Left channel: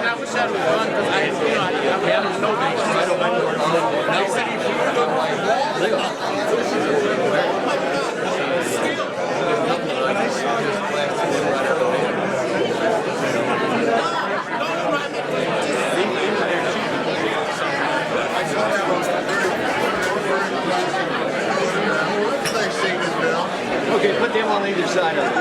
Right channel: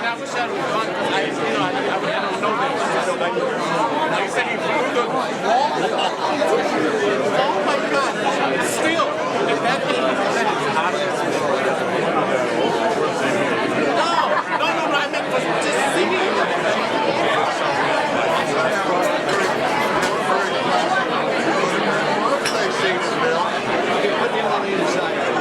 I wish I was gone because I don't know that. They said if you look like oh my God, still. No, I mean, just okay, put them on either side of it.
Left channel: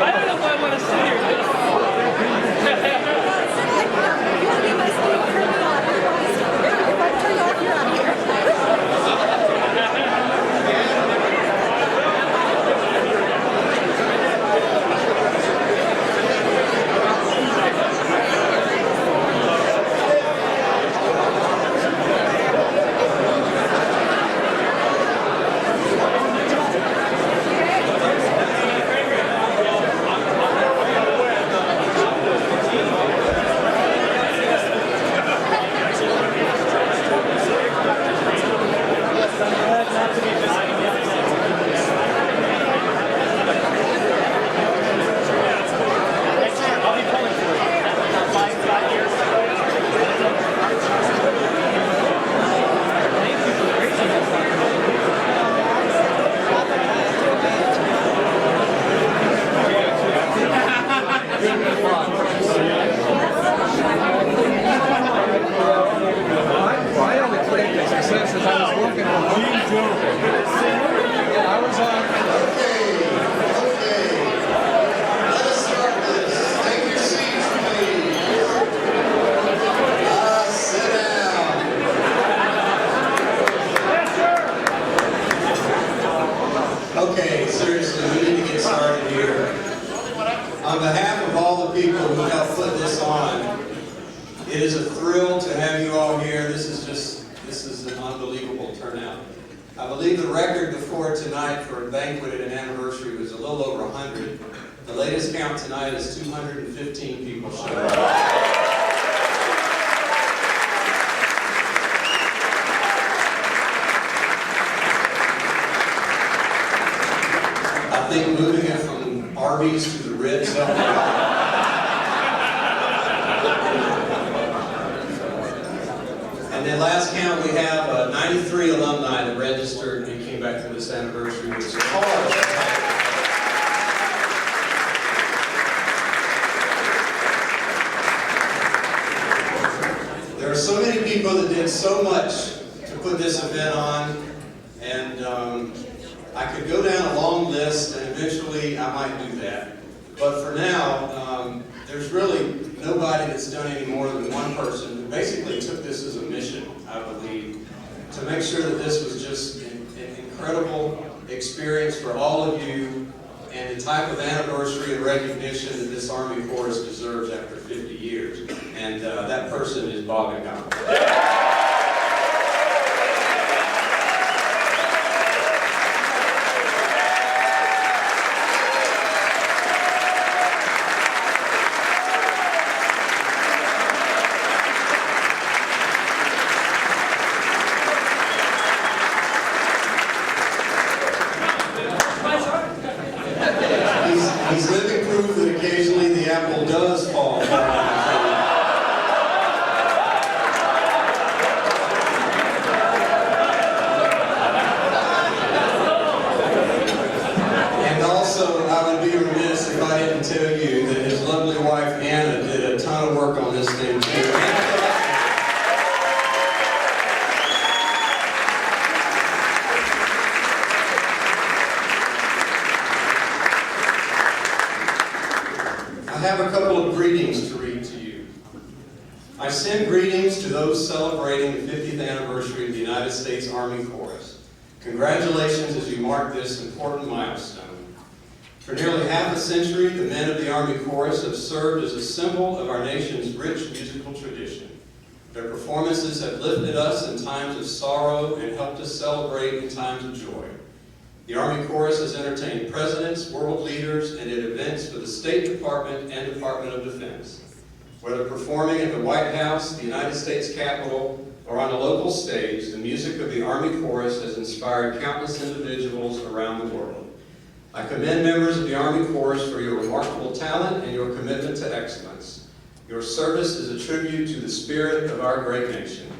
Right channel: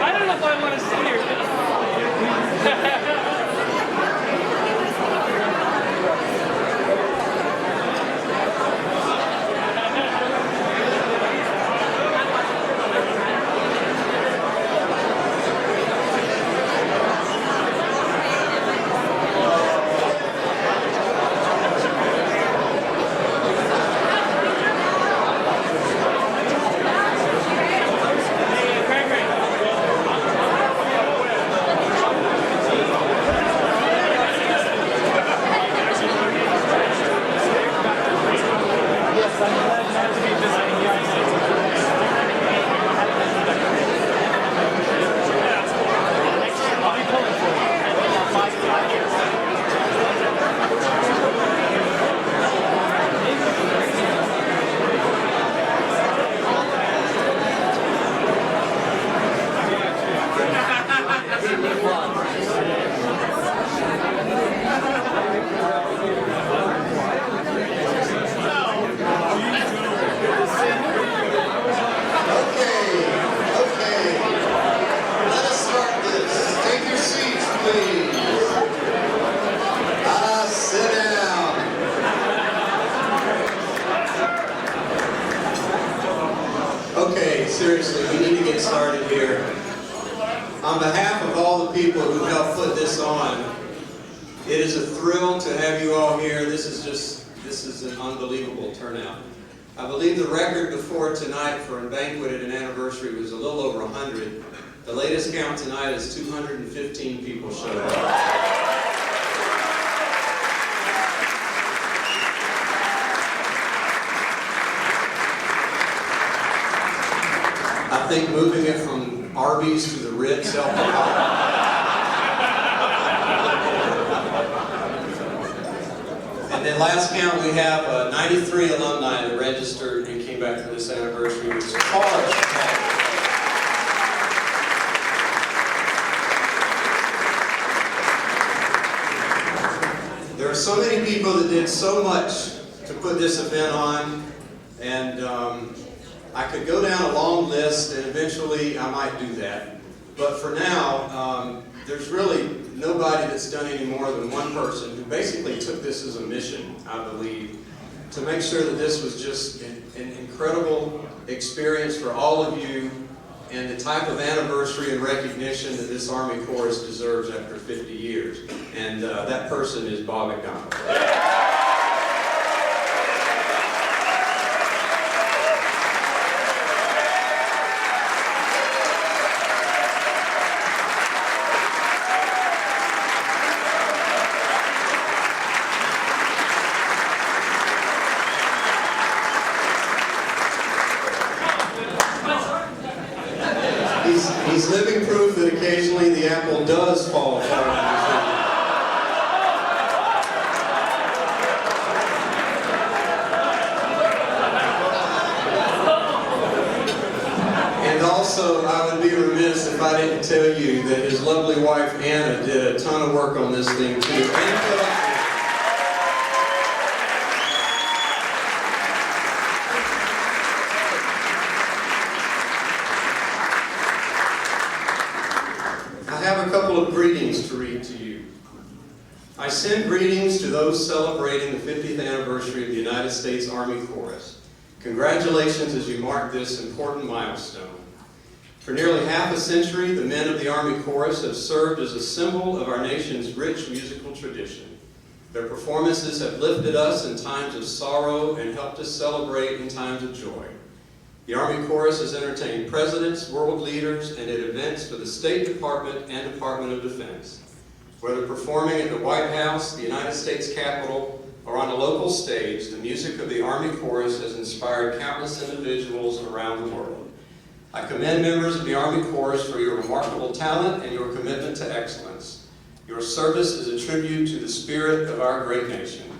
I don't know if I want to sit here. Seriously, we need to get started here. On behalf of all the people who helped put this on, it is a thrill to have you all here. This is an unbelievable turnout. I believe the record before tonight for a banquet at an anniversary was a little over 100. The latest count tonight is 215 people showed up. I think moving it from Arby's to the Ritz helped a lot. And then last count, we have 93 alumni that registered and came back for this anniversary, which is hard. There are so many people that did so much to put this event on, and I could go down a long list, and eventually I might do that. But for now, there's really nobody that's done any more than one person who basically took this as a mission, I believe, to make sure that this was just an incredible experience for all of you, and the type of anniversary and recognition that this Army Corps deserves after 50 years. And that person is Bob and Gala. He's living proof that occasionally the apple does fall. And also, I would be remiss if I didn't tell you that his lovely wife Anna did a ton of work on this thing too. I have a couple of greetings to read to you. I send greetings to those celebrating the 50th anniversary of the United States Army Corps. Congratulations as you mark this important milestone. For nearly half a century, the men of the Army Chorus have served as a symbol of our nation's rich musical tradition. Their performances have lifted us in times of sorrow and helped us celebrate in times of joy. The Army Chorus has entertained presidents, world leaders, and at events for the State Department and Department of Defense. Whether performing at the White House, the United States Capitol, or on a local stage, the music of the Army Chorus has inspired countless individuals around the world. I commend members of the Army Chorus for your remarkable talent and your commitment to excellence. Your service is a tribute to the spirit of our great nation.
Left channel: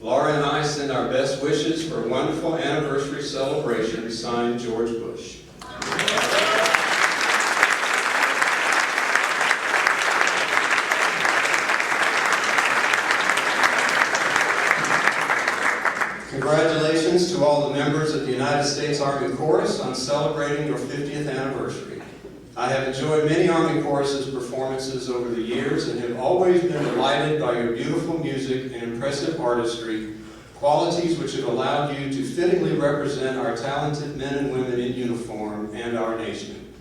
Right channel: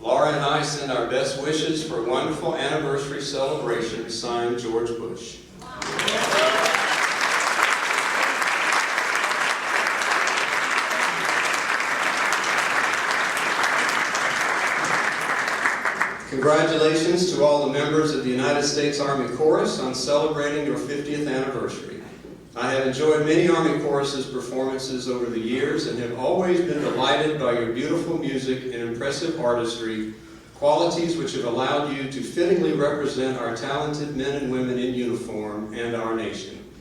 Laura and I send our best wishes for a wonderful anniversary celebration, signed George Bush. Congratulations to all the members of the United States Army Chorus on celebrating your 50th anniversary. I have enjoyed many Army Chorus's performances over the years and have always been delighted by your beautiful music and impressive artistry, qualities which have allowed you to fittingly represent our talented men and women in uniform and our nation.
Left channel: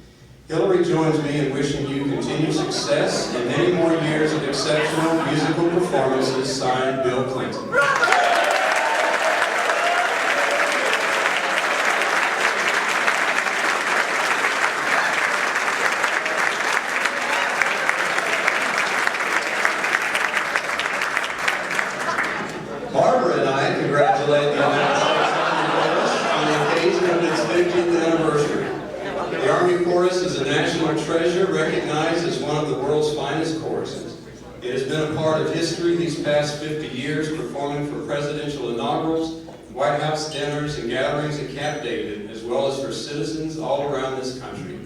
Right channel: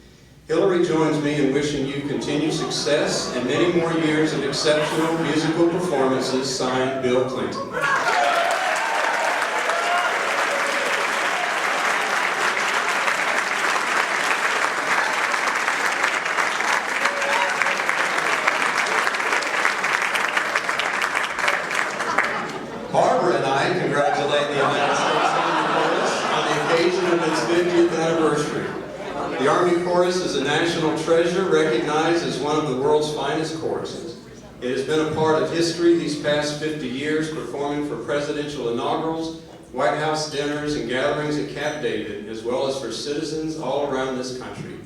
Hillary joins me in wishing you continued success and many more years of exceptional musical performances, signed Bill Clinton. Congratulate the United States Army Chorus on the occasion of its 50th anniversary. The Army Chorus is a national treasure recognized as one of the world's finest choruses. It has been a part of history these past 50 years, performing for presidential inaugurals, White House dinners, and gatherings at Camp David, as well as for citizens all around this country.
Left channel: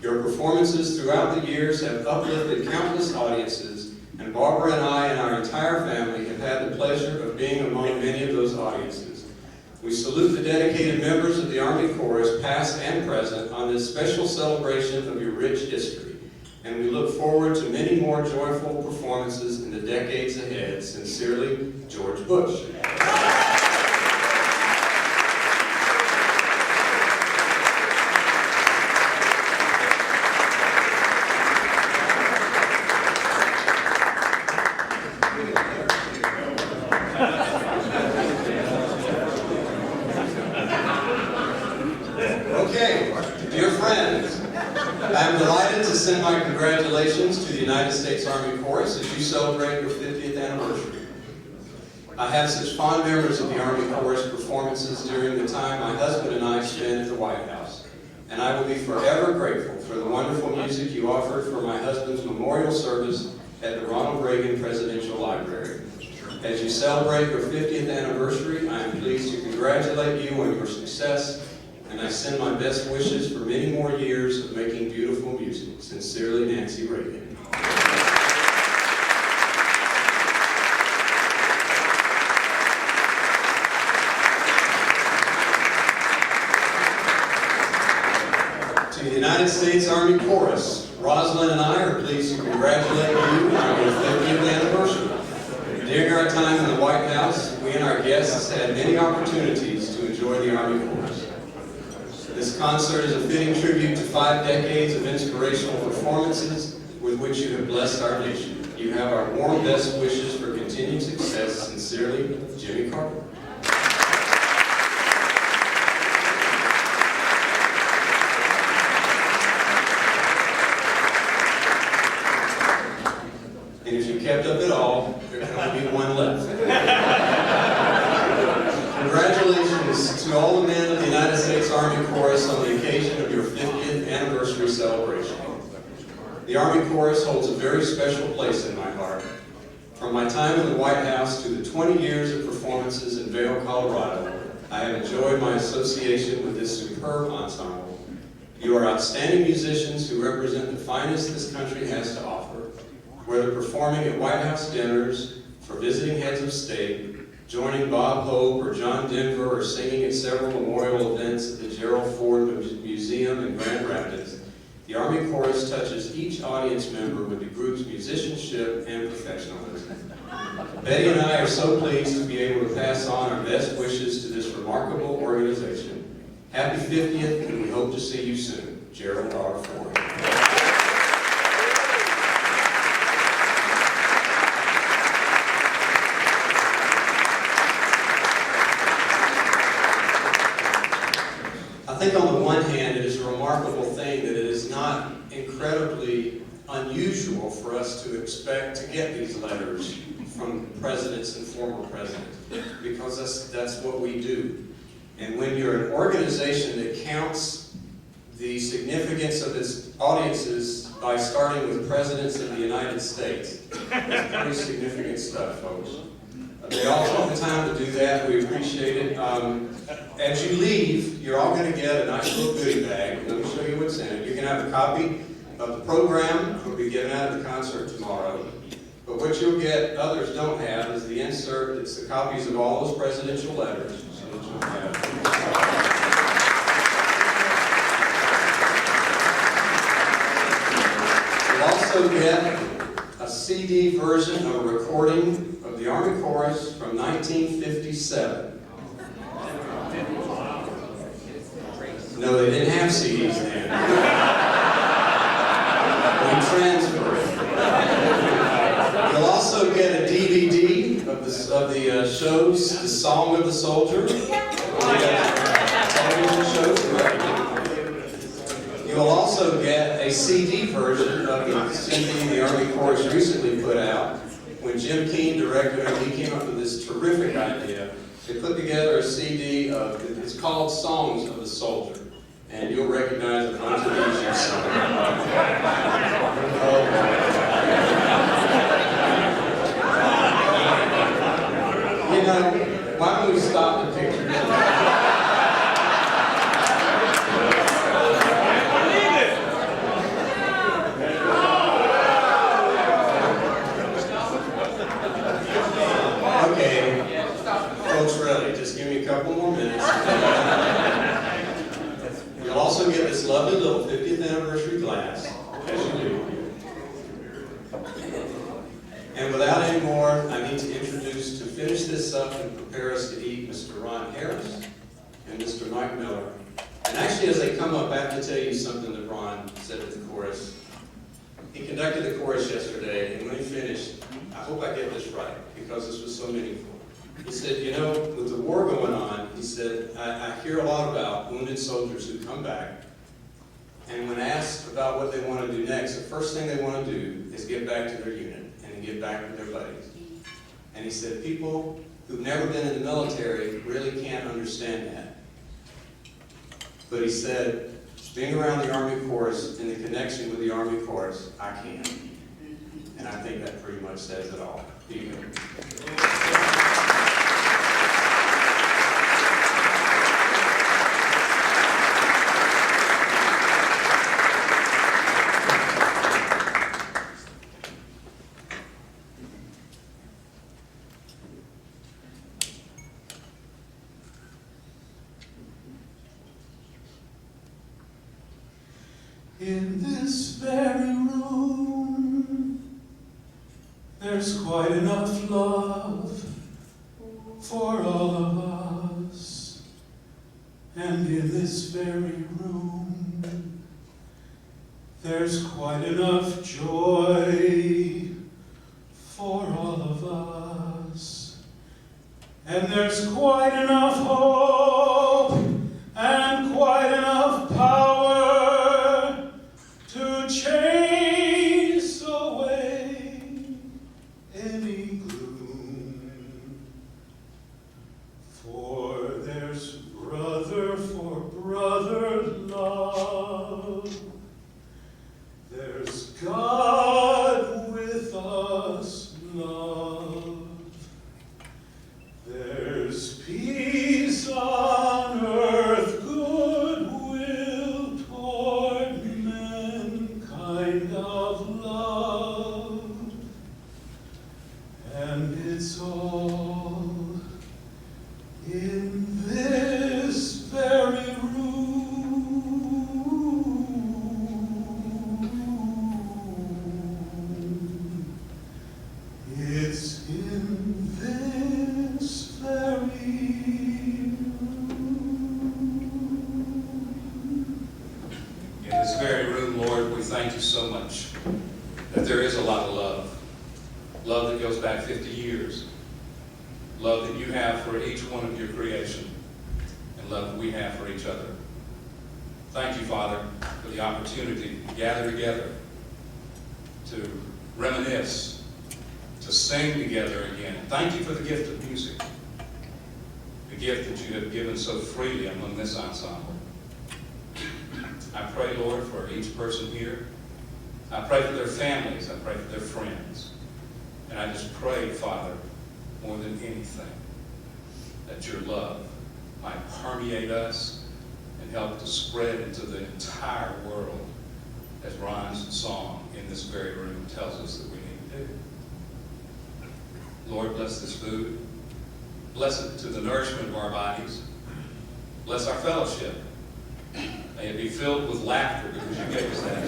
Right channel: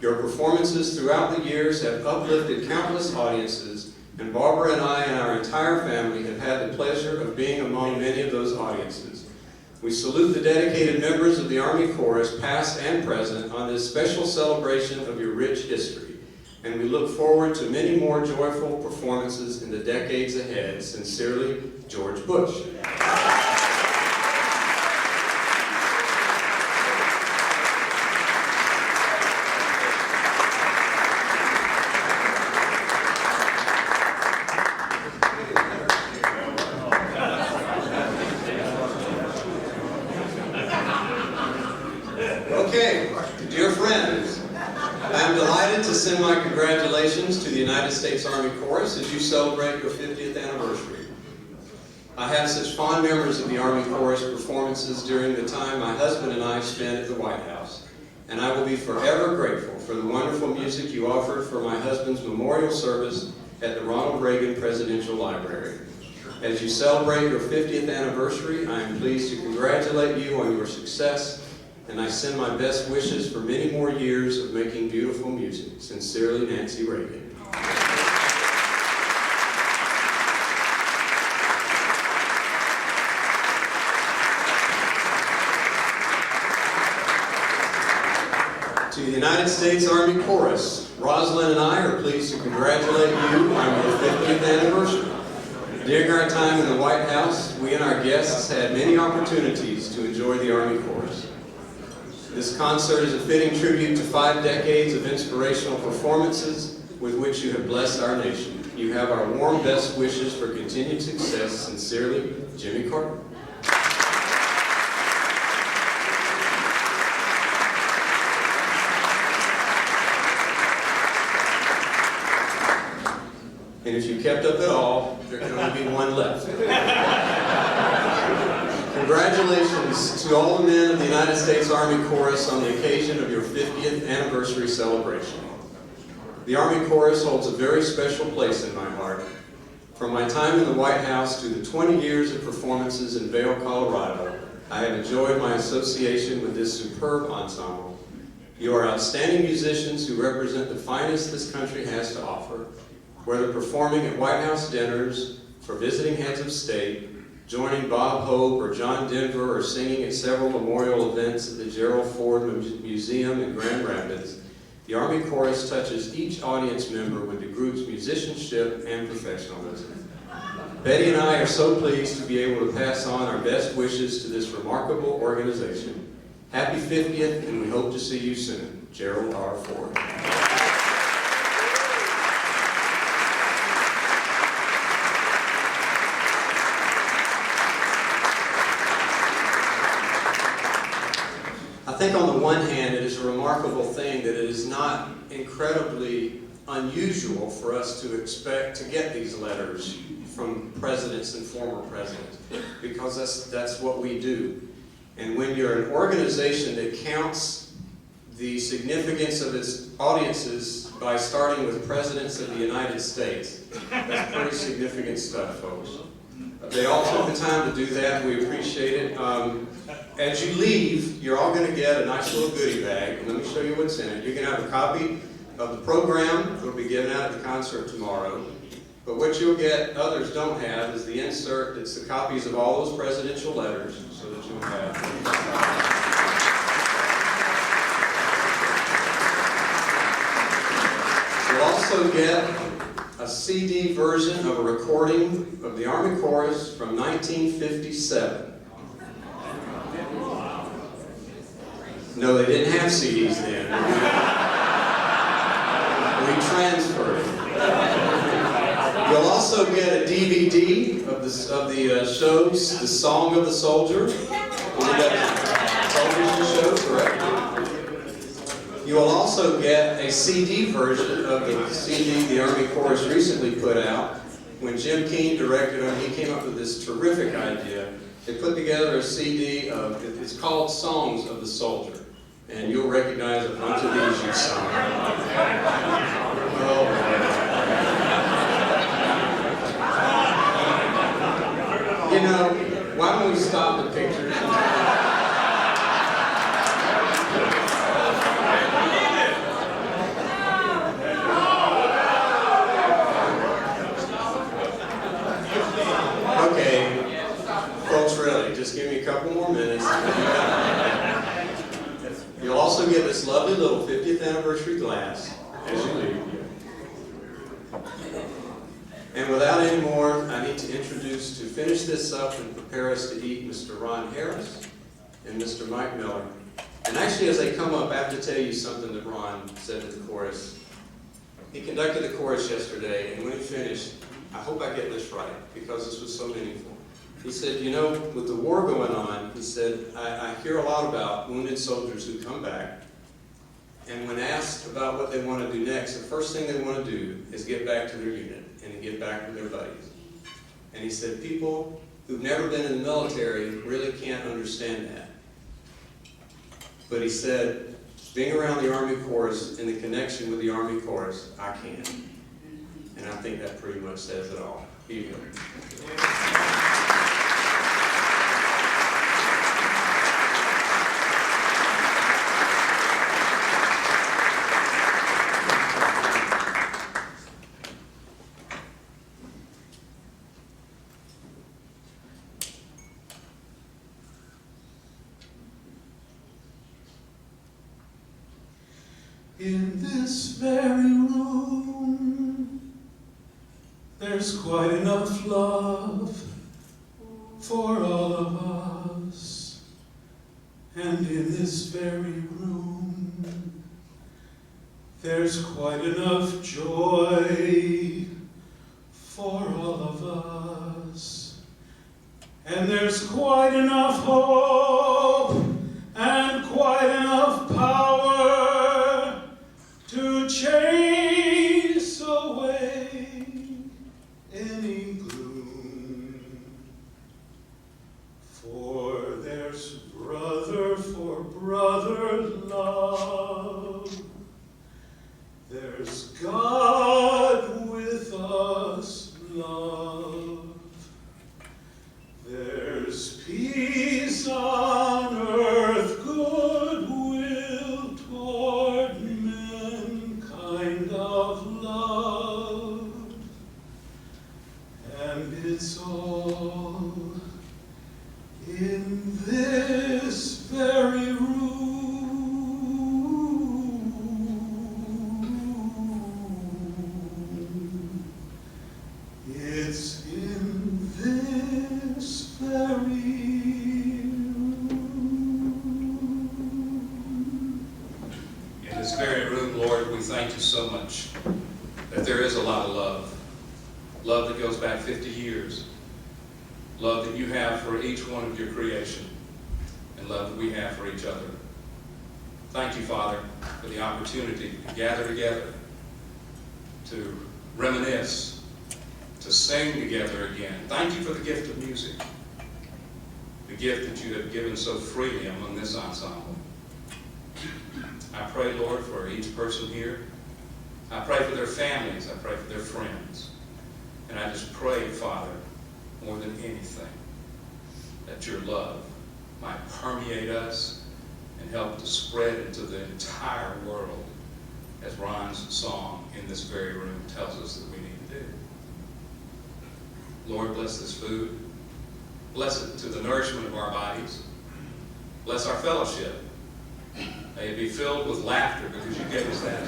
Your performances throughout the years have uplifted countless audiences, and Barbara and I and our entire family have had the pleasure of being among many of those audiences. We salute the dedicated members of the Army Chorus, past and present, on this special celebration of your rich history, and we look forward to many more joyful performances in the decades ahead. Sincerely, George Bush. Okay, dear friends, I am delighted to send my congratulations to the United States Army Chorus as you celebrate your 50th anniversary. I have such fond memories of the Army Chorus performances during the time my husband and I spent at the White House, and I will be forever grateful for the wonderful music you offered for my husband's memorial service at the Ronald Reagan Presidential Library. As you celebrate your 50th anniversary, I am pleased to congratulate you on your success, and I send my best wishes for many more years of making beautiful music. Sincerely, Nancy Reagan. To the United States Army Chorus, Rosalind and I are pleased to congratulate you on your 50th anniversary. During our time in the White House, we and our guests had many opportunities to enjoy the Army Chorus. This concert is a fitting tribute to 5 decades of inspirational performances with which you have blessed our nation. You have our warm best wishes for continued success. Sincerely, Jimmy Carlton. And if you kept up at all, there can only be one left. Congratulations to all the men of the United States Army Chorus on the occasion of your 50th anniversary celebration. The Army Chorus holds a very special place in my heart. From my time in the White House to the 20 years of performances in Vail, Colorado, I have enjoyed my association with this superb ensemble. You are outstanding musicians who represent the finest this country has to offer. Whether performing at White House dinners, for visiting heads of state, joining Bob Hope or John Denver, or singing at several memorial events at the Gerald Ford Museum in Grand Rapids, The Army Chorus touches each audience member with the group's musicianship and professionalism. Betty and I are so pleased to be able to pass on our best wishes to this remarkable organization. Happy 50th, and we hope to see you soon. Gerald R. Ford. I think on the one hand, it is a remarkable thing that it is not incredibly unusual for us to expect to get these letters from presidents and former presidents, because that's what we do. And when you're an organization that counts the significance of its audiences by starting with presidents of the United States, that's pretty significant stuff, folks. They all took the time to do that. We appreciate it. As you leave, you're all going to get a nice little goodie bag. Let me show you what's in it. You can have a copy of the program that will be given out at the concert tomorrow. But what you'll get, others don't have, is the insert. It's the copies of all those presidential letters, so that you'll have. You'll also get a CD version of a recording of the Army Chorus from 1957. No, they didn't have CDs then. We transferred it. You'll also get a DVD of the shows, The Song of the Soldier. Television show, correct? You will also get a CD version of the CD the Army Chorus recently put out. When Jim Keane directed it, he came up with this terrific idea. They put together a CD of, it's called Songs of the Soldier. And you'll recognize a bunch of these you've sung. You know, why don't we stop the pictures? Okay, folks, really, just give me a couple more minutes. You'll also get this lovely little 50th anniversary glass, as you do. And without any more, I need to introduce, to finish this up and prepare us to eat, Mr. Ron Harris and Mr. Mike Miller. And actually, as they come up, I have to tell you something that Ron said at the chorus. He conducted the chorus yesterday, and when he finished, I hope I get this right, because this was so meaningful. He said, you know, with the war going on, he said, I hear a lot about wounded soldiers who come back, and when asked about what they want to do next, the first thing they want to do is get back to their unit and get back with their buddies. And he said, people who've never been in the military really can't understand that. But he said, being around the Army Chorus and the connection with the Army Chorus, I can. And I think that pretty much says it all. Here you go. In this very room, there's quite enough love for all of us. And in this very room, there's quite enough joy for all of us. And there's quite enough hope and quite enough power to chase away any gloom. For there's brother for brother love. There's God with us love. There's peace on earth, goodwill toward men, kind of love. And it's all in this very room. thank you so much that there is a lot of love. Love that goes back 50 years. Love that you have for each one of your creation. And love that we have for each other. Thank you, Father, for the opportunity to gather together, to reminisce, to sing together again. Thank you for the gift of music, the gift that you have given so freely among this ensemble. I pray, Lord, for each person here. I pray for their families. I pray for their friends. And I just pray, Father, more than anything, that your love might permeate us and help to spread into the entire world, as Ron's song in this very room tells us that we need to do. Lord, bless this food. Bless it to the nourishment of our bodies. Bless our fellowship. May it be filled with laughter because you gave us that.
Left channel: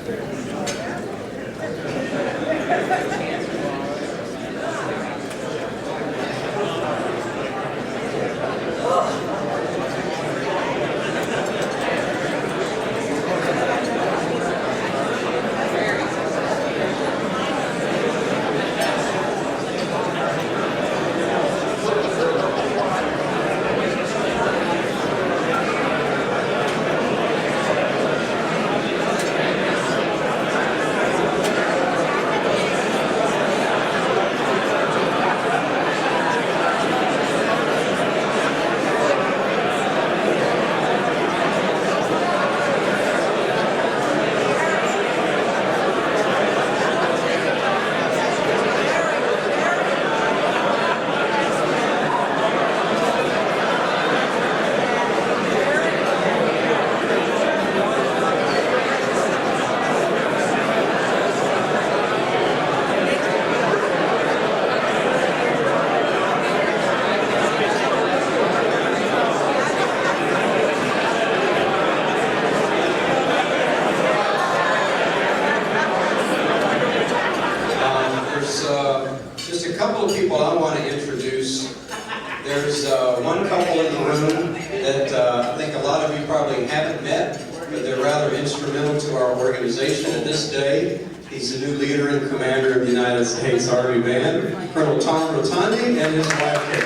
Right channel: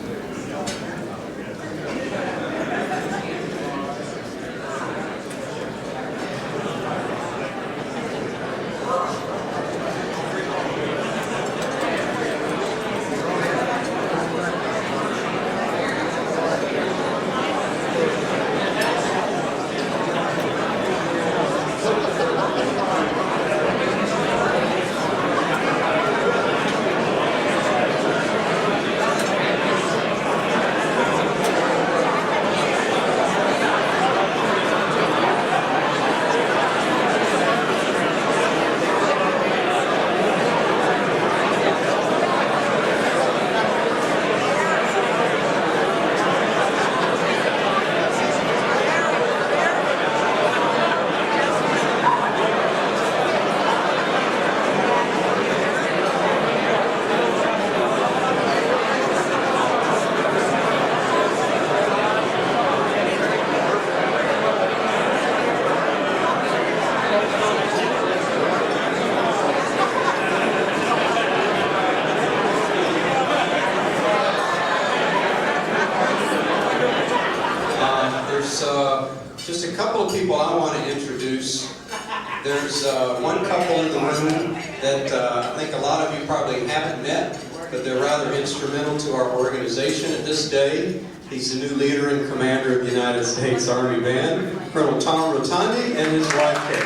Just a couple of people I want to introduce. There's one couple in the room that I think a lot of you probably haven't met, but they're rather instrumental to our organization at this day. He's the new leader and commander of the United States Army Band, Colonel Tom Rotondi, and his wife, Kate.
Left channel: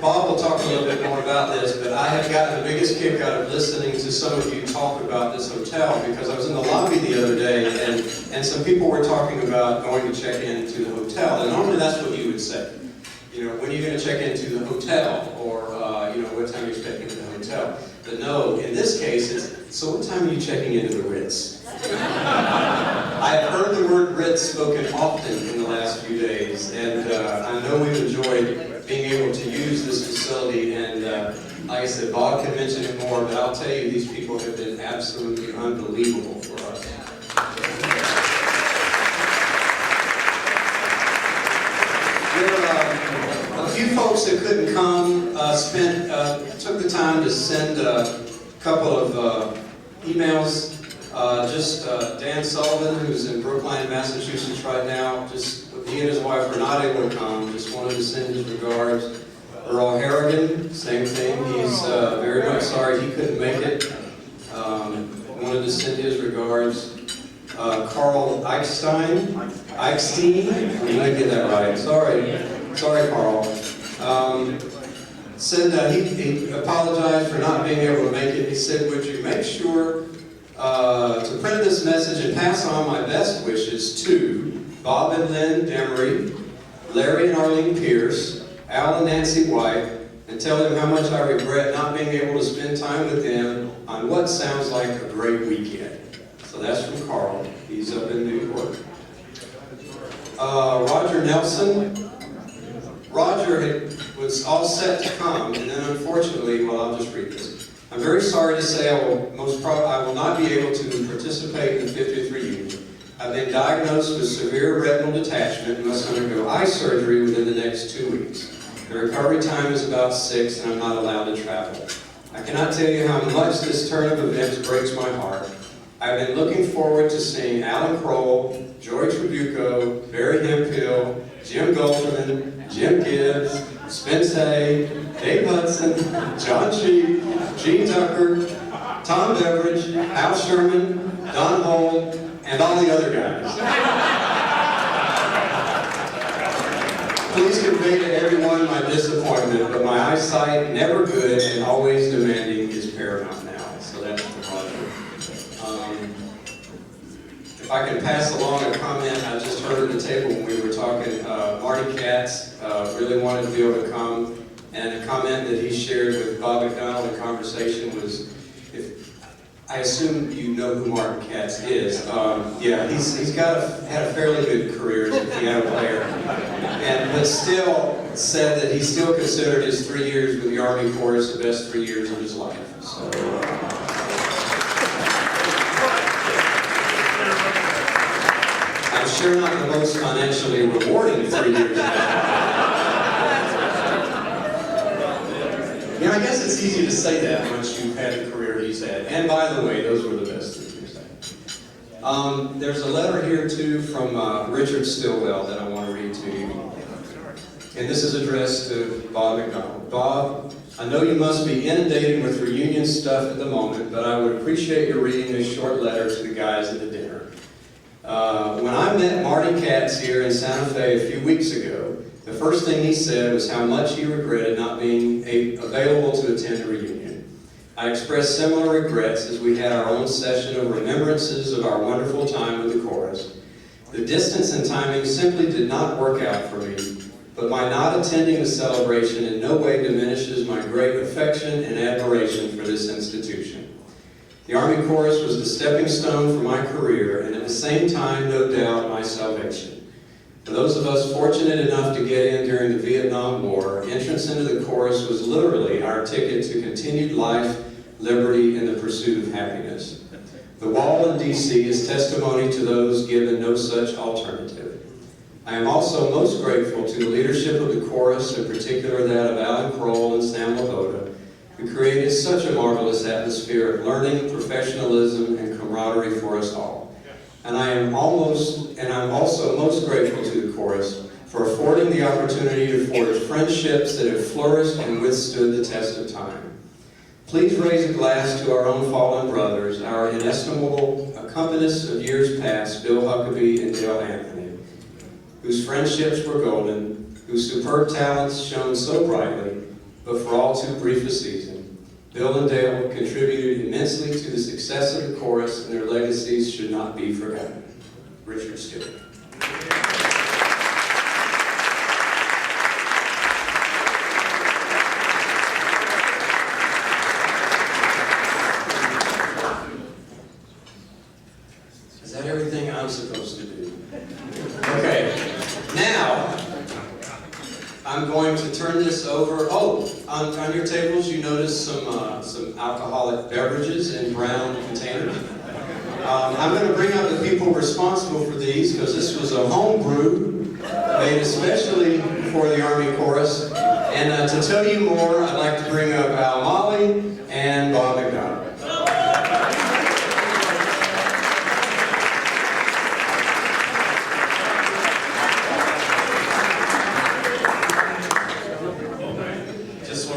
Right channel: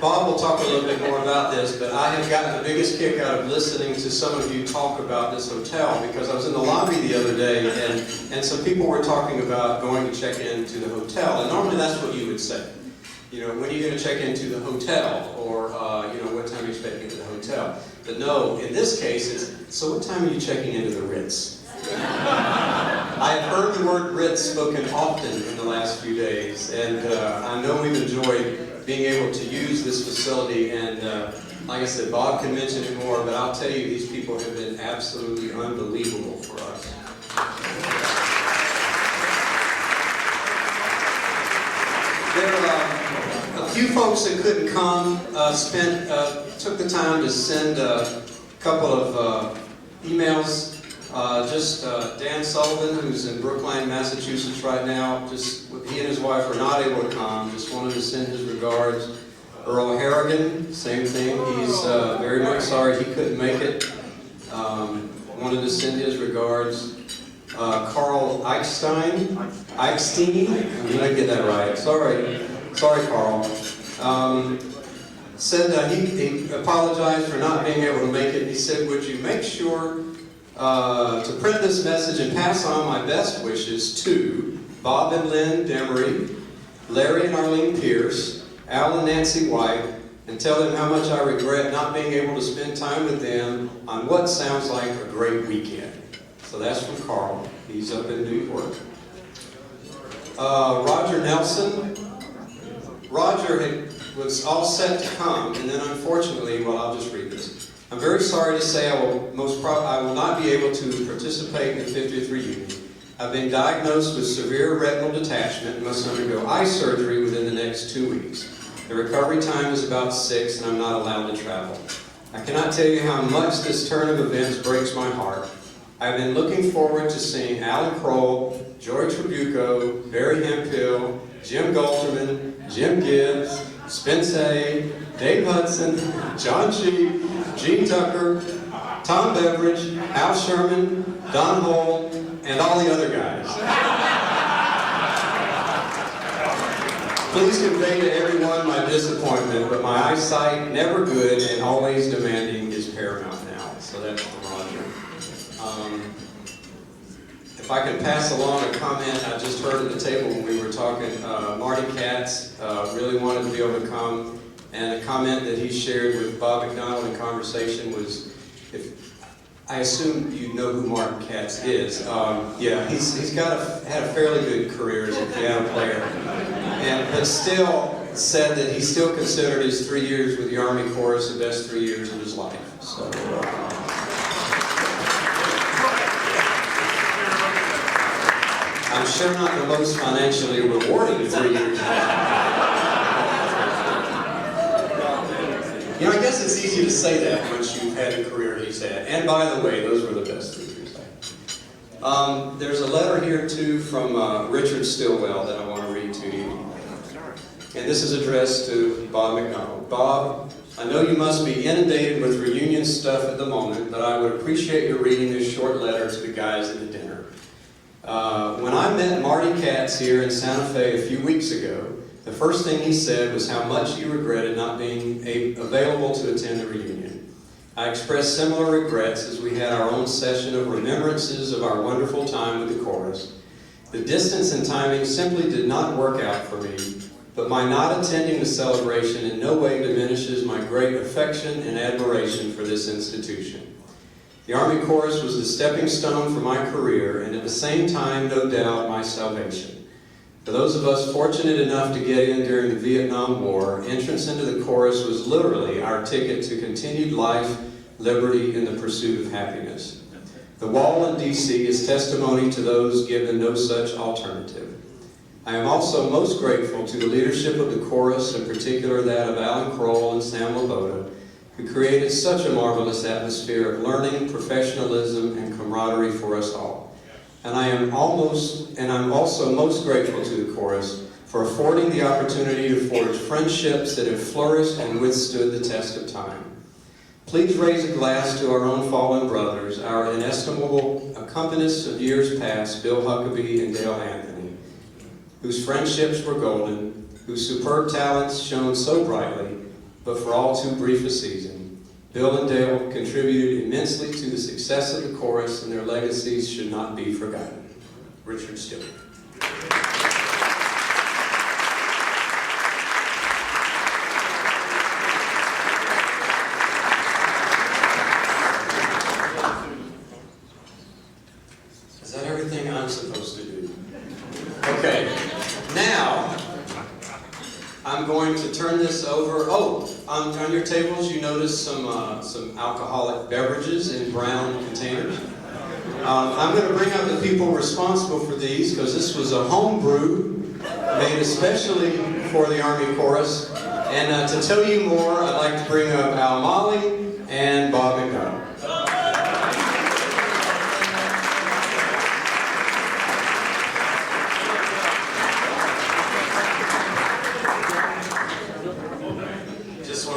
Bob will talk a little bit more about this, but I have gotten the biggest kick out of listening to some of you talk about this hotel, because I was in the lobby the other day and some people were talking about going to check into the hotel, and normally that's what you would say. You know, when are you going to check into the hotel? Or, you know, what time are you expecting at the hotel? But no, in this case, it's, so what time are you checking into the Ritz? I have heard the word Ritz spoken often in the last few days, and I know we've enjoyed being able to use this facility, and like I said, Bob can mention it more, but I'll tell you, these people have been absolutely unbelievable for us. There were a few folks that couldn't come, took the time to send a couple of emails. Dan Sullivan, who's in Brookline, Massachusetts right now, he and his wife are not able to come, just wanted to send his regards. Earl Harrigan, same thing, he's very much sorry he couldn't make it. Wanted to send his regards. Carl Eichstein, I'm going to get that right, sorry Carl. Said he apologized for not being able to make it. He said, would you make sure to print this message and pass on my best wishes to Bob and Lynn Demery, Larry and Arlene Pierce, Al and Nancy White, and tell them how much I regret not being able to spend time with them on what sounds like a great weekend. So that's from Carl. He's up in Newport. Roger Nelson. Roger was all set to come, and then unfortunately, well, I'll just read this. I'm very sorry to say I will not be able to participate in the 50th reunion. I've been diagnosed with severe retinal detachment and must undergo eye surgery within the next 2 weeks. The recovery time is about 6, and I'm not allowed to travel. I cannot tell you how much this turn of events breaks my heart. I've been looking forward to seeing Alan Kroll, George Tribuco, Barry Hemphill, Jim Goldman, Jim Gibbs, Spence Hay, Dave Hudson, John Cheek, Gene Tucker, Tom Beveridge, Al Sherman, Don Holt, and all the other guys. Please convey to everyone my disappointment, but my eyesight, never good and always demanding, is paramount now. So that's the Roger. If I could pass along a comment I just heard at the table when we were talking, Marty Katz really wanted to be able to come, and a comment that he shared with Bob McDonald in conversation was, I assume you know who Martin Katz is. Yeah, he's had a fairly good career as a piano player, but still said that he still considered his 3 years with the Army Chorus the best 3 years of his life. So, I'm sure not the most financially rewarding 3 years. You know, I guess it's easy to say that once you've had the career he's had. And by the way, those were the best 3 years I had. There's a letter here, too, from Richard Stillwell that I want to read to you. And this is addressed to Bob McDonald. Bob, I know you must be inundated with reunion stuff at the moment, but I would appreciate your reading this short letter to the guys at the dinner. When I met Marty Katz here in Santa Fe a few weeks ago, the first thing he said was how much he regretted not being available to attend the reunion. I expressed similar regrets as we had our own session of remembrances of our wonderful time with the chorus. The distance and timing simply did not work out for me, but my not attending the celebration in no way diminishes my great affection and admiration for this institution. The Army Chorus was the stepping stone for my career, and at the same time, no doubt, my salvation. For those of us fortunate enough to get in during the Vietnam War, entrance into the chorus was literally our ticket to continued life, liberty, and the pursuit of happiness. The wall in D.C. is testimony to those given no such alternative. I am also most grateful to the leadership of the chorus, in particular that of Alan Kroll and Sam Laboda, who created such a marvelous atmosphere of learning, professionalism, and camaraderie for us all. And I'm also most grateful to the chorus for affording the opportunity to forge friendships that have flourished and withstood the test of time. Please raise a glass to our own fallen brothers, our inestimable accompanists of years past, Bill Huckabee and Dale Anthony, whose friendships were golden, whose superb talents shone so brightly, but for all too brief a season. Bill and Dale contributed immensely to the success of the chorus, and their legacies should not be forgotten. Richard Stewart. Is that everything I'm supposed to do? Okay. Now, I'm going to turn this over. Oh, on your tables you notice some alcoholic beverages in brown containers. I'm going to bring up the people responsible for these because this was a home brew made especially for the Army Chorus. And to tell you more, I'd like to bring up Al Molly and Bob McDonald.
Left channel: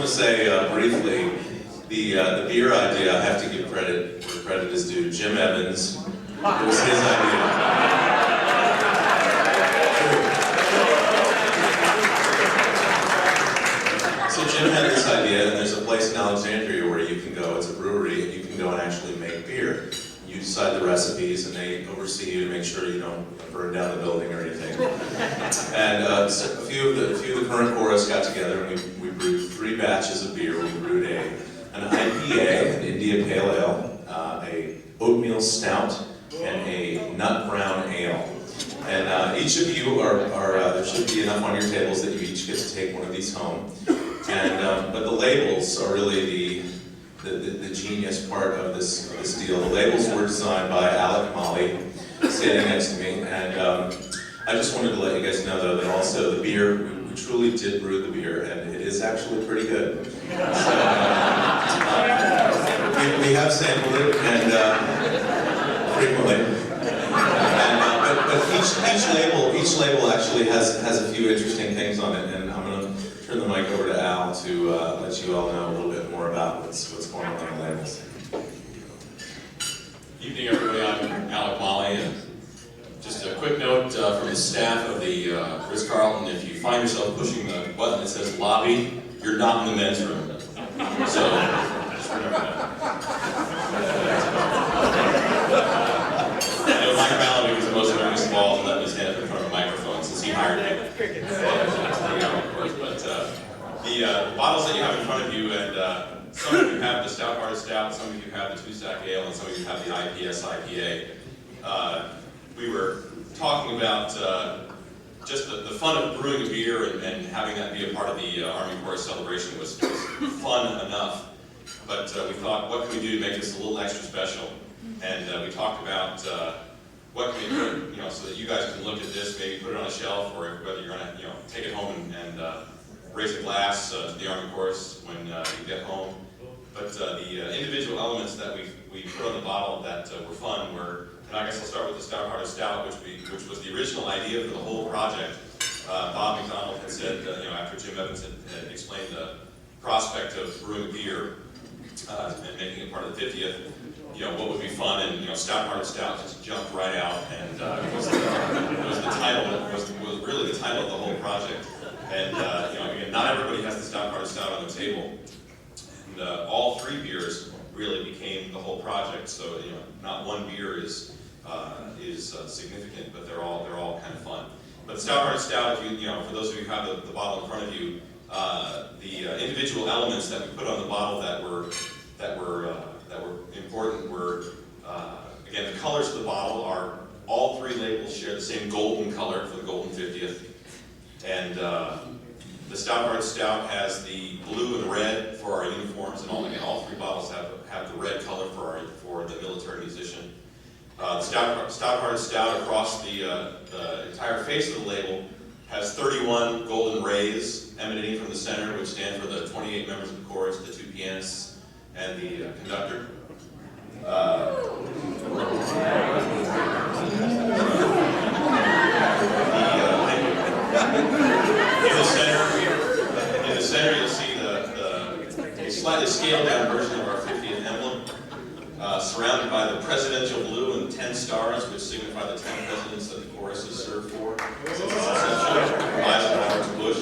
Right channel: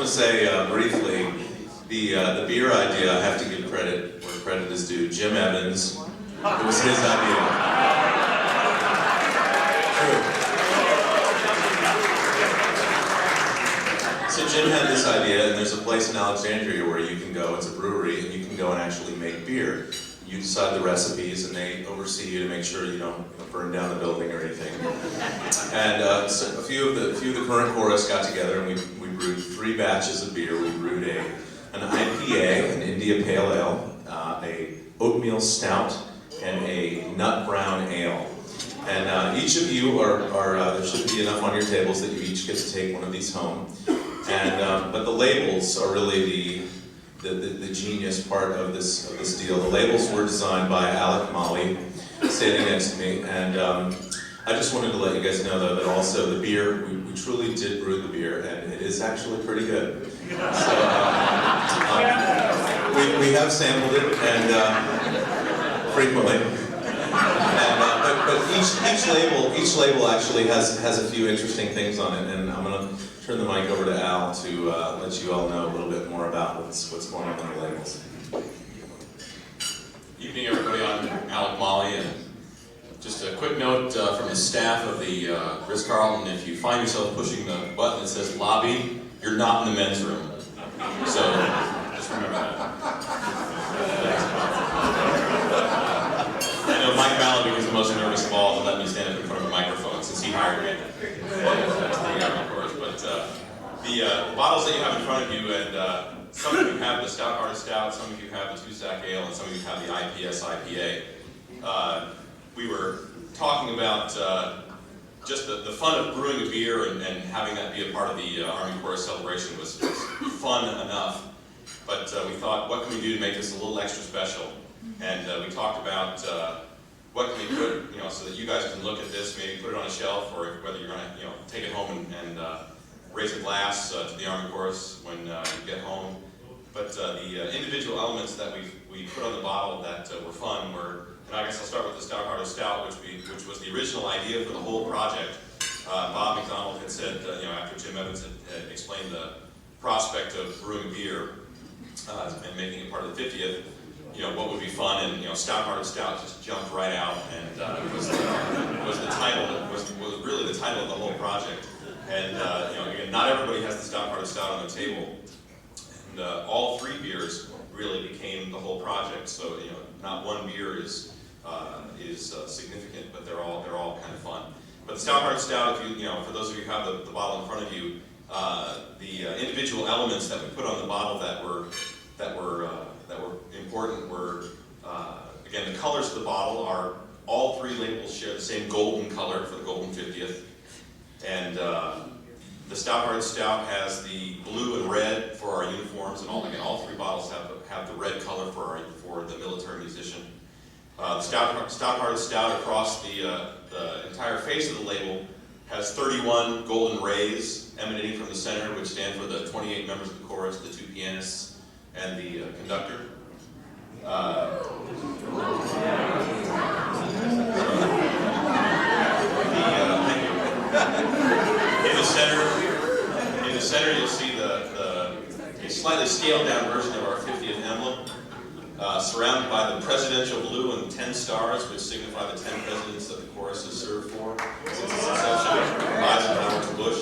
Say briefly, the beer idea, I have to give credit where credit is due. Jim Evans, it was his idea. So Jim had this idea, and there's a place in Alexandria where you can go, it's a brewery, and you can go and actually make beer. You decide the recipes, and they oversee you to make sure you don't burn down the building or anything. And so a few of the current chorus got together, and we brewed 3 batches of beer. We brewed an IPA, an India Pale Ale, a oatmeal stout, and a nut brown ale. And each of you there should be enough on your tables that you each get to take one of these home. And but the labels are really the genius part of this deal. The labels were designed by Alec Molly, standing next to me, and I just wanted to let you guys know though that also the beer, we truly did brew the beer, and it is actually pretty good. So we have sampled it, and frequently. But each label actually has a few interesting things on it, and I'm going to turn the mic over to Al to let you all know a little bit more about what's going on in the labels. Evening, everybody. I'm Alec Molly, and just a quick note from the staff of the Ritz Carlton: if you find yourself pushing the button that says "lobby," you're not in the men's room. So just remember that. Mike Ballard was the most nervous of all to let me stand up in front of a microphone since he hired me. Of course, but the bottles that you have in front of you, and some of you have the Stout-Hearted Stout, some of you have the TUSAC Ale, and some of you have the IPS IPA. We were talking about just the fun of brewing a beer and having that be a part of the Army Corps celebration was fun enough. But we thought, what can we do to make this a little extra special? And we talked about what can we put, so that you guys can look at this, maybe put it on a shelf, or whether you're going to, take it home and raise a glass to the Army Corps when you get home. But the individual elements that we put on the bottle that were fun were, and I guess I'll start with the Stout-Hearted Stout, which was the original idea for the whole project. Bob McDonald had said, after Jim Evans had explained the prospect of brewing beer and making it part of the 50th, what would be fun, and Stout-Hearted Stout just jumped right out, and was really the title of the whole project. And again, not everybody has the Stout-Hearted Stout on the table, and all three beers really became the whole project. So not one beer is significant, but they're all kind of fun. But the Stout-Hearted Stout, if for those of you who have the bottle in front of you, the individual elements that we put on the bottle that were important were, again, the colors of the bottle are, all three labels share the same golden color for the Golden 50th. And the Stout-Hearted Stout has the blue and red for our uniforms, and all three bottles have the red color for the military musician. The Stout-Hearted Stout across the entire face of the label has 31 golden rays emanating from the center, which stand for the 28 members of the chorus, the 2 pianists, and the conductor. In the center, you'll see the slightly scaled down version of our 50th emblem, surrounded by the presidential blue and 10 stars, which signify the 10 presidents that the chorus has served for since its inception, Eisenhower to Bush.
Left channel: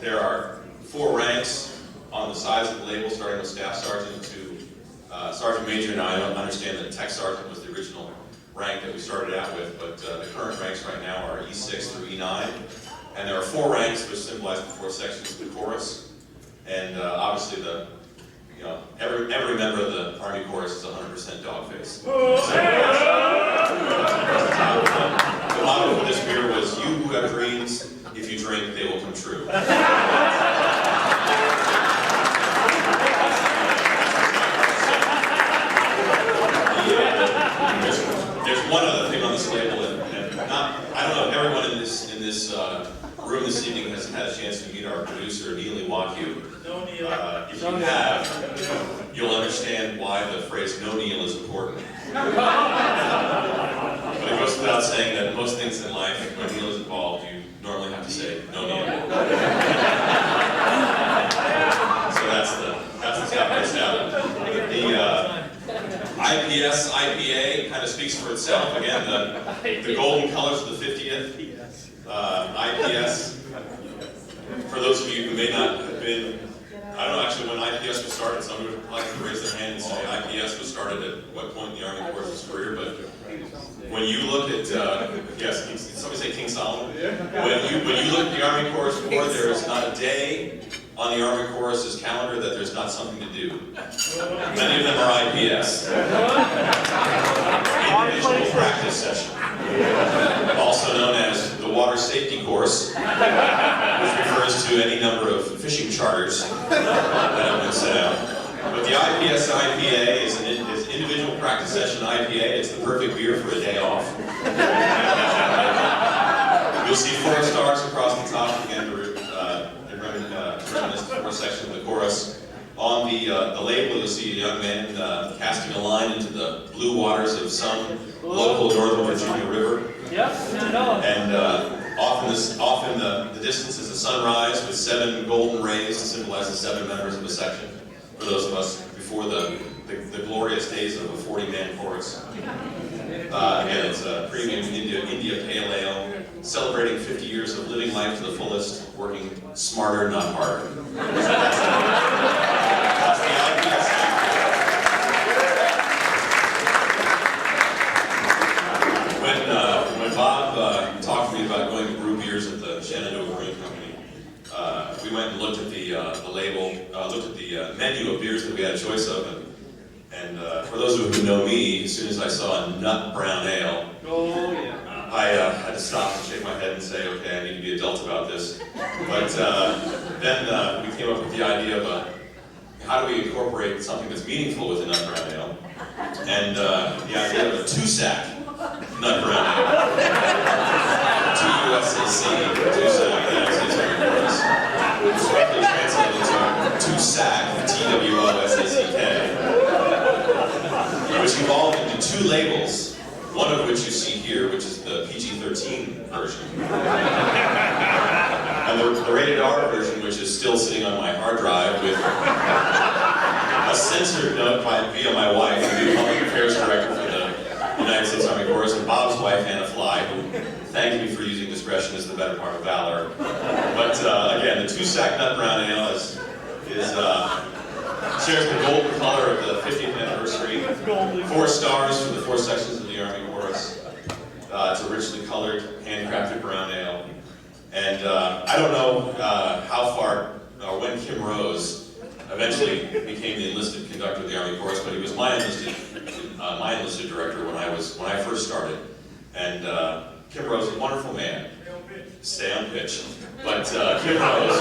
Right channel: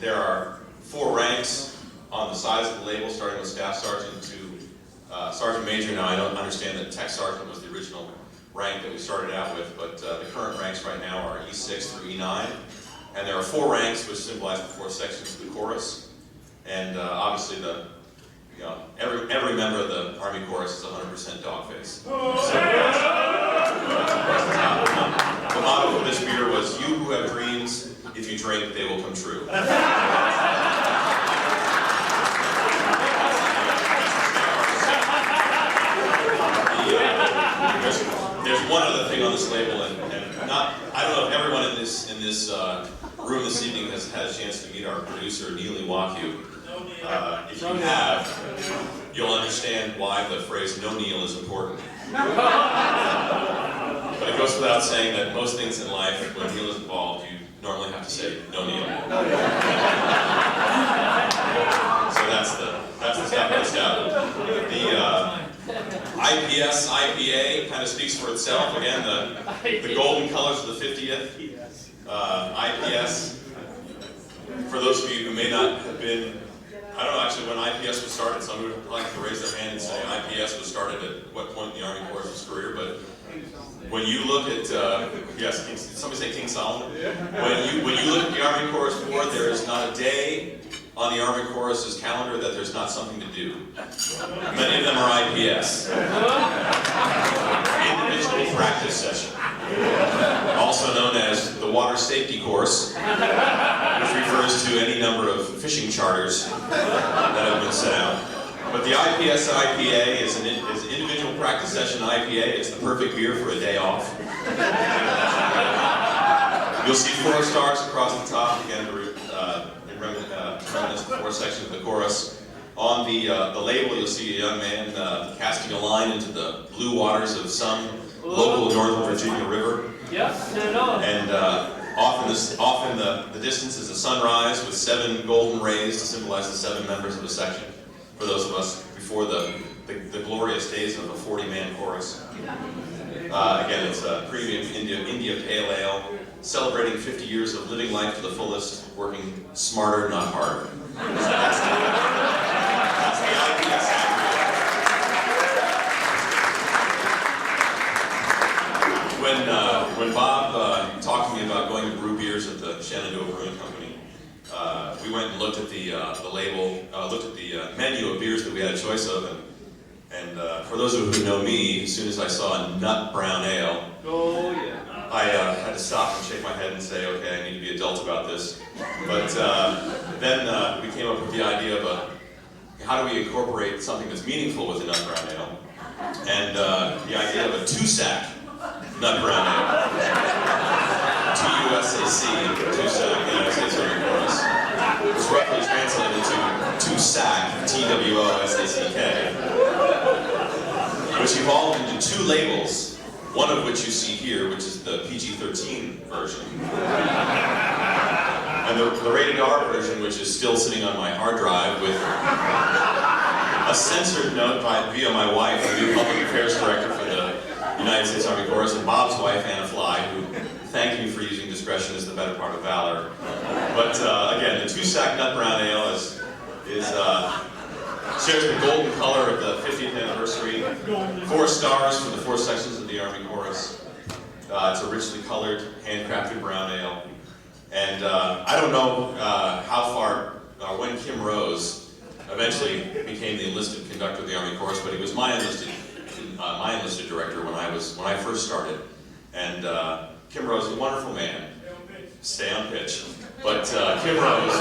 There are 4 ranks on the sides of the label, starting with Staff Sergeant to Sergeant Major. Now, I don't understand that Tech Sergeant was the original rank that we started out with, but the current ranks right now are E6 through E9. And there are 4 ranks, which symbolize the 4 sections of the chorus. And obviously, every member of the Army chorus is 100% dog face. The motto of this beer was, "You who have dreams, if you drink, they will come true." There's one other thing on this label, and I don't know if everyone in this room this evening has had a chance to meet our producer, Neil Iwaku. If you have, you'll understand why the phrase "no Neil" is important. But it goes without saying that most things in life, when Neil is involved, you normally have to say "no Neil." So that's the Stout-Hearted Stout. The IPS IPA kind of speaks for itself. Again, the golden colors of the 50th. IPS, for those of you who may not have been, I don't know actually when IPS was started. Somebody would like to raise their hand and say IPS was started at what point in the Army Corps' of his career. But when you look at, yes, somebody say King Solomon? When you look at the Army Corps' board, there is not a day on the Army Corps' calendar that there's not something to do. Many of them are IPS. Individual practice session. Also known as the Water Safety Course, which refers to any number of fishing charters that have been set out. But the IPS IPA is an individual practice session IPA. It's the perfect beer for a day off. You'll see 4 stars across the top, again, in reminiscence of the 4 sections of the chorus. On the label, you'll see a young man casting a line into the blue waters of some local Northern Virginia river. Yep, not at all. And off in the distance is the sunrise with 7 golden rays to symbolize the 7 members of the section. For those of us before the glorious days of a 40-man chorus. Again, it's a premium India Pale Ale, celebrating 50 years of living life to the fullest, working smarter, not harder. That's the idea. When Bob talked to me about going to brew beers at the Shenandoah Brewing Company, we went and looked at the label, looked at the menu of beers that we had a choice of, and for those of you who know me, as soon as I saw a nut brown ale, Oh, yeah. I had to stop and shake my head and say, okay, I need to be adult about this. But then we came up with the idea of how do we incorporate something that's meaningful with a nut brown ale, and the idea of a TUSAC nut brown ale. TUSAC, TUSAC, the United States Army Chorus, which roughly translated to TUSAC, TWOSACK, which evolved into 2 labels, one of which you see here, which is the PG-13 version, and the rated R version, which is still sitting on my hard drive with a censored note via my wife, the Public Affairs Director for the United States Army Chorus, and Bob's wife, Anna Fly, who thank you for using discretion as the better part of valor. But again, the TUSAC Nut Brown Ale shares the golden color of the 50th anniversary. 4 stars for the 4 sections of the Army Chorus. It's a richly colored, handcrafted brown ale. And I don't know how far, when Kim Rose eventually became the enlisted conductor of the Army Chorus, but he was my enlisted director when I first started. And Kim Rose is a wonderful man. Stay on pitch. But Kim Rose,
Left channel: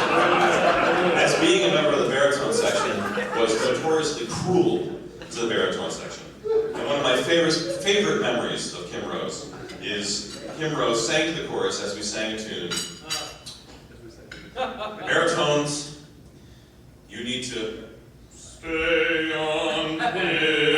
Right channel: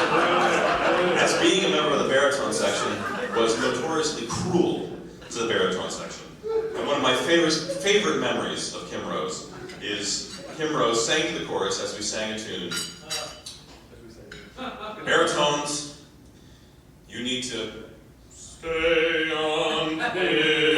as being a member of the baritone section, was notoriously cruel to the baritone section. And one of my favorite memories of Kim Rose is Kim Rose sang to the chorus as we sang a tune. Baritones, you need to stay on pitch.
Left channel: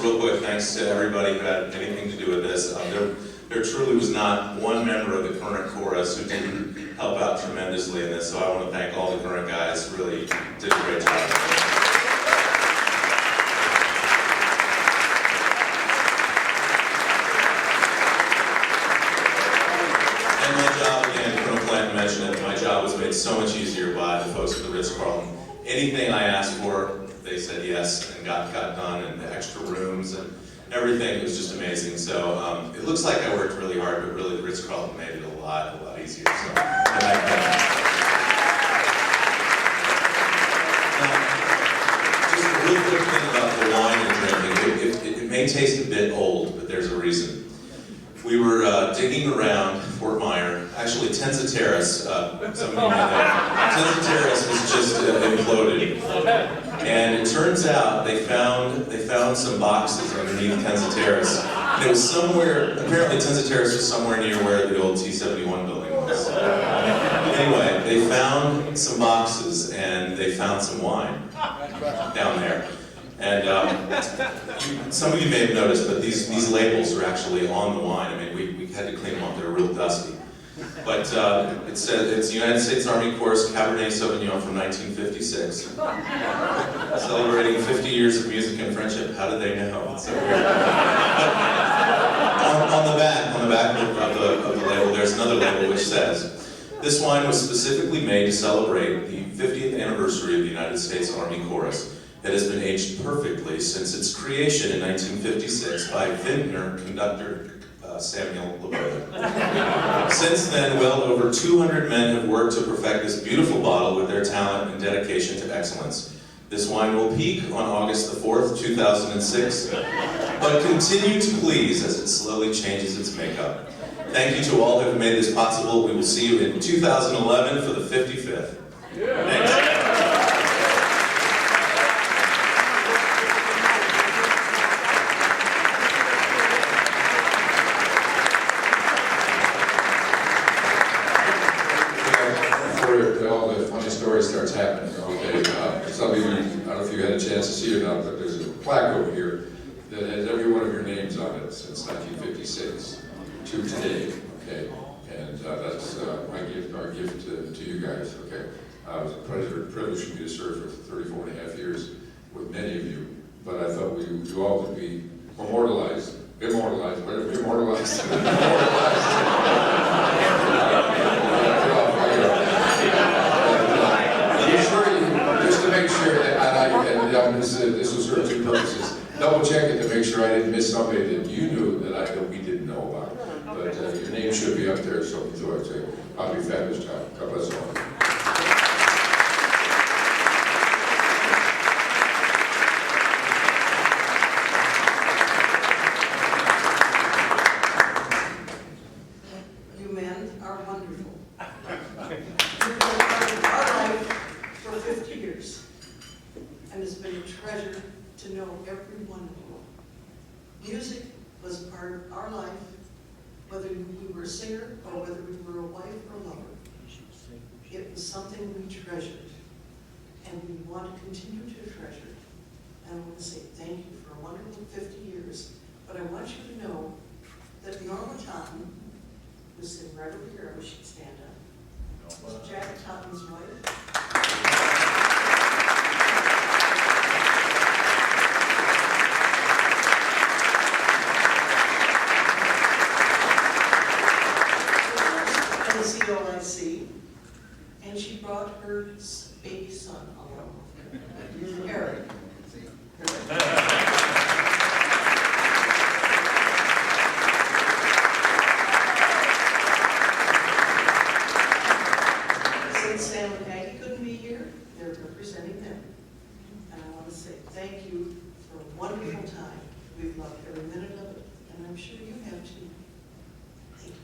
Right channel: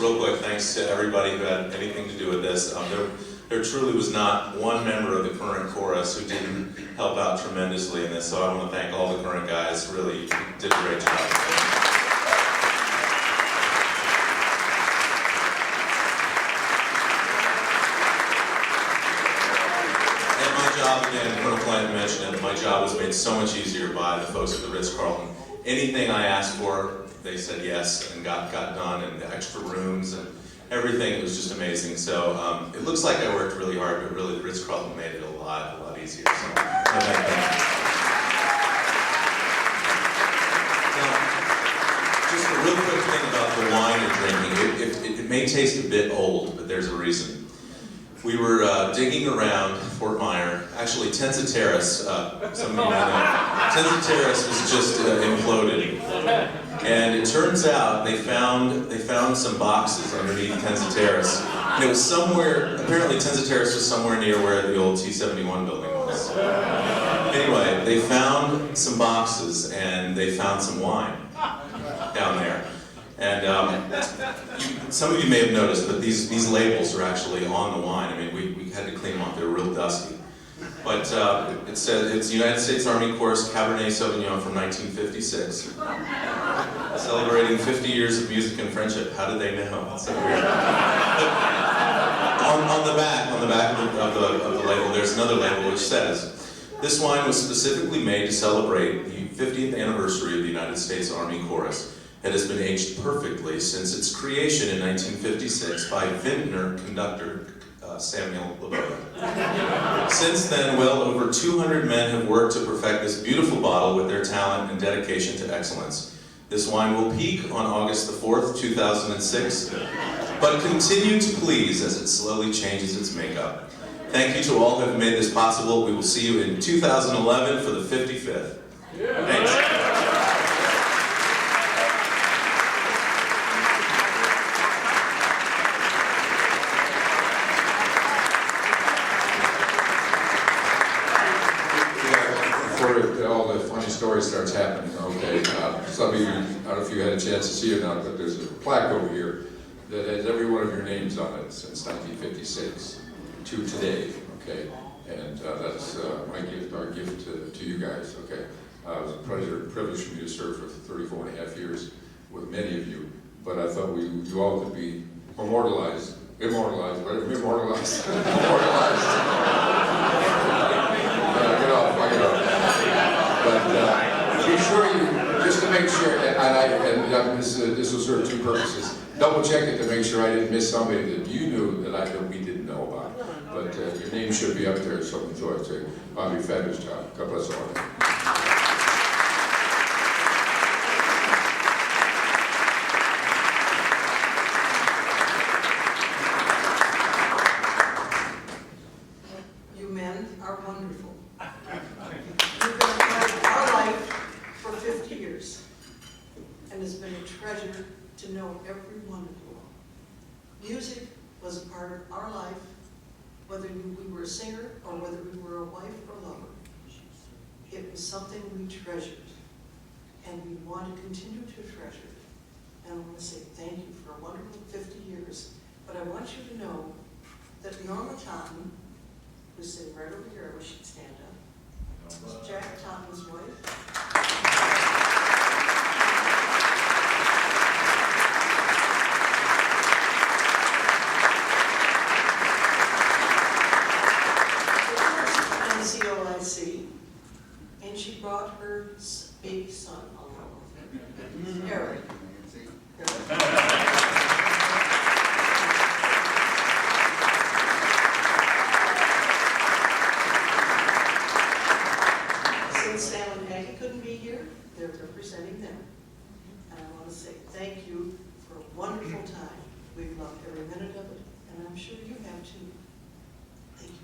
Real quick, thanks to everybody who had anything to do with this. There truly was not one member of the current chorus who didn't help out tremendously in this, so I want to thank all the current guys. Really did a great job. And my job, again, Colonel Clanton mentioned it, my job was made so much easier by the folks at the Ritz Carlton. Anything I asked for, they said yes and got done, and the extra rooms and everything was just amazing. So it looks like I worked really hard, but really the Ritz Carlton made it a lot easier. So, just a real quick thing about the wine you're drinking. It may taste a bit old, but there's a reason. We were digging around Fort Myer, actually Tensa Terrace, some of you know that. Tensa Terrace was just imploded. And it turns out they found some boxes underneath Tensa Terrace. And it was somewhere, apparently Tensa Terrace was somewhere near where the old T-71 building was. Anyway, they found some boxes and they found some wine down there. And some of you may have noticed, but these labels are actually on the wine. I mean, we had to clean them up. They were real dusty. But it said it's United States Army Chorus Cabernet Sauvignon from 1956. Celebrating 50 years of music and friendship. How did they know? So weird. on the back of the label, there's another label which says, this wine was specifically made to celebrate the 50th anniversary of the United States Army Chorus. It has been aged perfectly since its creation in 1956 by vintner conductor Samuel LeBeau. Since then, well over 200 men have worked to perfect this beautiful bottle with their talent and dedication to excellence. This wine will peak on August the 4th, 2006, but continue to please as it slowly changes its makeup. Thank you to all who have made this possible. We will see you in 2011 for the 55th. Thanks. All the funny story starts happening. Okay, some of you, I don't know if you had a chance to see it or not, but there's a plaque over here that has every one of your names on it since 1956 to today. Okay, and that's my gift, our gift to you guys. Okay, it was a privilege for me to serve for 34 and a half years with many of you, but I thought you all could be immortalized. Just to make sure that this will serve two purposes. Double check it to make sure I didn't miss somebody that you knew that we didn't know about. But your name should be up there, so I'd say, I'll be a fabulous time. God bless all. You men are wonderful. You've been a part of our life for 50 years, and it's been a treasure to know every one of you. Music was a part of our life, whether we were a singer or whether we were a wife or lover. It was something we treasured, and we want to continue to treasure it. And I want to say thank you for a wonderful 50 years, but I want you to know that Norma Totten, who's sitting right over here, I wish she'd stand up. Jack Totten's wife. COIC, and she brought her baby son along, Eric. Since Stan and Maggie couldn't be here, they're representing them. And I want to say thank you for a wonderful time. We've loved every minute of it, and I'm sure you have too. Thank you.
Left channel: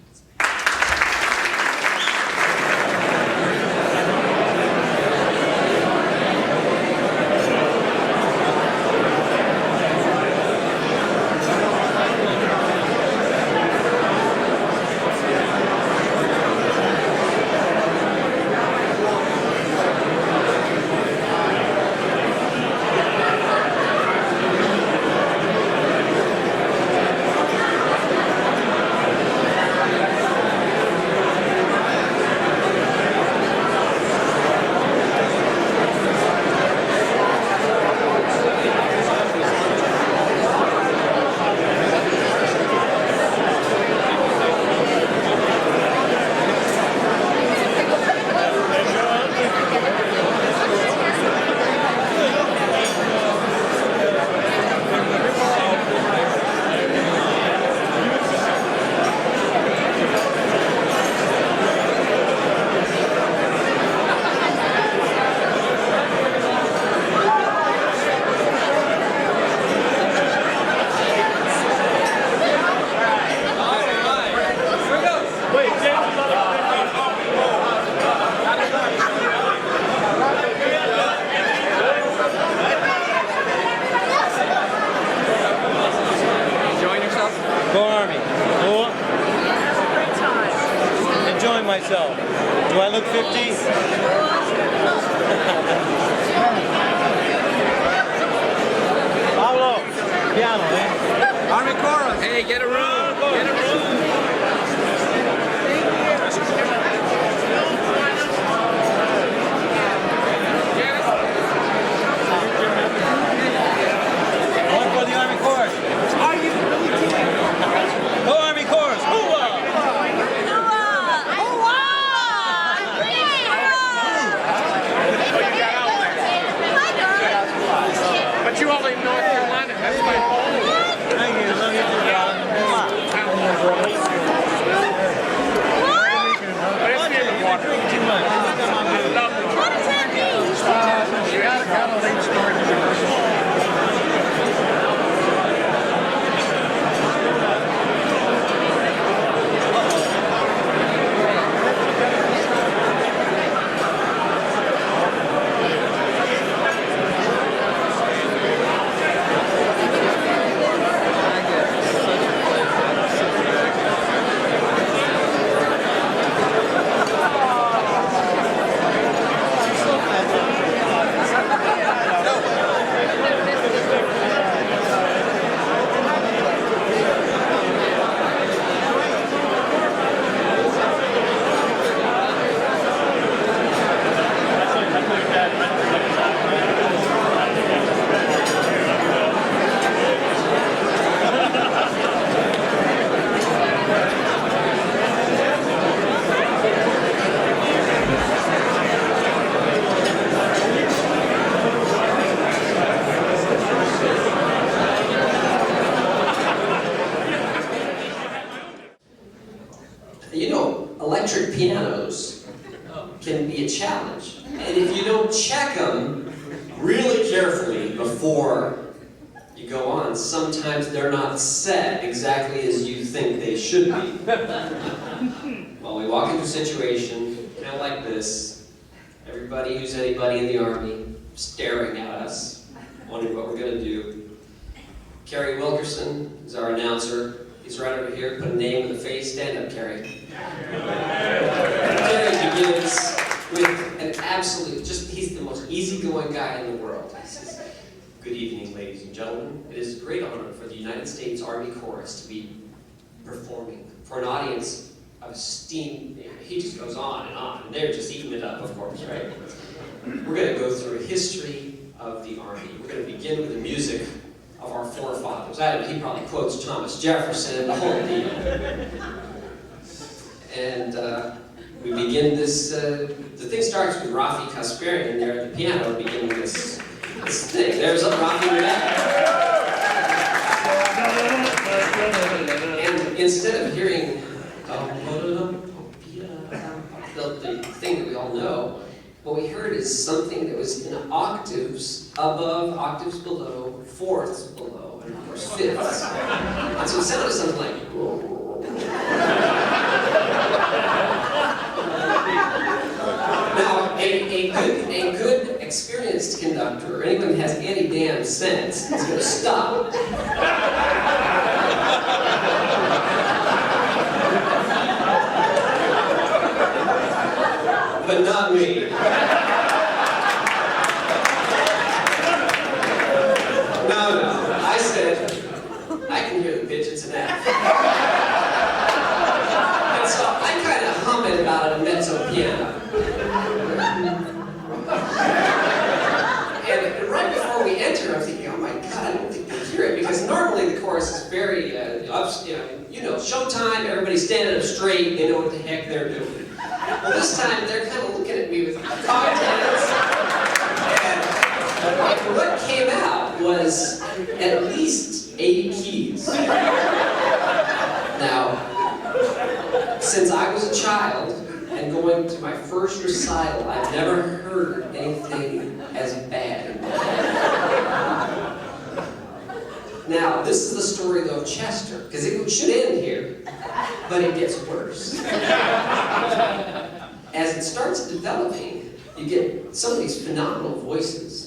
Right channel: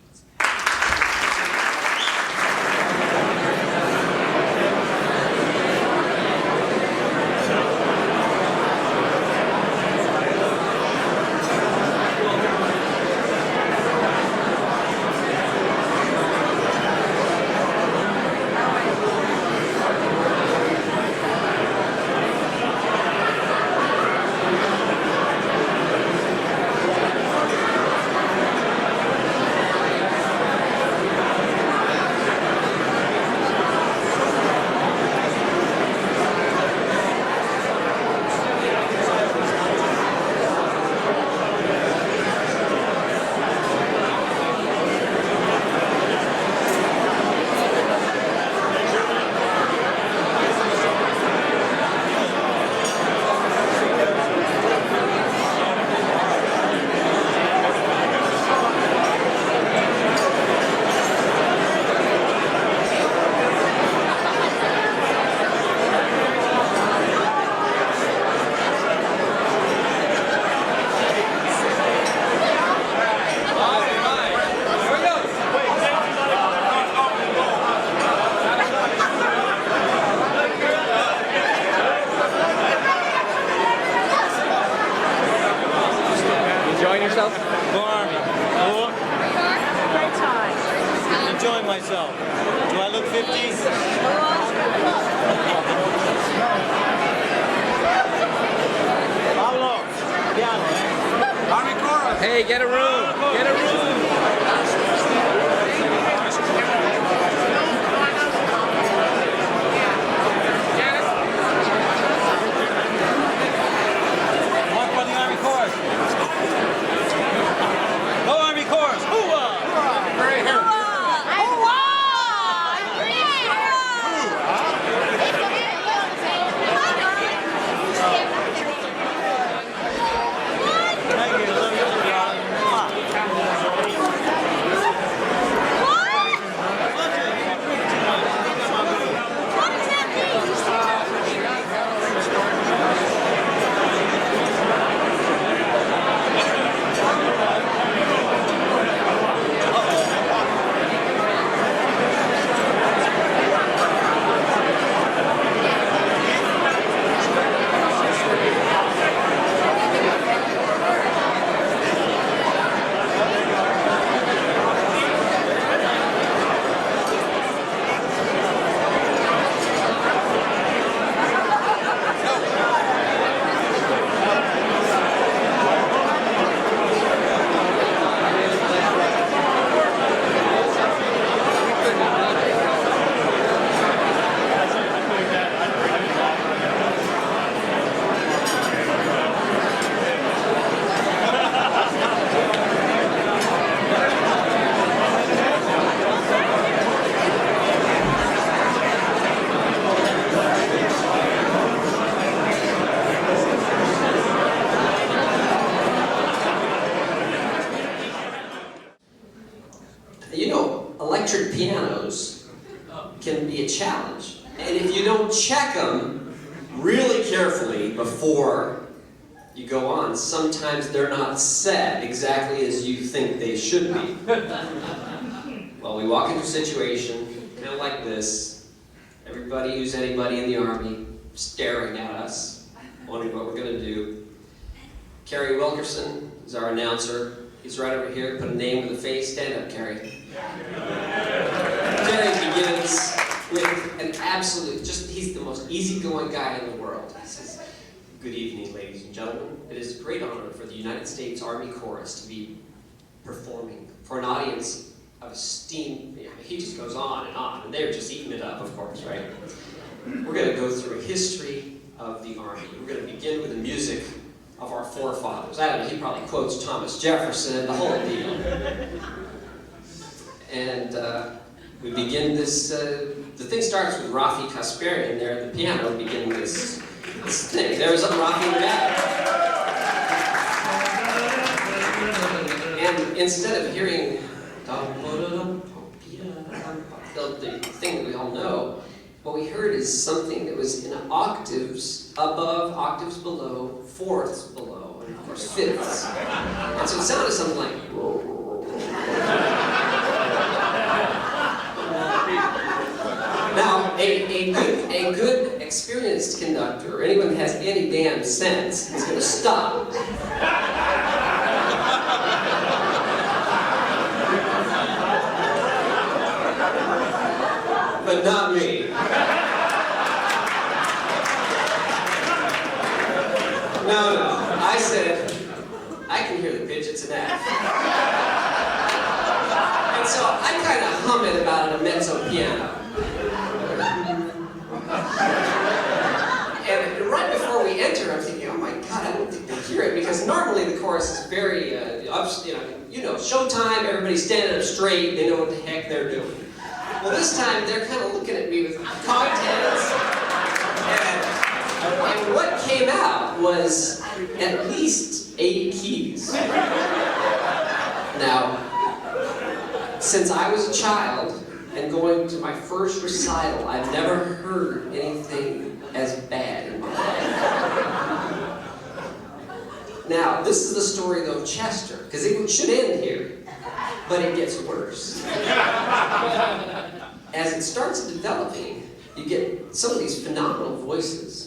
Enjoying myself. Do I look 50? Pablo, piano, eh? Army chorus. Hey, get it One for the Army chorus. Go Army chorus. Hoo-ah! But you only know if you want it. Thank you. Love you too, darling. And if you don't check them really carefully before you go on, sometimes they're not said exactly as you think they should be. Well, we walk into a situation kind of like this. Everybody who's anybody in the Army staring at us, wondering what we're going to do. Carrie Wilkerson is our announcer. He's right over here. Put a name in the face. Stand up, Carrie. Carrie begins with an absolute, he's the most easygoing guy in the world. He says, "Good evening, ladies and gentlemen. It is a great honor for the United States Army Chorus to be performing for an audience of esteemed." He just goes on, and they're just eating it up, of course, right? We're going to go through a history of the Army. We're going to begin with the music of our forefathers. He probably quotes Thomas Jefferson and the whole deal. And we begin this, the thing starts with Rafi Kasparian there at the piano, beginning this thing. There's a Rafi with that. And instead of hearing the thing that we all know, what we heard is something that was in octaves above, octaves below, fourths below, and of course fifths. And so it sounded something like. Now, a good experienced conductor, or anyone who has any damn sense, is going to stop. But not me. No. I said, I can hear the pitch, it's an F. And so I kind of hum it about a mezzo piano. And right before we enter, I'm thinking, oh my God, I don't think they hear it, because normally the chorus is very, showtime, everybody's standing up straight, they know what the heck they're doing. Well, this time they're kind of looking at me with commentators. And what came out was at least 8 keys. Now, since I was a child and going to my first recital, I've never heard anything as bad. Now, this is the story though of Chester, because it should end here, but it gets worse. As it starts developing, you get some of these phenomenal voices.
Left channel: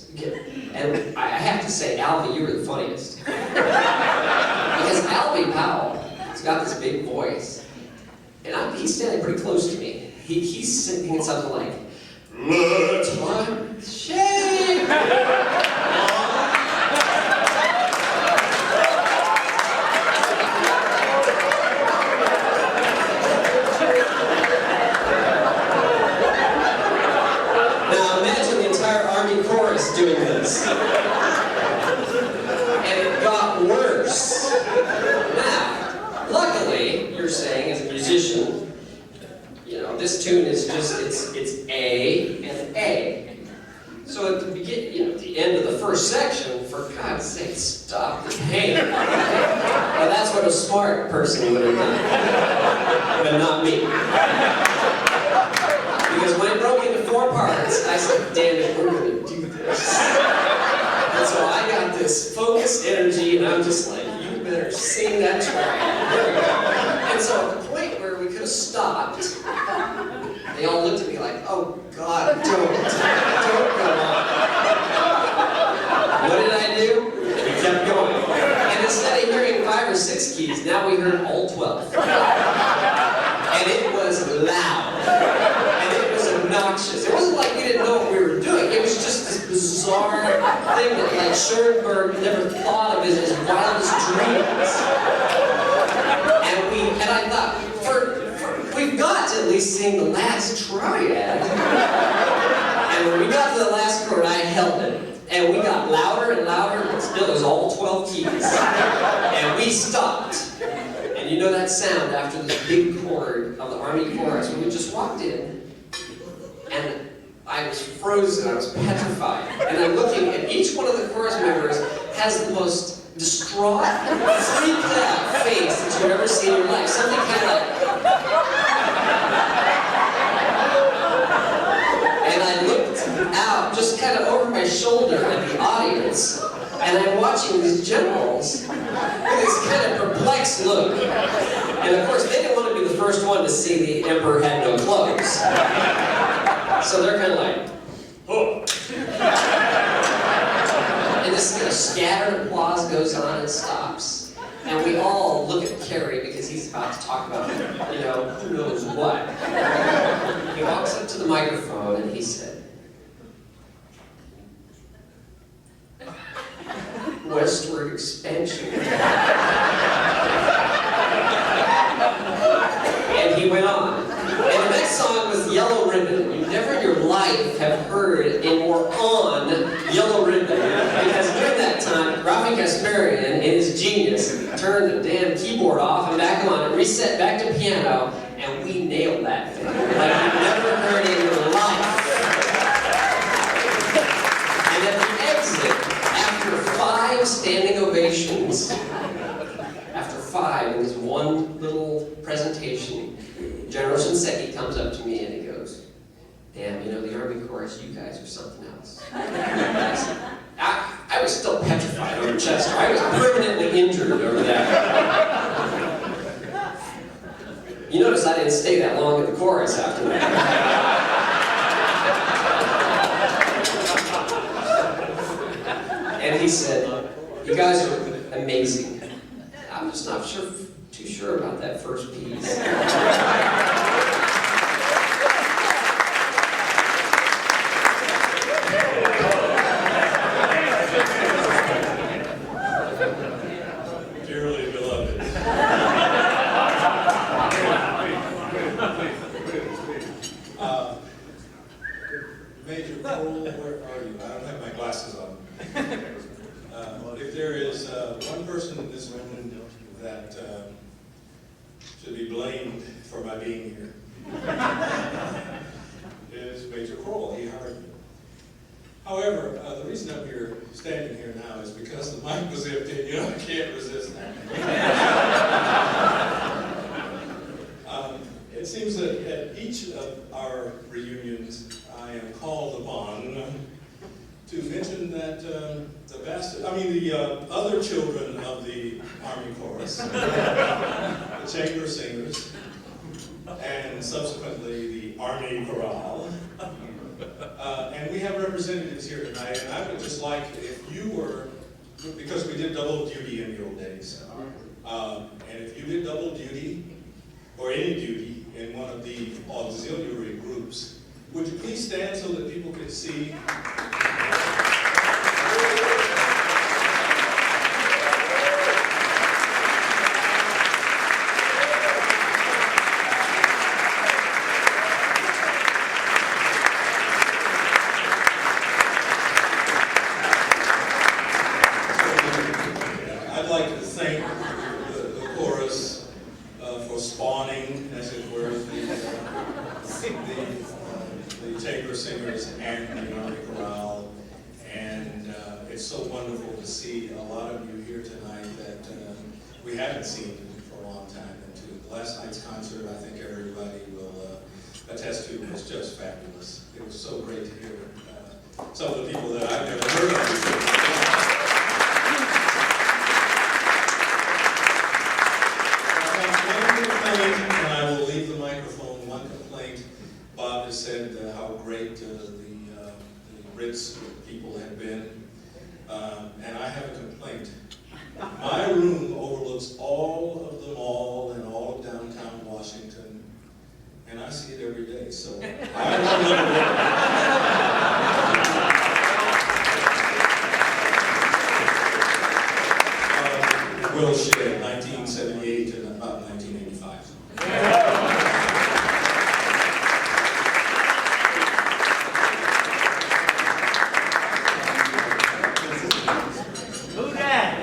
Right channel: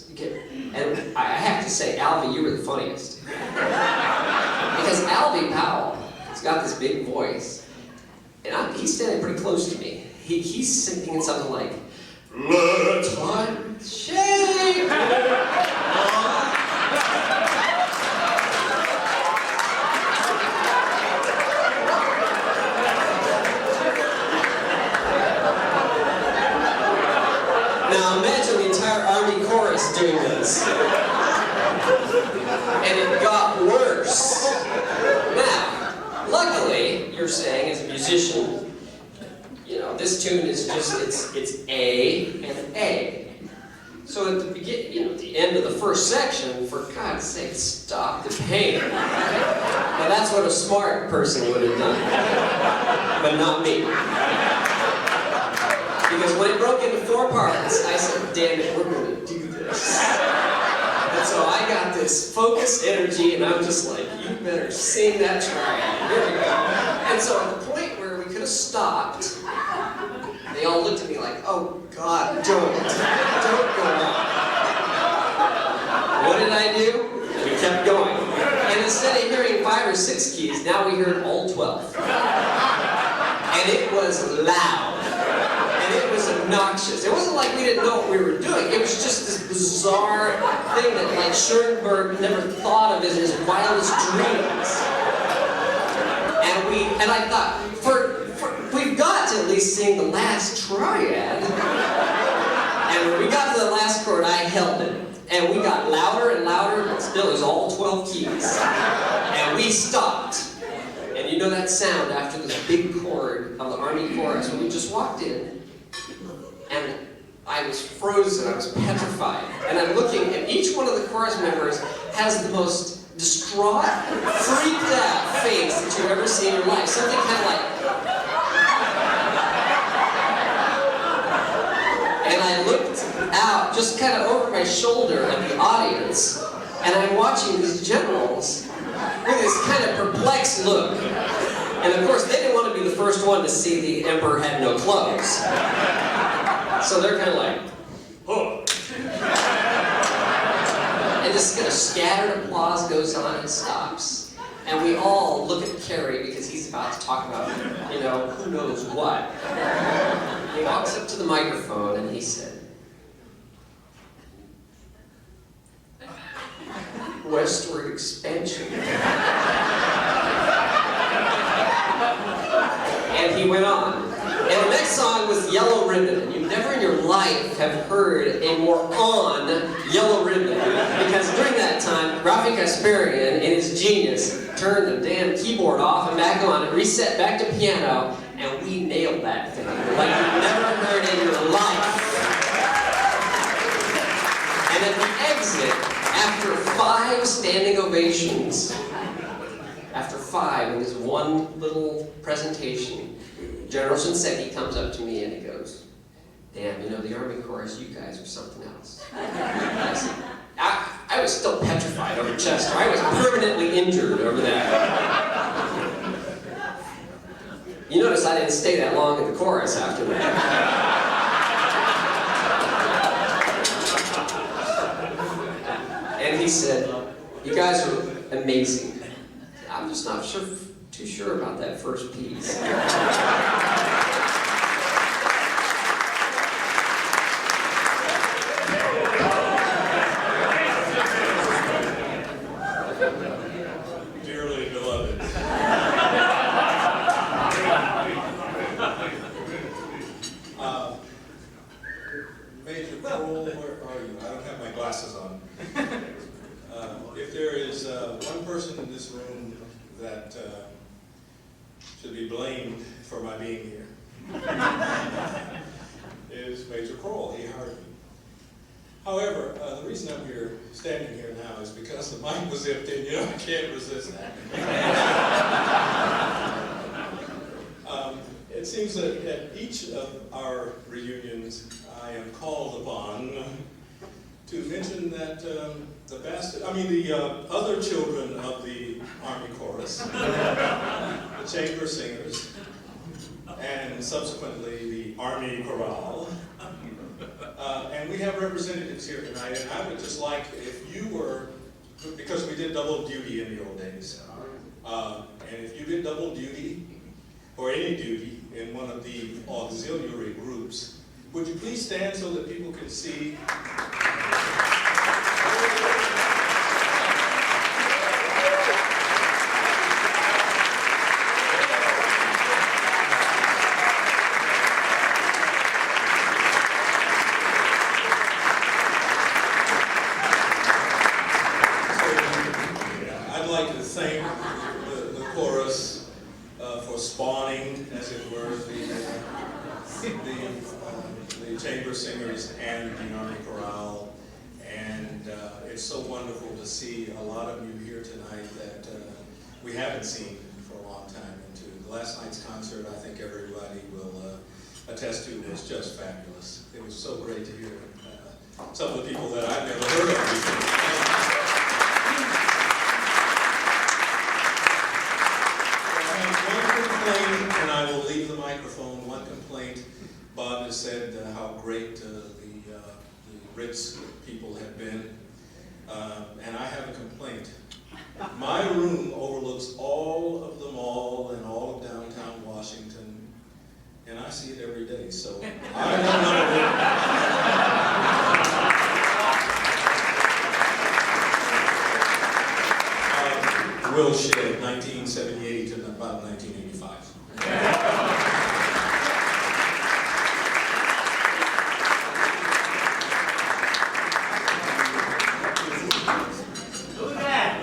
And I have to say, Albie, you were the funniest. Because Albie Powell has got this big voice, and he's standing pretty close to me. He's singing something like, "Let's one shake." Doing this. And it got worse. Now, luckily, you're saying as a musician, this tune is just, it's A and A. So at the beginning, the end of the first section, for God's sake, stop the pain. Now that's what a smart person would have done, but not me. Because when it broke into 4 parts, I said, damn it, we're going to do this. And so I got this focused energy, and I'm just like, you better sing that track. Here we go. And so at the point where we could have stopped, they all looked at me like, oh God, don't go on. What did I do? We kept going. And instead of hearing 5 or 6 keys, now we heard all 12. And it was loud. Obnoxious. It wasn't like we didn't know what we were doing. It was just this bizarre thing that like Schoenberg never thought of as his wildest dreams. And I thought, we've got to at least sing the last triad. And when we got to the last chord, I held it. And we got louder and louder, and still it was all 12 keys. And we stopped. And you know that sound after this big chord of the Army chorus when we just walked in. And I was frozen, I was petrified. And I'm looking, and each one of the chorus members has the most distraught, freaked out face that you've ever seen in your life. Something kind of like... And I looked my shoulder at the audience, and I'm watching these generals with this kind of perplexed look. And of course, they didn't want to be the first one to see the emperor had no clothes. So they're kind of like, oh. And this kind of scattered applause goes on and stops. And we all look at Kerry because he's about to talk about, who knows what. He walks up to the microphone and he said, westward expansion. And he went on. And the next song was Yellow Ribbon. You never in your life have heard a more on Yellow Ribbon. Because during that time, Rafi Kasparian, in his genius, turned the damn keyboard off and back on and reset back to piano, and we nailed that thing. Like you've never heard in your life. And at the exit, after 5 standing ovations, after 5 in this one little presentation, General Shinseki comes up to me and he goes, damn, the Army chorus, you guys are something else. I was still petrified over Chester. I was permanently injured over that. You notice I didn't stay that long in the chorus after that. And he said, you guys are amazing. I'm just not too sure about that first piece. Dearly beloved. Major Cole, where are you? I don't have my glasses on. If there is one person in this room that should be blamed for my being here, is Major Kroll. He hired me. However, the reason I'm here, standing here now, is because the mic was empty. I can't resist that. It seems that at each of our reunions, I am called upon to mention that the other children of the Army Chorus, the chamber singers, and subsequently the Army Chorale. And we have representatives here tonight, and I would just like, if you were, because we did double duty in the old days, and if you did double duty, or any duty, in one of the auxiliary groups, would you please stand so that people could see? I'd like to thank the chorus for spawning, as it were, the chamber singers and the Army Chorale. And it's so wonderful to see a lot of you here tonight that we haven't seen for a long time. And to last night's concert, I think everybody will attest to, was just fabulous. It was so great to hear some of the people that I've never heard of before. And I will leave the microphone. One complaint. Bob has said how great the Ritz people have been. And I have a complaint. My room overlooks all of the mall and all of downtown Washington. And I see it every day. So I don't know. Will Shea, 1978 and about 1985. Who's that?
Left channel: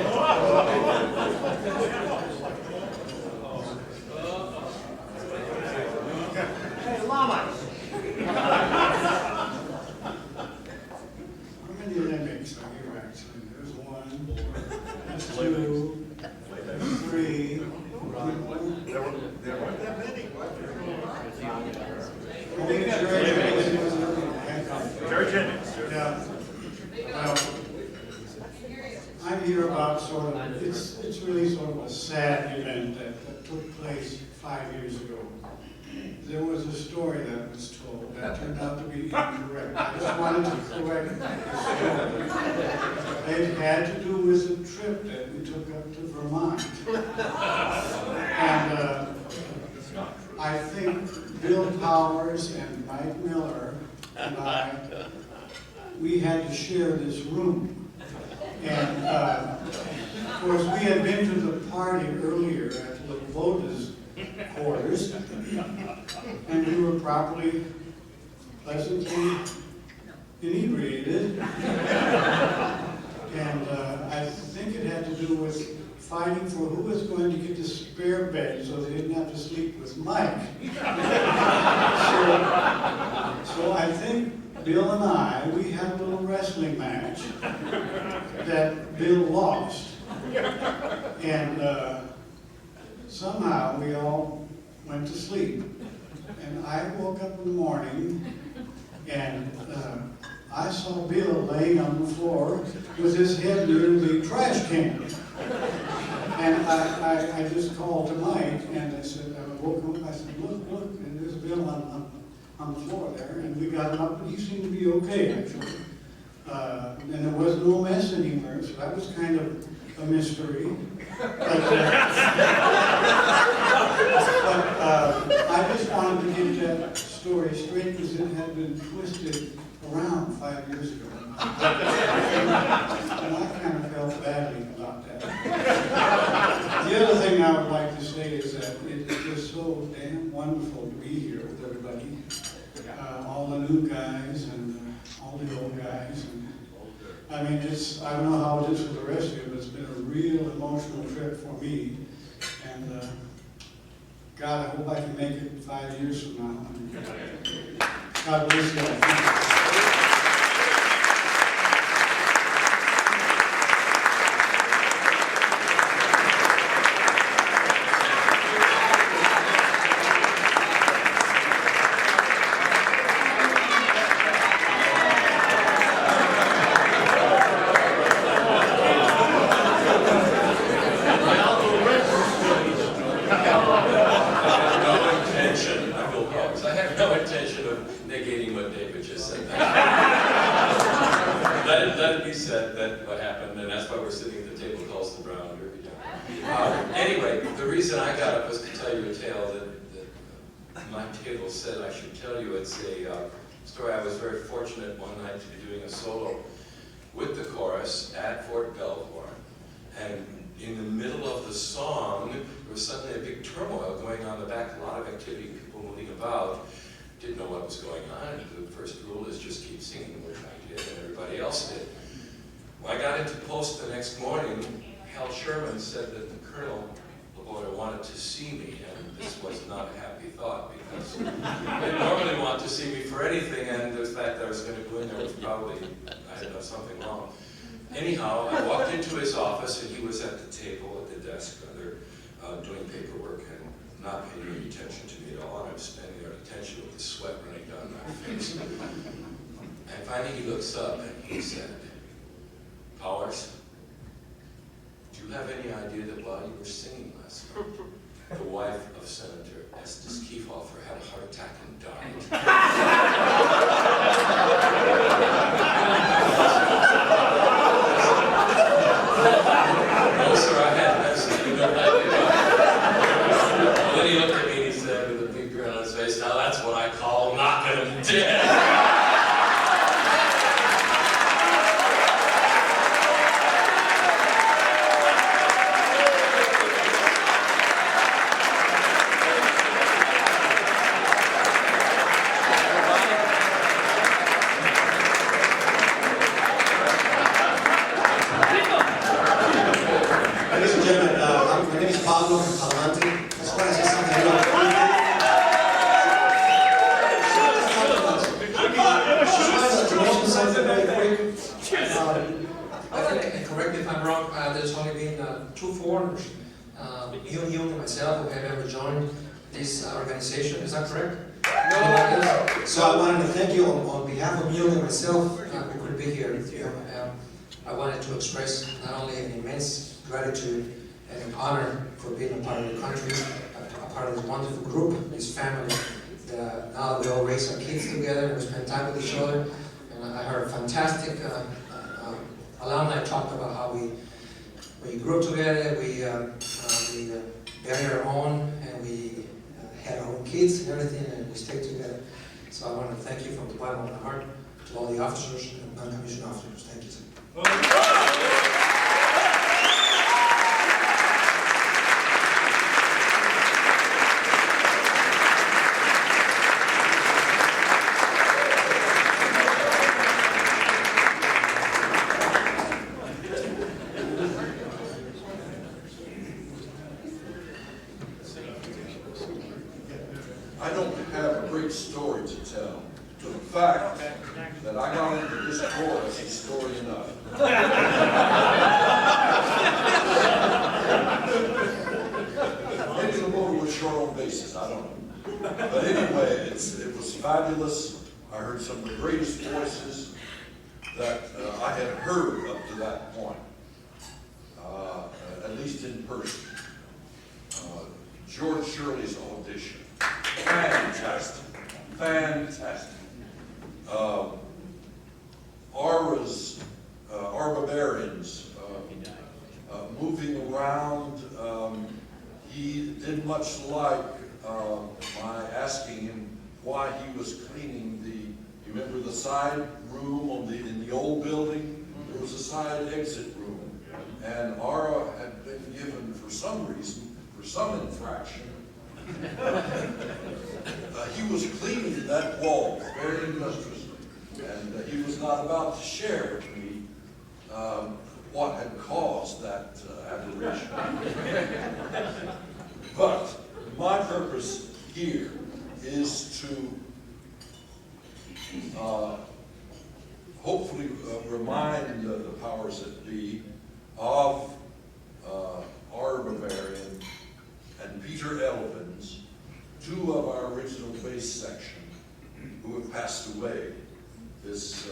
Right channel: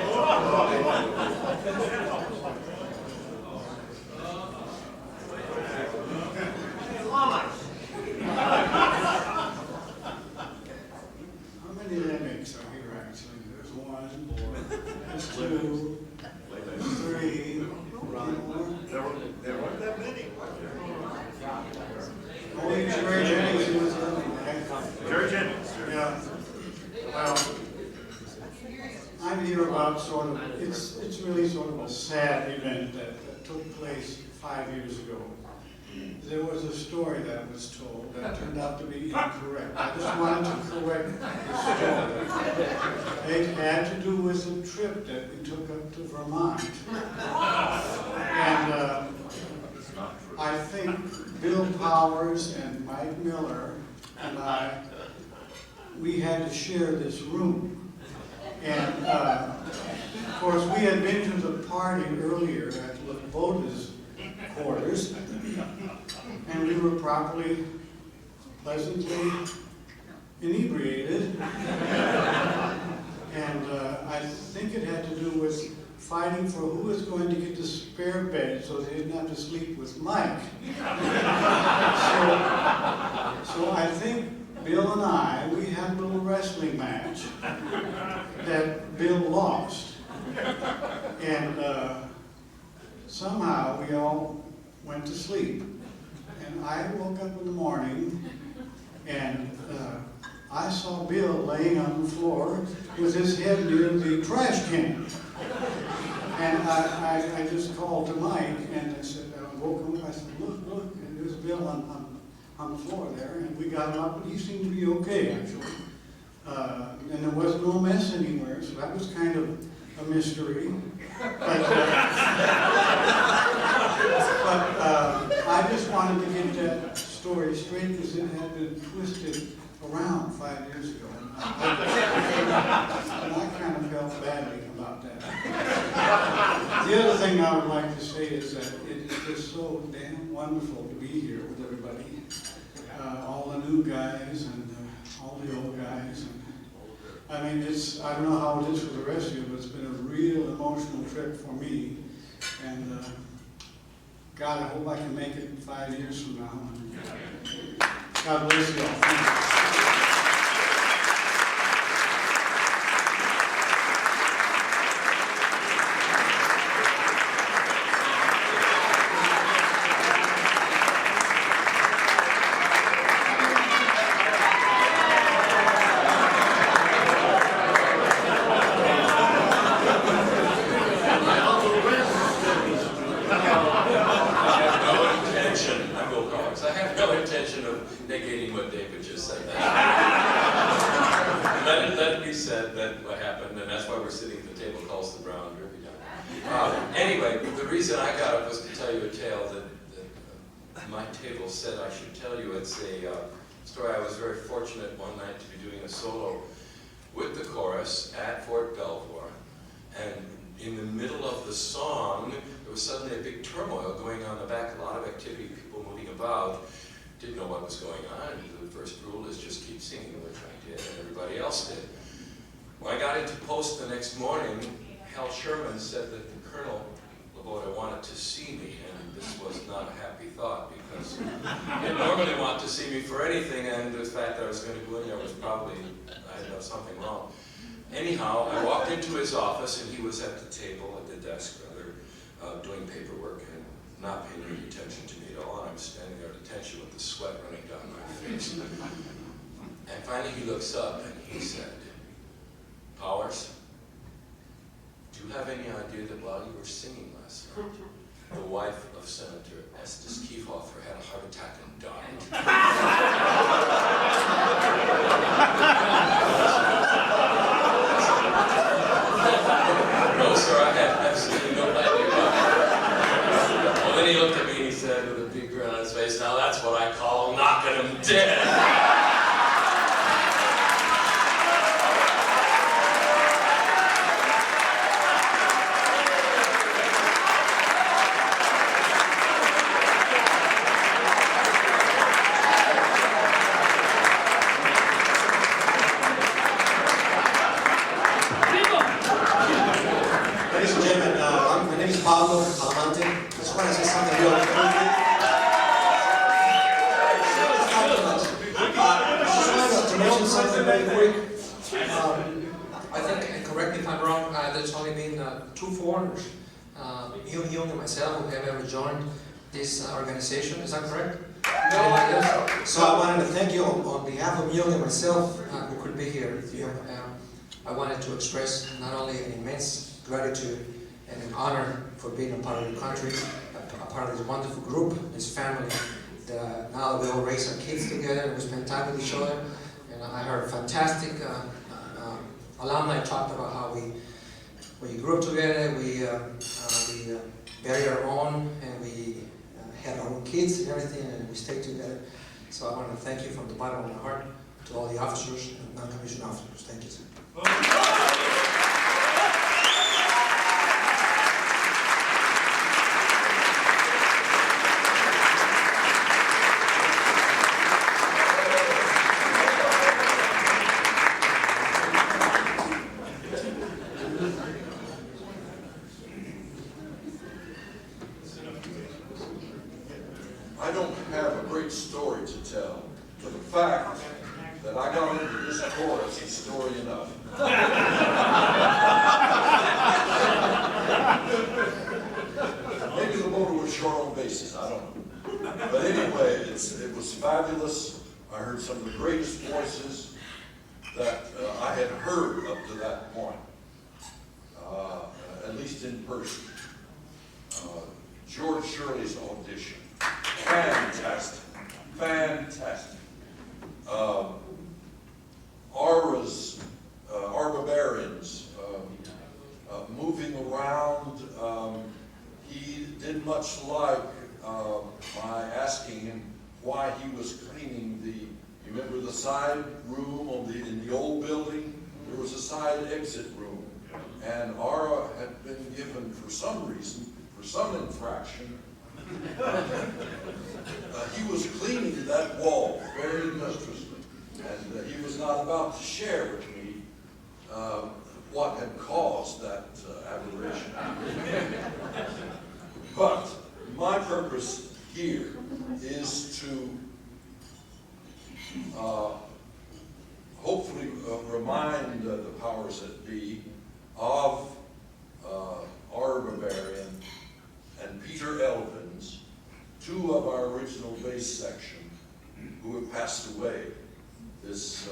Hey, Llama. How many limits are here actually? There's 1, there's 2, 3. There weren't that many. Only Jerry Jennings was Jerry Jennings. Yeah. I'm here about sort of, it's really sort of a sad event that took place 5 years ago. There was a story that was told that turned out to be incorrect. I just wanted to correct the story. It had to do with a trip that we took up to Vermont. And I think Bill Powers and Mike Miller and I, we had to share this room. And of course, we had been to the party earlier at Lakota's quarters, and we were properly, pleasantly inebriated. And I think it had to do with fighting for who was going to get the spare bed so they didn't have to sleep with Mike. So I think Bill and I, we had a little wrestling match that Bill lost. And somehow we all went to sleep. And I woke up in the morning and I saw Bill laying on the floor with his head near the big trash can. And I just called to Mike and I said, I woke him up, I said, look, and there's Bill on the floor there, and we got him up, and he seemed to be okay, actually. And there was no mess anywhere, so that was kind of a mystery. But I just wanted to get that story straight because it had been twisted around 5 years ago. And I kind of felt badly about that. The other thing I would like to say is that it is just so damn wonderful to be here with everybody. All the new guys and all the old guys. And, I mean, I don't know how it is for the rest of you, but it's been a real emotional trip for me. And God, I hope I can make it 5 years from now. God bless you all. Anyway, the reason I got up was to tell you a tale that my table said I should tell you. It's a story. I was very fortunate one night to be doing a solo with the chorus at Fort Belvoir. And in the middle of the song, there was suddenly a big turmoil going on in the back, a lot of activity, people moving about. Didn't know what was going on. The first rule is just keep singing, which I did, and everybody else did. When I got into post the next morning, Hal Sherman said that the Colonel wanted to see me, and this was not a happy thought because they normally want to see me for anything, and the fact that I was going to go in there was probably, I had done something wrong. Anyhow, I walked into his office, and he was at the table, at the desk, doing paperwork, and not paying any attention to me at all, and I'm standing there at attention with the sweat running down my face. And finally he looks up, and he said, Powers, do you have any idea that while you were singing last night, the wife of Senator Estes Kefauver had a heart attack and died? No, sir, I had absolutely no idea. Well, then he looked at me and he said with a big grin on his face, now that's what I call knocking him dead. You and myself who have ever joined this organization, is that correct? No. So I wanted to thank you on behalf of you and myself. We couldn't be here with you. I wanted to express not only an immense gratitude and an honor for being a part of the country, a part of this wonderful group, this family. Now that we all raise our kids together and we spend time with each other, and I heard fantastic alumni talk about how we grew together, we buried our own, and we had our own kids and everything, and we stayed together. So I want to thank you from the bottom of my heart to all the officers and non-commissioned officers. Thank you, sir. I don't have a great story to tell, but the fact that I got into this chorus is story enough. Maybe the motor was short on bases, I don't know. But anyway, it was fabulous. I heard some of the greatest voices that I had heard up to that point, at least in person. George Shirley's audition. Fantastic, fantastic. Barbarians, moving around. He did much like my asking him why he was cleaning you remember the side room in the old building? There was a side exit room. And Ara had been given, for some reason, for some infraction, he was cleaning that wall very industriously, and he was not about to share with me what had caused that aberration. But my purpose here is to hopefully remind the powers that be of our Bavarian and Peter Elvins, two of our original bass section, who have passed away this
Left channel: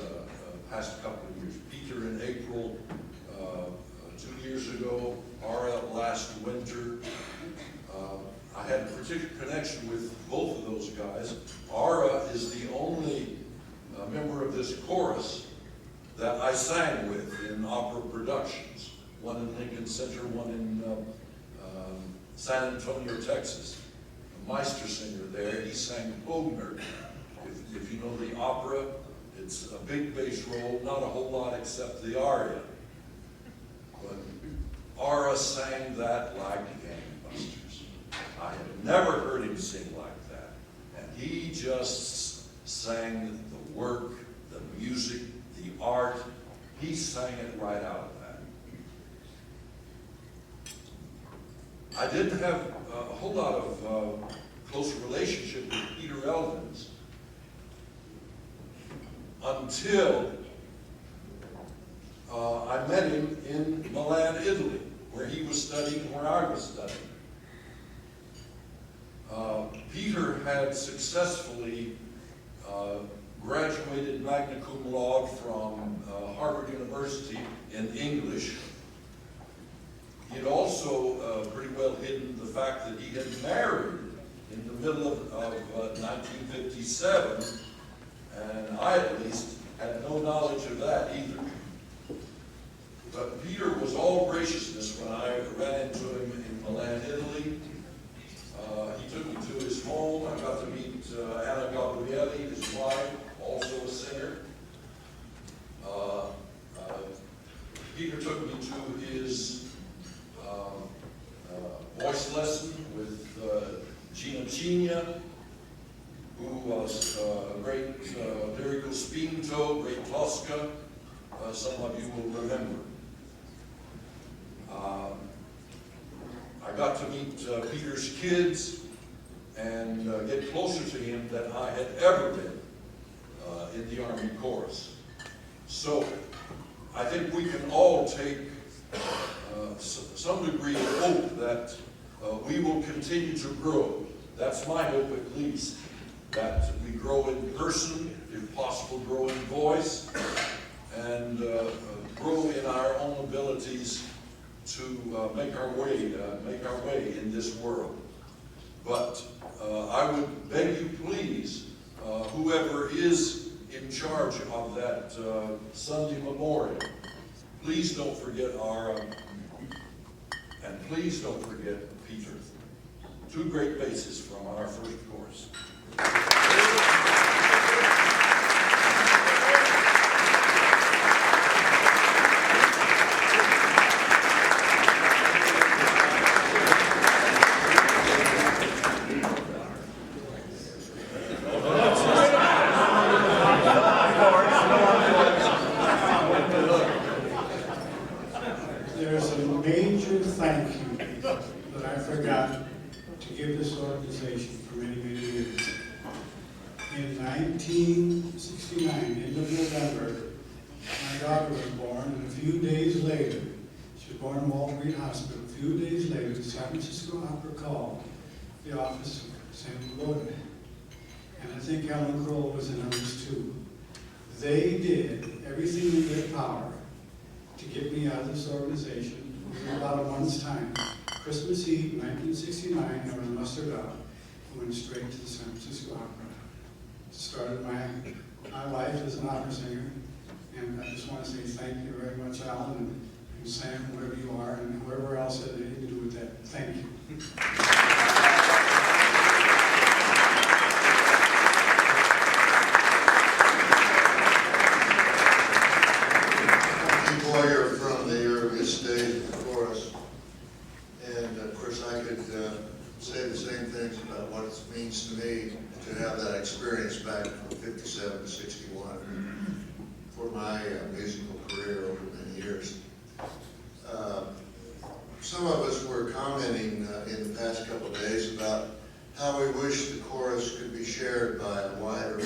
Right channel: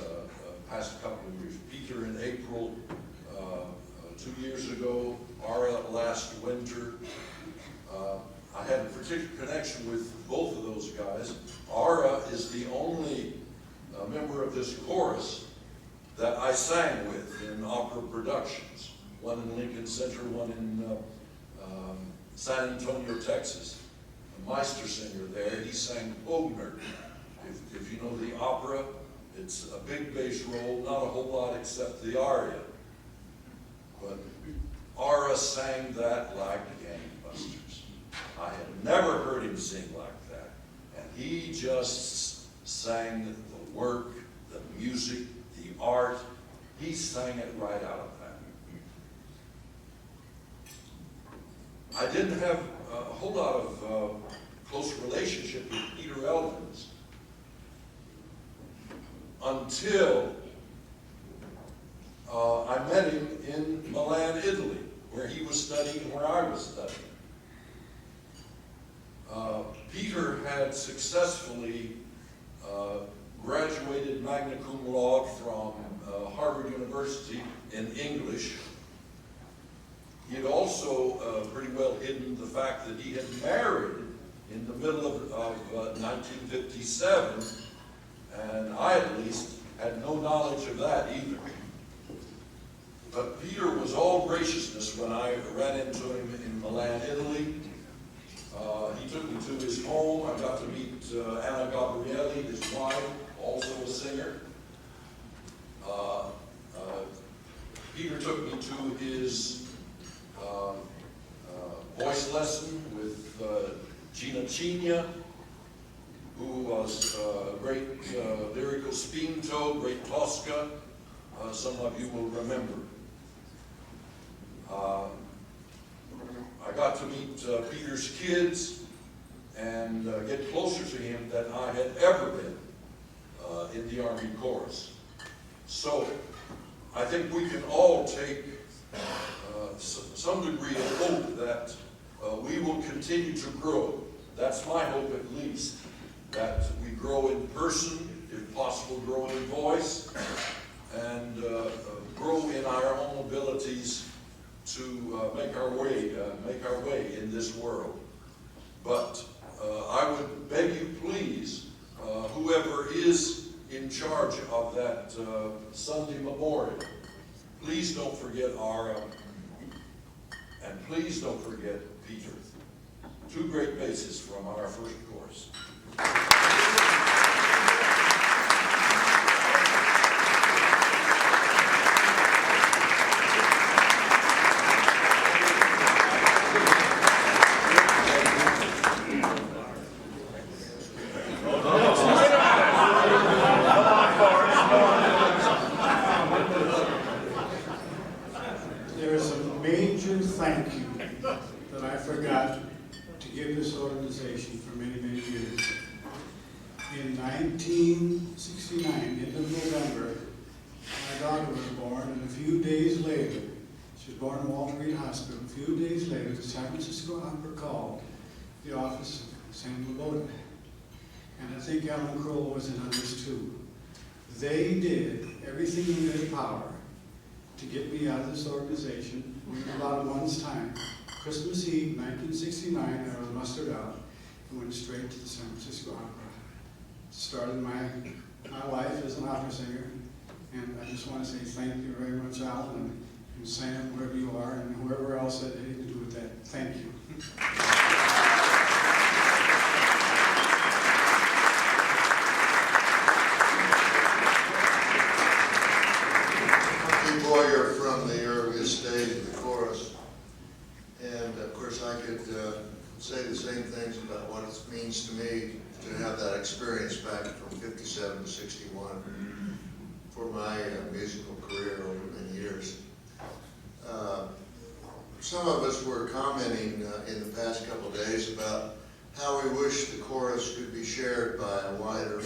past couple of years. Peter in April 2 years ago, Ara last winter. I had a particular connection with both of those guys. Ara is the only member of this chorus that I sang with in opera productions. One in Lincoln Center, one in San Antonio, Texas. A Meister singer there, he sang Bogner. If you know the opera, it's a big bass roll, not a whole lot except the aria. But Ara sang that like gangbusters. I had never heard him sing like that. And he just sang the work, the music, the art. He sang it right out of that. I didn't have a whole lot of close relationship with Peter Elvins until I met him in Milan, Italy, where he was studying and where I was studying. Peter had successfully graduated magna cum laude from Harvard University in English. He had also pretty well hidden the fact that he had married in the middle of 1957, and I at least had no knowledge of that either. But Peter was all graciousness when I ran into him in Milan, Italy. He took me to his home. I got to meet Anna Gabrielli, his wife, also a singer. Peter took me to his voice lesson with Gina Cigna, who was a great lyrical spinto, great Tosca. Some of you will remember. I got to meet Peter's kids and get closer to him than I had ever been in the Army Chorus. So I think we can all take some degree of hope that we will continue to grow. That's my hope at least, that we grow in person, if possible grow in voice, abilities to make our way in this world. But I would beg you, please, whoever is in charge of that Sunday memorial, please don't forget Ara, and please don't forget Peter. Two great basses from our first chorus. There's a major thank you that I forgot to give this organization for many, many years. In 1969, end of November, my daughter was born, and a few days later, she was born in Walter Reed Hospital. A few days later, the San Francisco Opera called the office of Sam Loden. And I think Alan Kroll was in on this too. They did everything in their power to get me out of this organization. We were about a month's time. Christmas Eve, 1969, I was mustered out and went straight to the San Francisco Opera. Started my life as an opera singer, and I just want to say thank you very much, Alan, and Sam, wherever you are, and whoever else had anything to do with that. Thank you. Here from the earliest days of the chorus, and of course I could say the same things about what it means to me to have that experience back from 57 to 61 for my musical career over many years. Some of us were commenting in the past couple of days about how we wish the chorus could be shared by a wider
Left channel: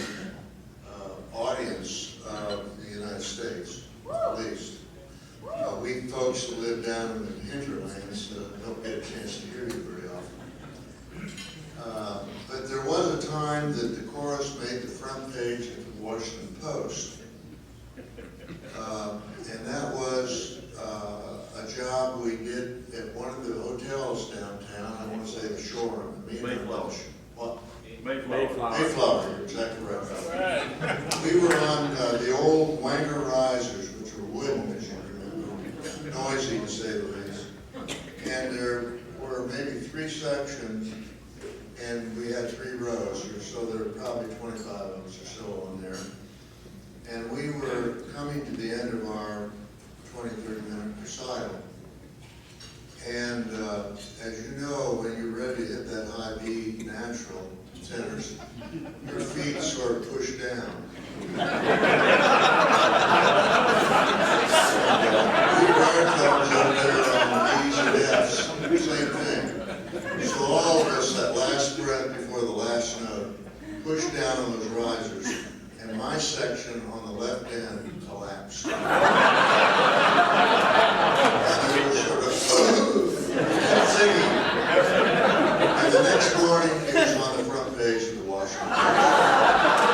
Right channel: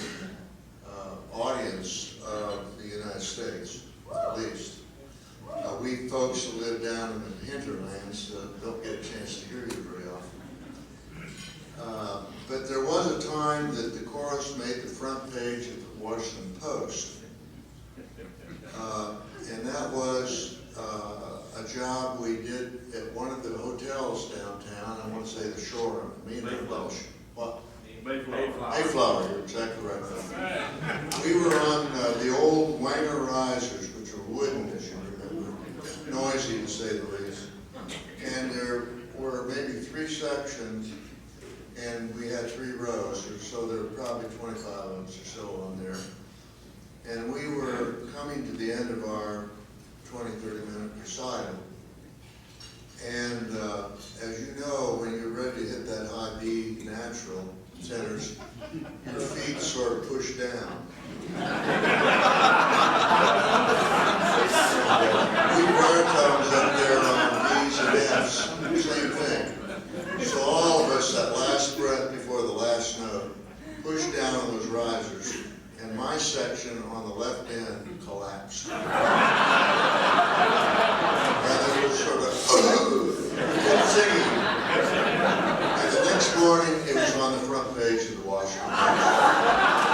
audience of the United States, at least. We folks that live down in the hinterlands don't get a chance to hear you very often. But there was a time that the chorus made the front page of the Washington Post. And that was a job we did at one of the hotels downtown. I want to say the Shore. Mayflower. What? Mayflower, you're exactly right. We were on the old Wanger risers, which are wooden, as you remember, noisy to say the least. And there were maybe 3 sections, and we had 3 rows, so there were probably 25 of us or so on there. And we were coming to the end of our 20-30-minute recital. And as you know, when you're ready to hit that high B natural tenors, your feet sort of push down. We baritones up there on B's and F's, same thing. So all of us, that last breath before the last note, pushed down on those risers, and my section on the left end collapsed. And they were sort of singing. And the next morning, it was on the front page of the Washington Post.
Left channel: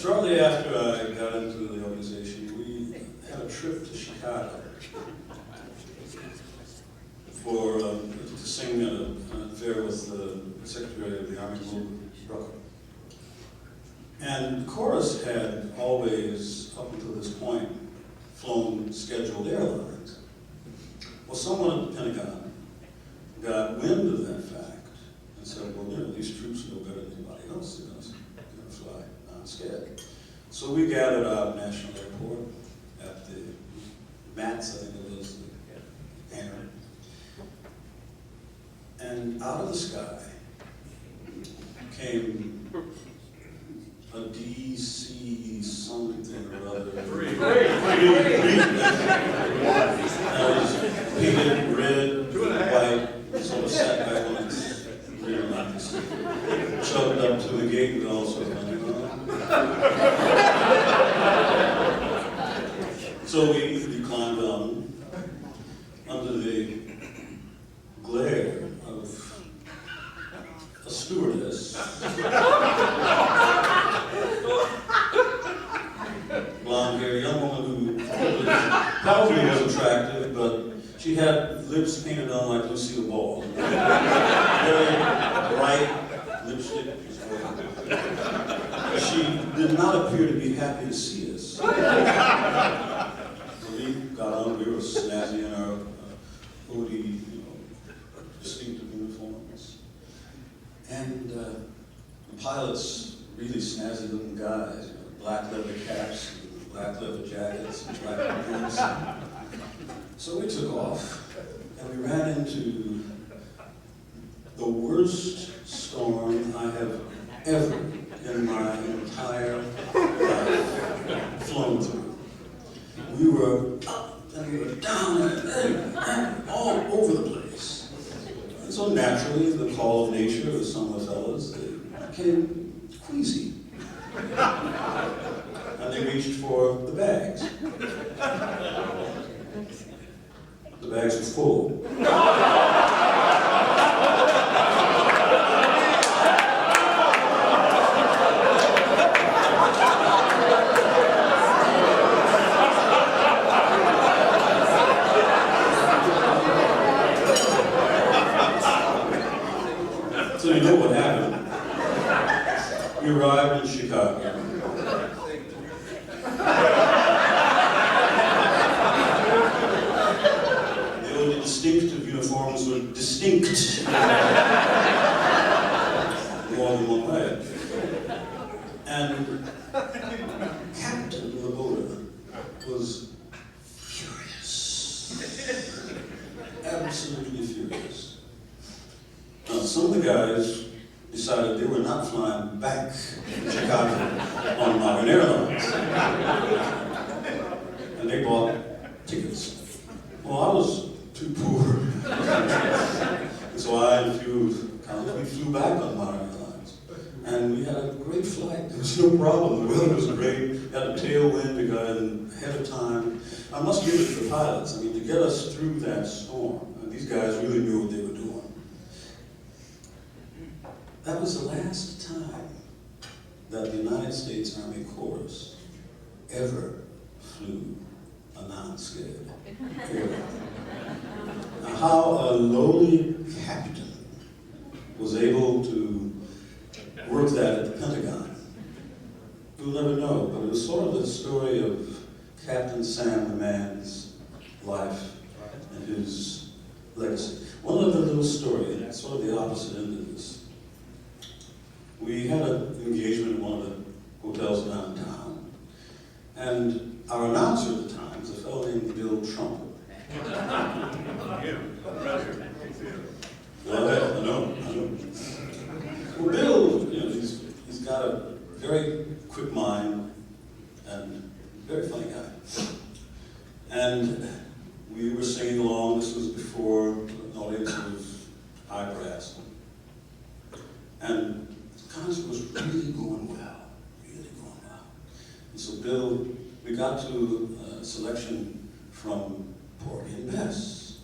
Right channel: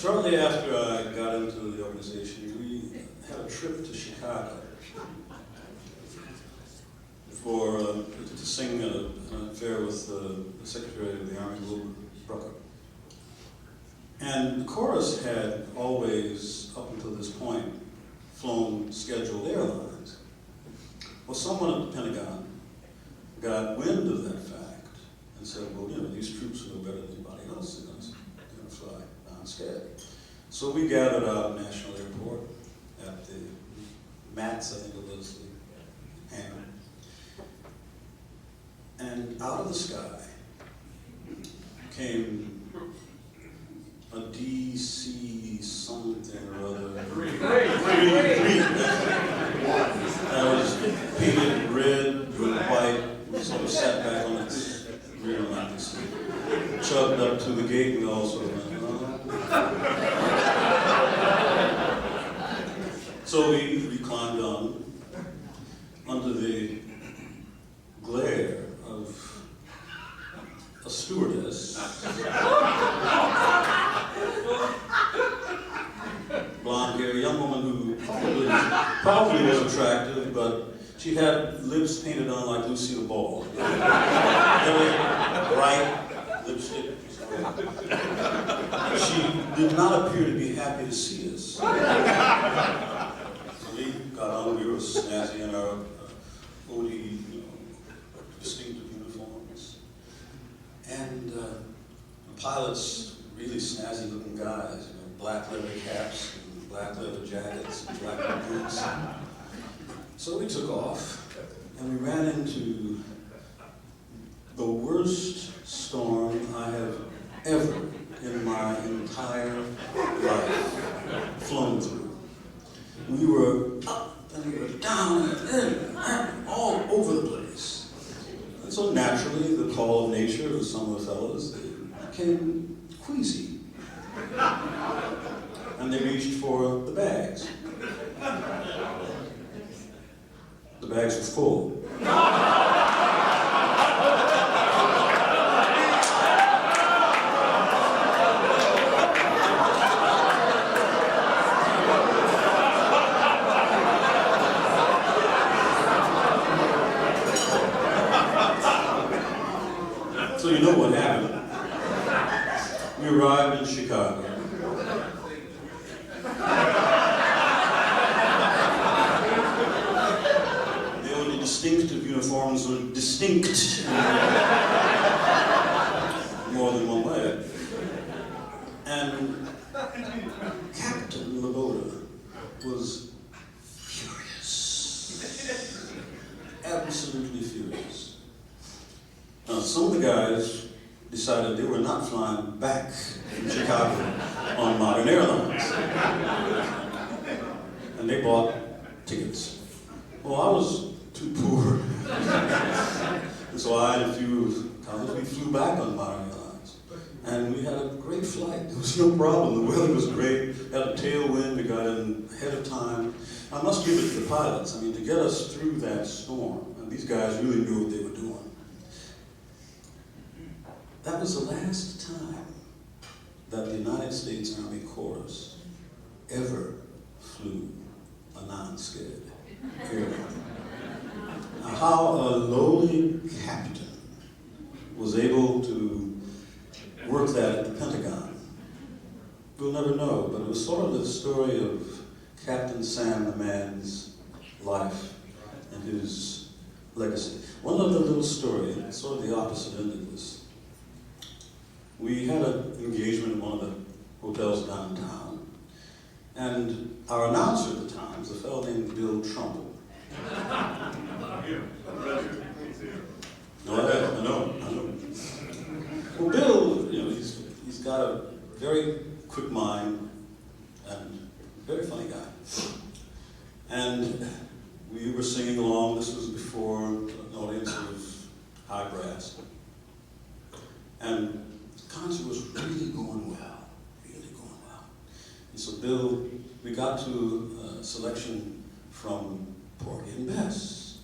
Shortly after I got into the organization, we had a trip to Chicago for to sing an affair with the Secretary of the Army, Lou Brucker. And the chorus had always, up until this point, flown scheduled airlines. Well, someone at the Pentagon got wind of that fact and said, well, you know, these troops know better than anybody else. They're going to fly non-scheduled. So we gathered out at National Airport at the MATS, I think it was, the hangar. And out of the sky came a DC something or other. That was painted red, white, sort of sat back on its rear lights. Chugged up to the gate and all sorts of things. So we climbed on under the glare of a stewardess, blonde hair, young woman who probably was attractive, but she had lips painted on like Lucille Ball. Very bright lipstick. She did not appear to be happy to see us. So we got on, we were snazzy in our OD, distinctive uniforms. And the pilots, really snazzy looking guys, black leather caps, and black leather jackets, and black boots. So we took off, and we ran into the worst storm I have ever in my entire life flown through. We were up and we were down and all over the place. And so naturally, the call of nature of some of the fellas, they became queasy. And they reached for the bags. The bags were full. So you know what happened. We arrived in Chicago. The only distinctive uniforms were distinct. More than one way. And Captain Laboda was furious. Absolutely furious. Now, some of the guys decided they were not flying back to Chicago on modern airlines. And they bought tickets. Well, I was too poor. And so I and a few colleagues, we flew back on modern airlines. And we had a great flight. There was no problem. The weather was great. We had a tailwind. We got in ahead of time. I must give it to the pilots. I mean, to get us through that storm, and these guys really knew what they were doing. That was the last time that the United States Army Corps ever flew a non-skid airline. Now, how a lowly captain was able to work that at the Pentagon, you'll never know, but it was sort of the story of Captain Sam the Man's life and his legacy. One other little story, sort of the opposite end of this. We had an engagement in one of the hotels downtown, and our announcer at the time was a fellow named Bill Trump. Well, I know. Well, Bill, he's got a very quick mind and very funny guy. And we were singing along. This was before an audience was high brass. And the concert was really going well, And so Bill, we got to a selection from Porgy and Bess.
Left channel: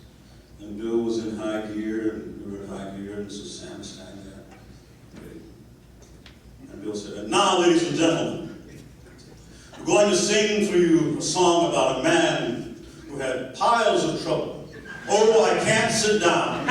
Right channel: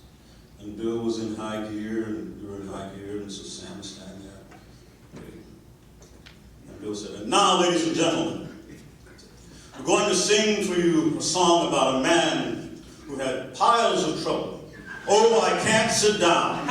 And Bill was in high gear, and we were in high gear, and so Sam was standing there. And Bill said, "And now, ladies and gentlemen, We're going to sing for you a song about a man who had piles of trouble. Oh, I can't sit down.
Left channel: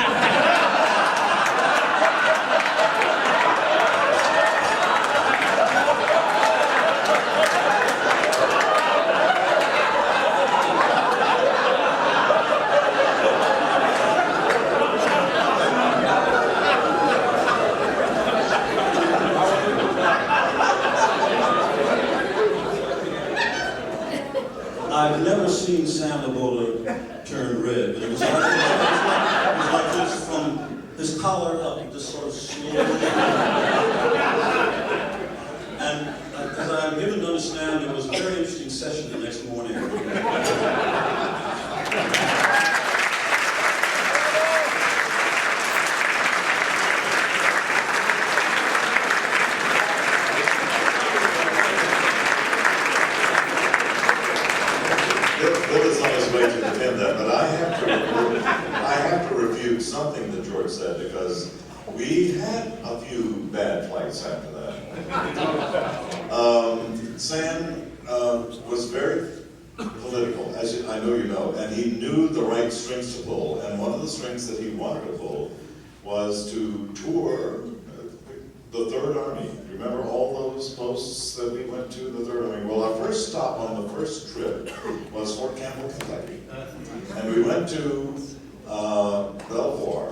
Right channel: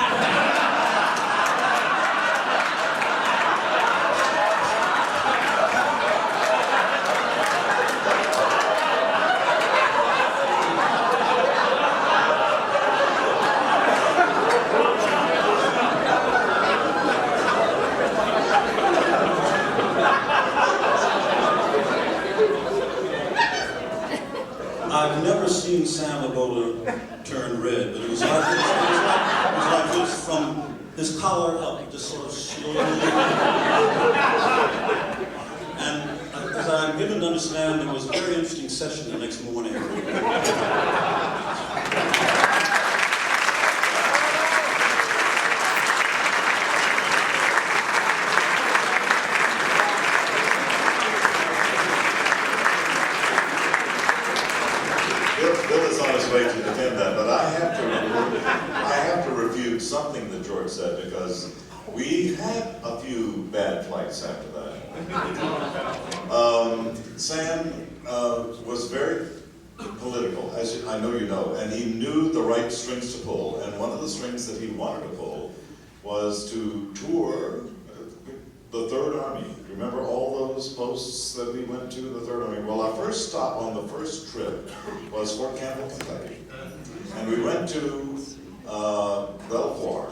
I've never seen Sam Lagola turn red, but it was like this from his collar up, just sort of slowly. And as I'm given to understand, it was a very interesting session the next morning. Bill is on his way to defend that, but I have to refute something that George said, because we had a few bad flights after that. Sam was very political, as I know you know, and he knew the right strings to pull, and one of the strings that he wanted to pull was to tour the Third Army. Remember all those posts that we went to, the Third Army? Well, our first stop on the first trip was Fort Campbell, Kentucky. And we went to Fort Belvoir,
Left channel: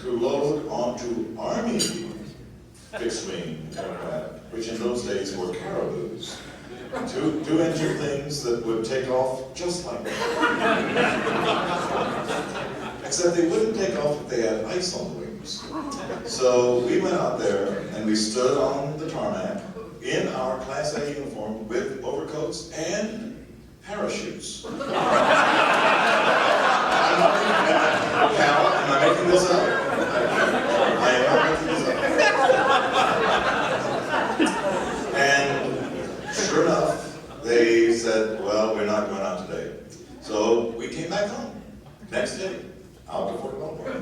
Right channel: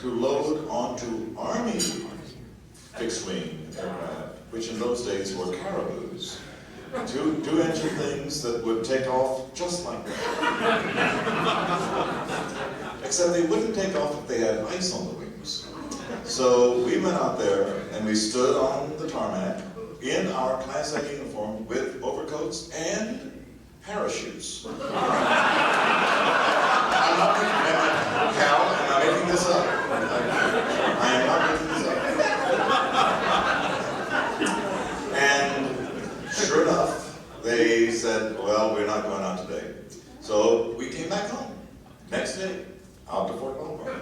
to load onto Army fixed-wing aircraft, which in those days were Caribous. Two engine things that would take off just like that. Except they wouldn't take off if they had ice on the wings. So we went out there and we stood on the tarmac in our Class A uniform with overcoats and parachutes. I'm not Cal, am I making this up? I am not making this up. And sure enough, they said, well, we're not going out today. So we came back home. Next day, out to Fort Belvoir.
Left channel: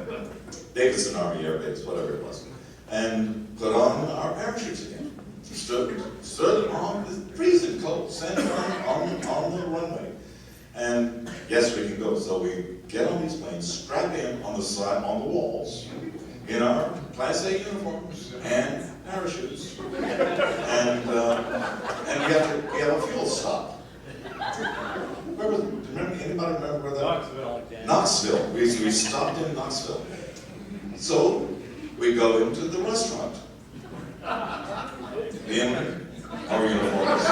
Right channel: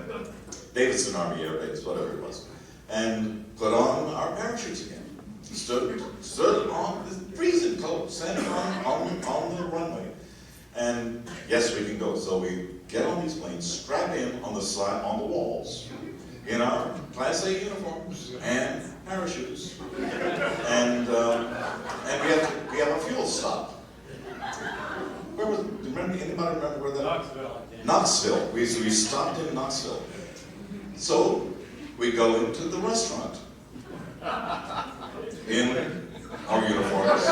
Davidson Army Air Base, whatever it was. And put on our parachutes again. Stood on the freezing cold, standing on the runway. And yes, we can go. So we get on these planes, strap in on the side, on the walls, in our Class A uniforms and parachutes. And we have a fuel stop. Anybody remember where that? Knoxville. We stopped in Knoxville. So we go into the restaurant in our uniforms.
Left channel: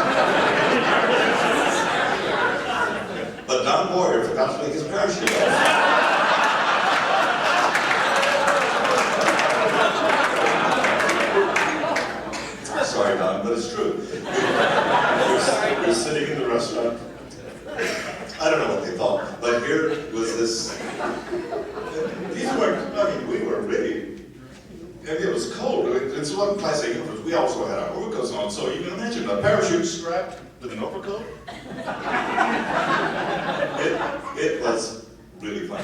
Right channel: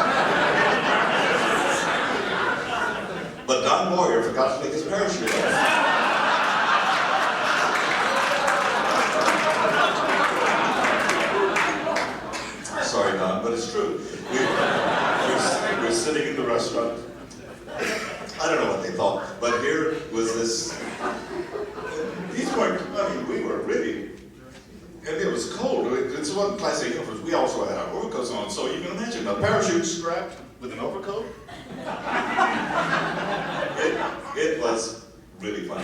But Don Boyer forgot to take his parachute off. Sorry, Don, but it's true. We're sitting in the restaurant. I don't know what they thought, but here was this. These weren't, I mean, we were really, and it was cold. It's what Class A uniforms. We also had our overcoats on, so you can imagine a parachute strapped with an overcoat. It was really fun.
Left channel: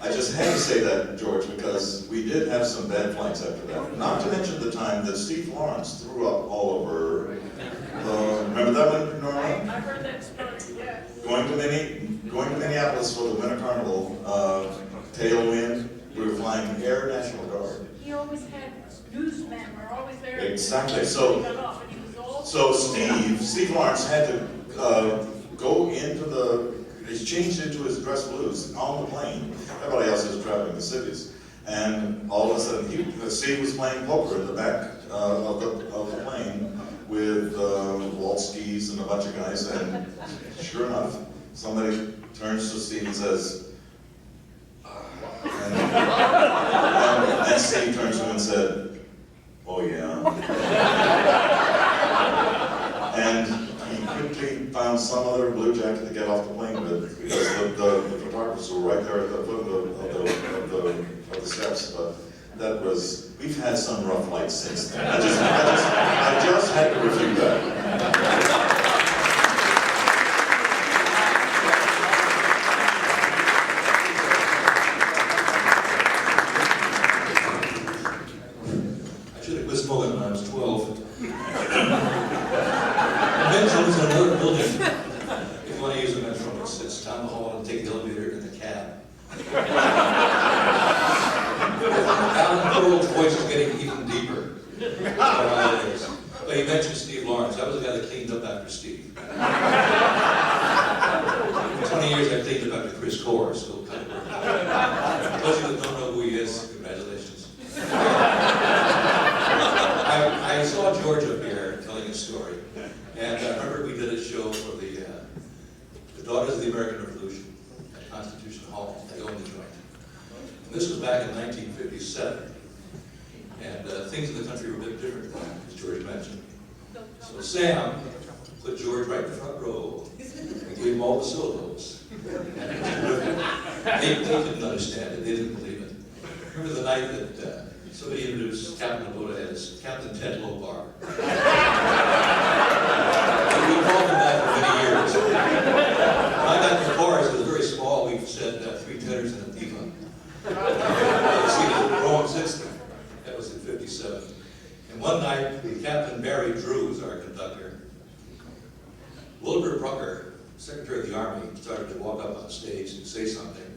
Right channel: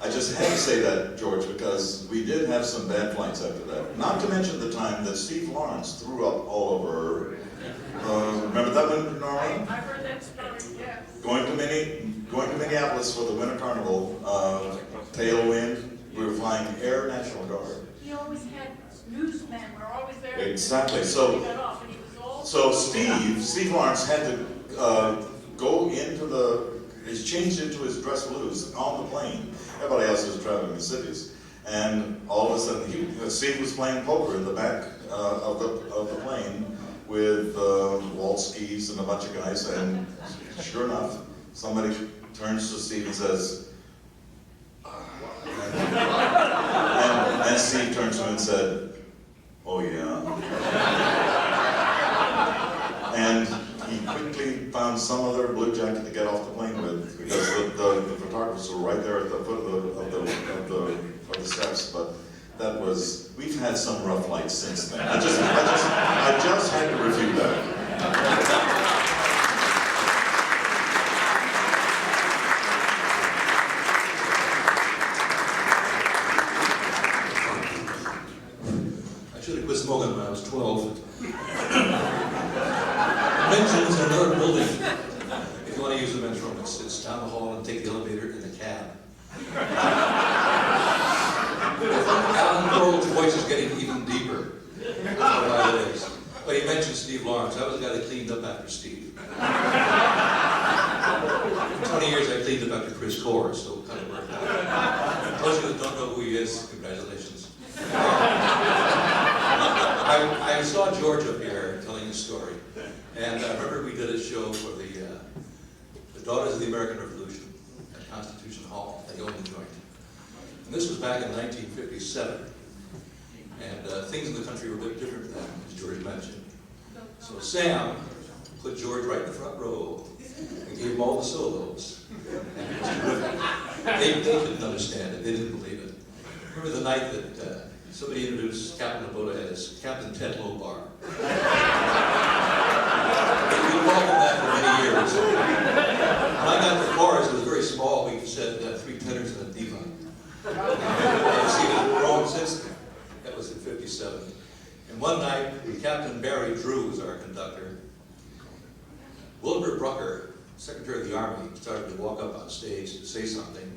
I just had to say that, George, because we did have some bad flights after that. Not to mention the time that Steve Lawrence threw up all over. Remember that one, Norma? I've heard that story, yes. Going to Minneapolis for the Winter Carnival, tailwind, we were flying Air National Guard. He always had newsmen, were always there. Exactly. He So got off and he was all. So Steve Lawrence had to go into he's changed into his dress blues on the plane. Everybody else was traveling the cities. And all of a sudden, Steve was playing poker in the back of the plane with wall skis and a bunch of guys. And sure enough, somebody turns to Steve and says, and Steve turns to him and said, oh yeah. And he quickly found some other blue jacket to get off the plane with, because the photographers were right there at the foot of the steps. But that was, we've had some rough flights since then. I just had to refute that. Actually, it was more than when I was 12. men's room is in another building. If you want to use the men's room, it's down the hall and take the elevator in the cab. Alan Coral's voice is getting even deeper. But he mentioned Steve Lawrence. I was the guy that cleaned up after Steve. For 20 years I cleaned up after Chris Core, still kind of working. Those of you that don't know who he is, congratulations. I saw George up here telling a story, and I remember we did a show for the Daughters of the American Revolution at Constitution Hall. They owned the joint. And this was back in 1957, and things in the country were a bit different then, as George mentioned. So Sam put George right in the front row and gave him all the solos. They didn't understand it. They didn't believe it. Remember the night that somebody introduced Captain Abota as Captain Ted Lobar. We called him that for many years. When I got to the bars, it was very small. We said 3 tenors and a diva. See, it had grown since then. That was in 57. And one night, Captain Barry Drew was our conductor. Wilbur Brucker, Secretary of the Army, started to walk up on stage and say something.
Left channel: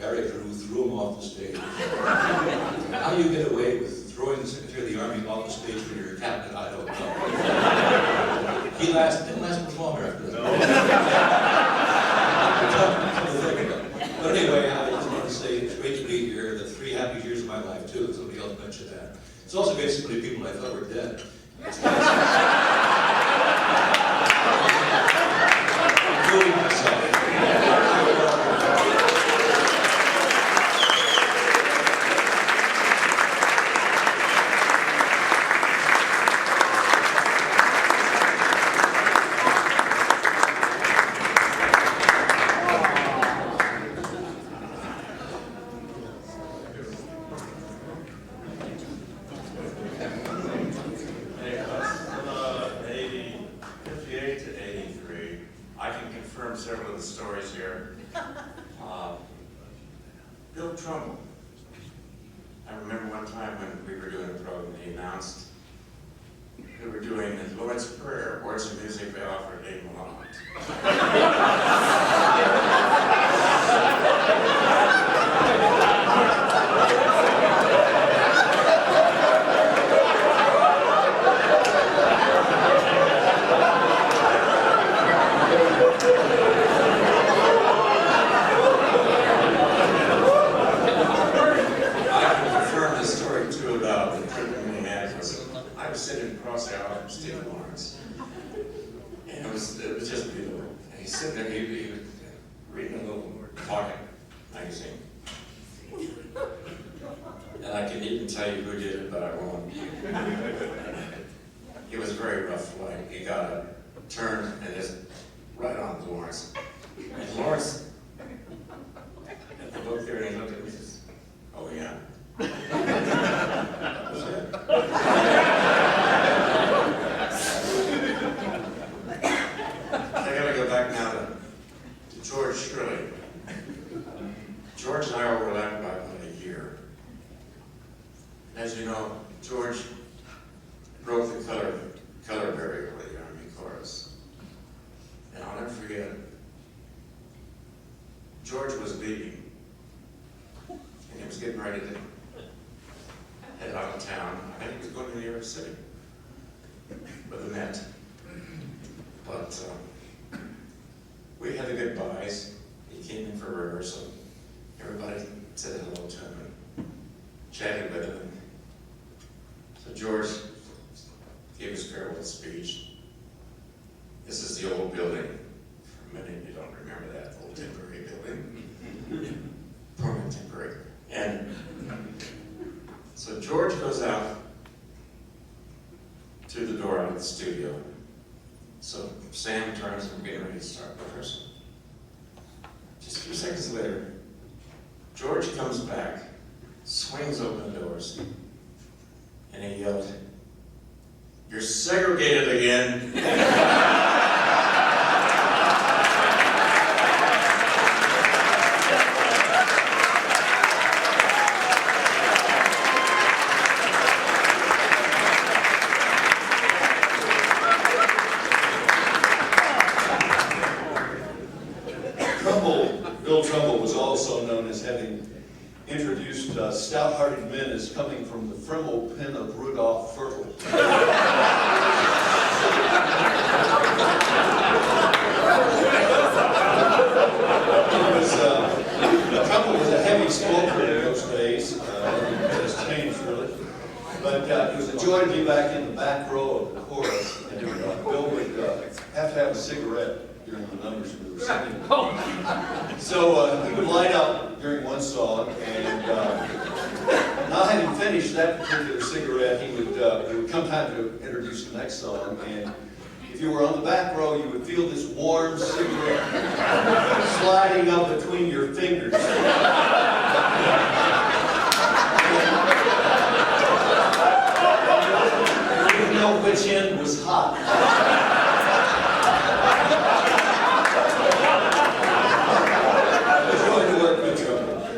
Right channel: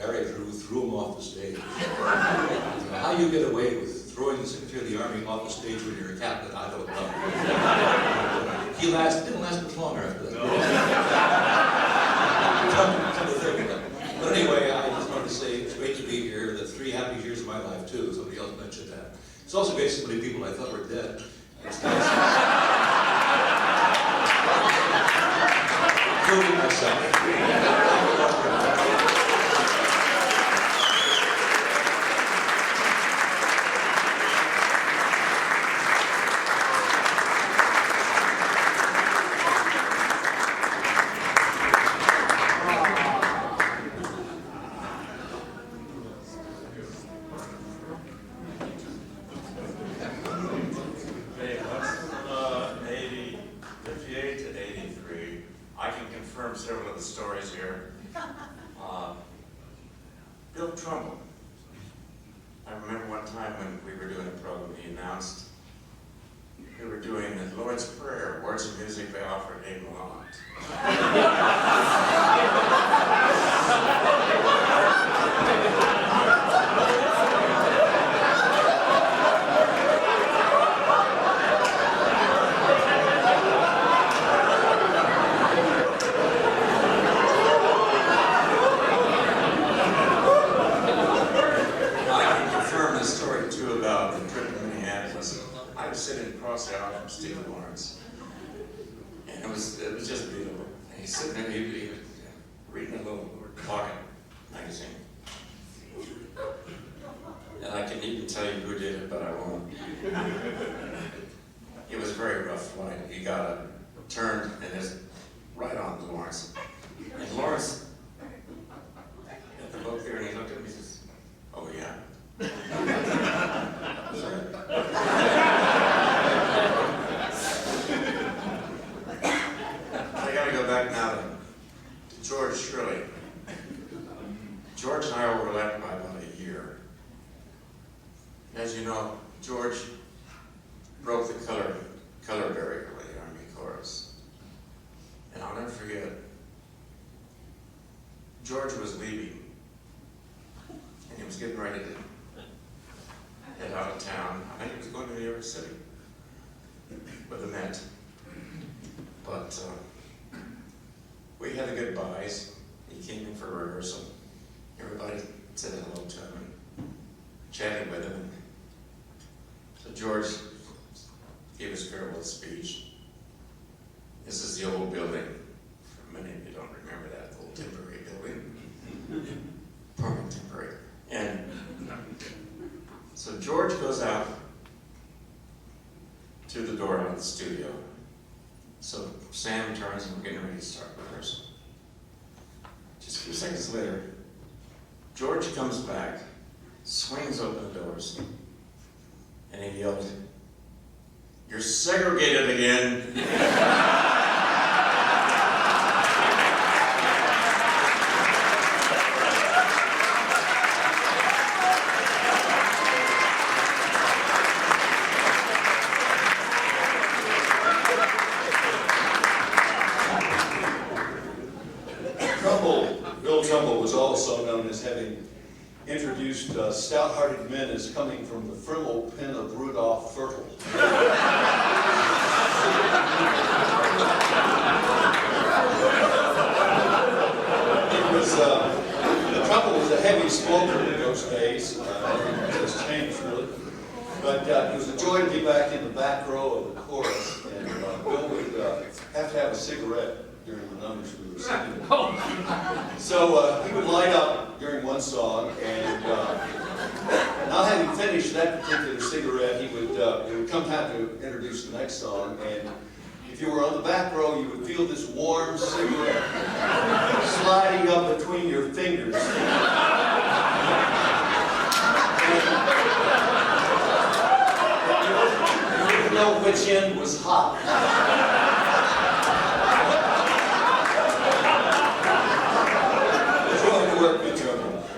Barry Drew threw him off the stage. How you get away with throwing the Secretary of the Army off the stage when you're a captain, I don't know. He didn't last much longer after that. But anyway, I just want to say it's great to be here. The 3 happy years of my life, too. Somebody else mentioned that. It's also basically people I thought were dead. Including myself. Segregated again. as having introduced stout-hearted men as coming from the Frimmel pen of Rudolph Fertile. The trouble was a heavy smoker in those days. It has changed, really. But it was a joy to be back in the back row of the chorus. And Bill would have to have a cigarette during the numbers we were singing. So he would light up during one song, and now having finished that particular cigarette, it would come time to introduce the next song. And if you were on the back row, you would feel this warm cigarette sliding up between your fingers. You didn't know which end was hot. Joy to work with you.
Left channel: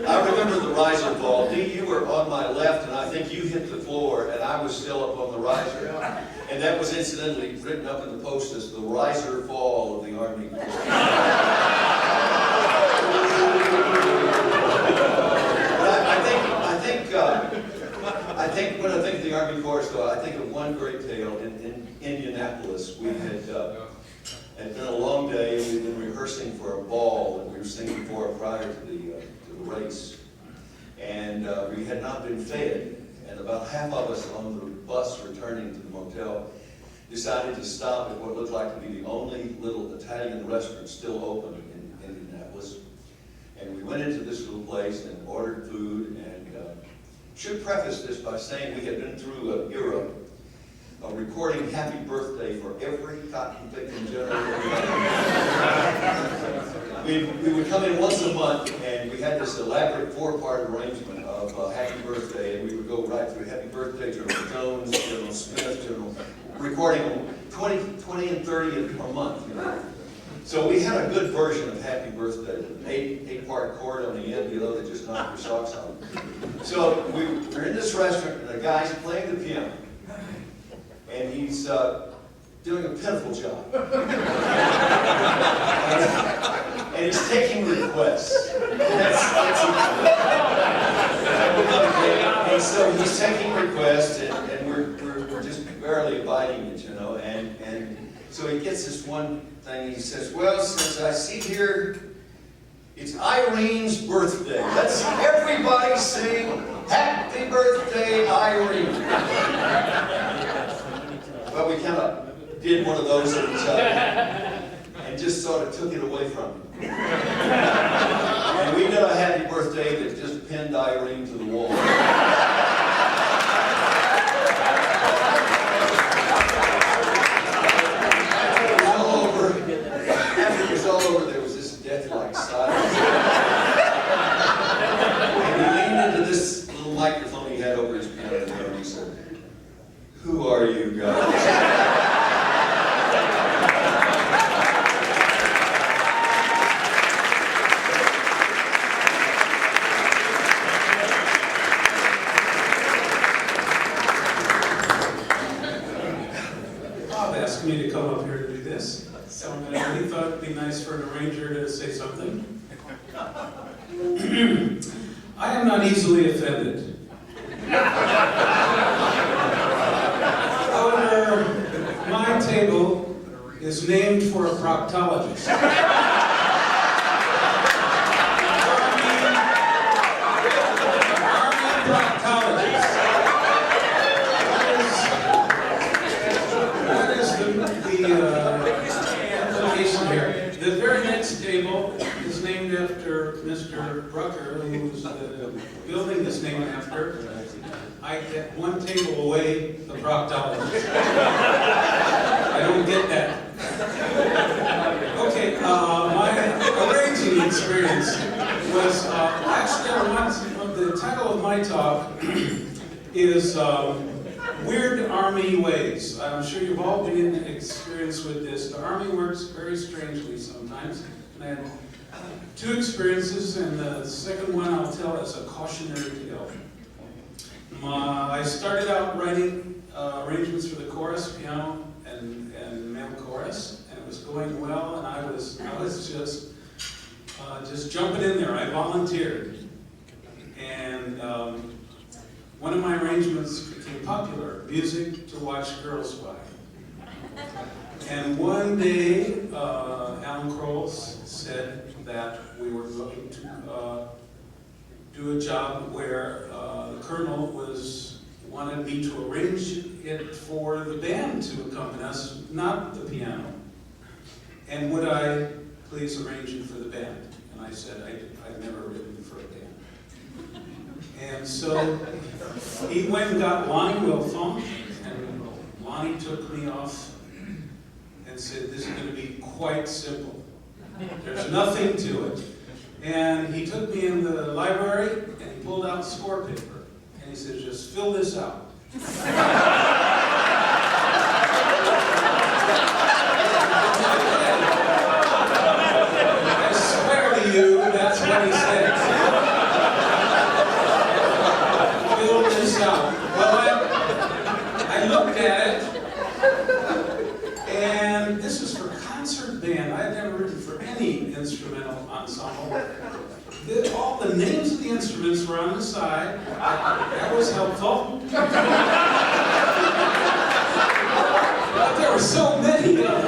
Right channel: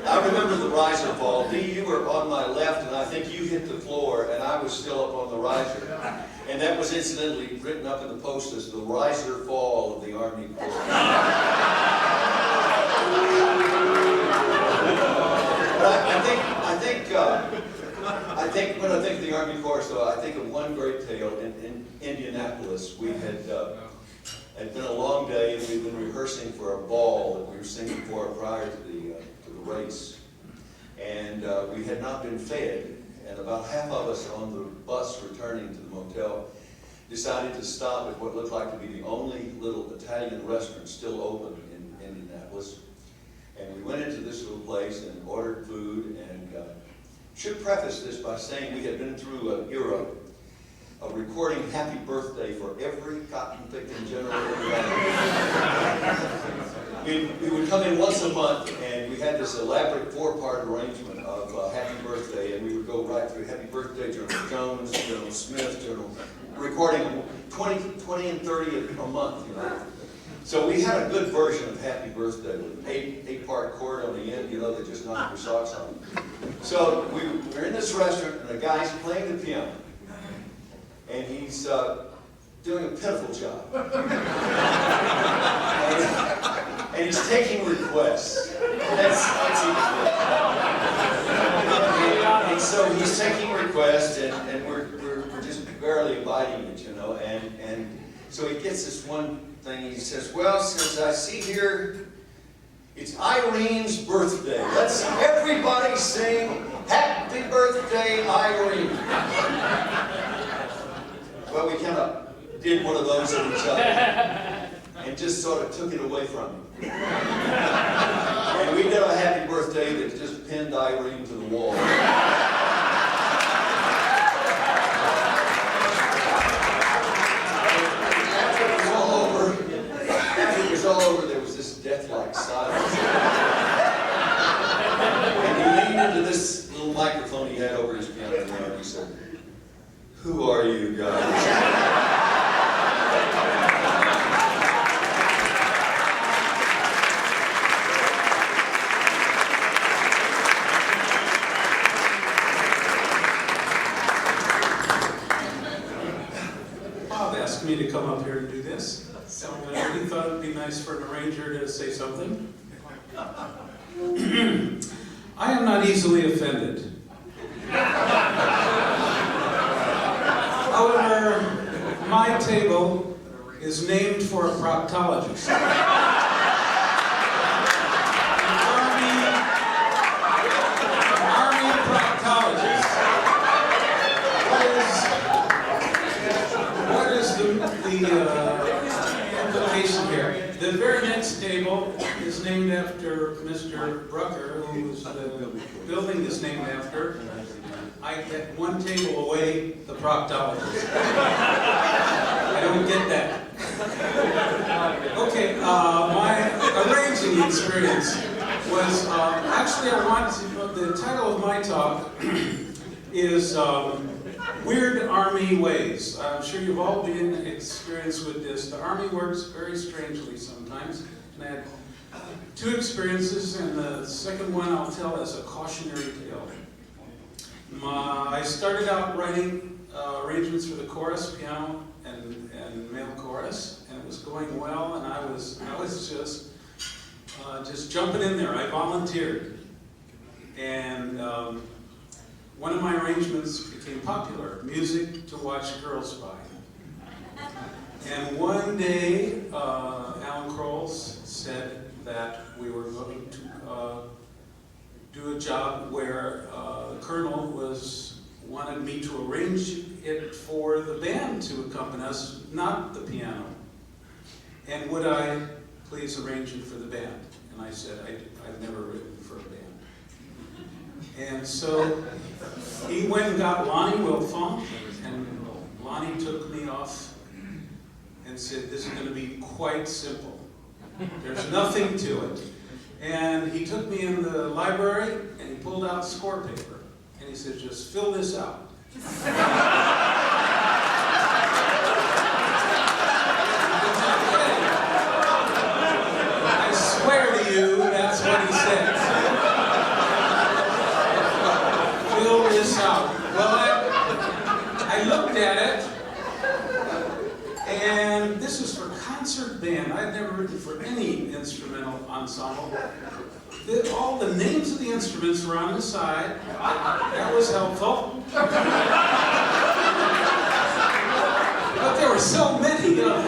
I remember the riser fall. Dee, you were on my left, and I think you hit the floor, and I was still up on the riser. And that was incidentally written up in the post as the riser fall of the Army. I think when I think of the Army Chorus, though, I think of one great tale in Indianapolis. We had been a long day, and we'd been rehearsing for a ball that we were singing for prior to the race. And we had not been fed, and about half of us on the bus returning to the motel decided to stop at what looked like to be the only little Italian restaurant still open in Indianapolis. And we went into this little place and ordered food, and should preface this by saying we had been through an era of recording happy birthday for every cotton picking general. We would come in once a month, and we had this elaborate four-part arrangement of happy birthday, and we would go right through happy birthday, General Jones, General Smith, General, recording 20 and 30 a month, you know. So we had a good version of happy birthday with an eight-part chord on the end, you know, that just knocked your socks off. So we're in this restaurant, and the guy's playing the piano, and he's doing a pitiful job. And he's taking requests. And so he's taking requests, and we're just barely abiding it, you know. And so he gets this one thing. He says, "Well, since I see here it's Irene's birthday, let's everybody sing Happy Birthday, Irene." Well, we kind of did one of those at each other and just sort of took it away from him. And we did a happy birthday that just pinned Irene to the wall. After it was all over, there was this death-like silence. And he leaned into this little microphone he had over his piano, and he said, "Who are you guys?" Me to come up here to do this. So he thought it would be nice for an arranger to say something. I am not easily offended. However, my table is named for a proctologist. Army proctologist. Implication here. The very next table is named after Mr. Brucker, who was the building is named after. I get one table away, the proctologist. I don't get that. Okay, my arranging experience was actually the title of my talk is Weird Army Ways. I'm sure you've all been experienced with this. The Army works very strangely sometimes. And I had two experiences, and the second one I'll tell as a cautionary tale. I started out writing arrangements for the chorus, piano, and male chorus, and it was going well, and I was just jumping in there. I volunteered. And one of my arrangements became popular, music to watch girls by. And one day, Alan Kroll's said that we were going to do a job where the Colonel wanted me to arrange it for the band to accompany us, not the piano. And would I please arrange it for the band? And I said, I've never written for a band. And so he went and got Lonnie Wilfong, and Lonnie took me off and said, this is going to be quite simple. There's nothing to it. And he took me in the library, and he pulled out score paper, and he said, just fill this out. I swear to you, that's what he said. Fill this out. Well, I looked at it, and this is for concert band. I've never written for any instrumental ensemble. All the names of the instruments were on the side. That was helpful. But there were so many of them.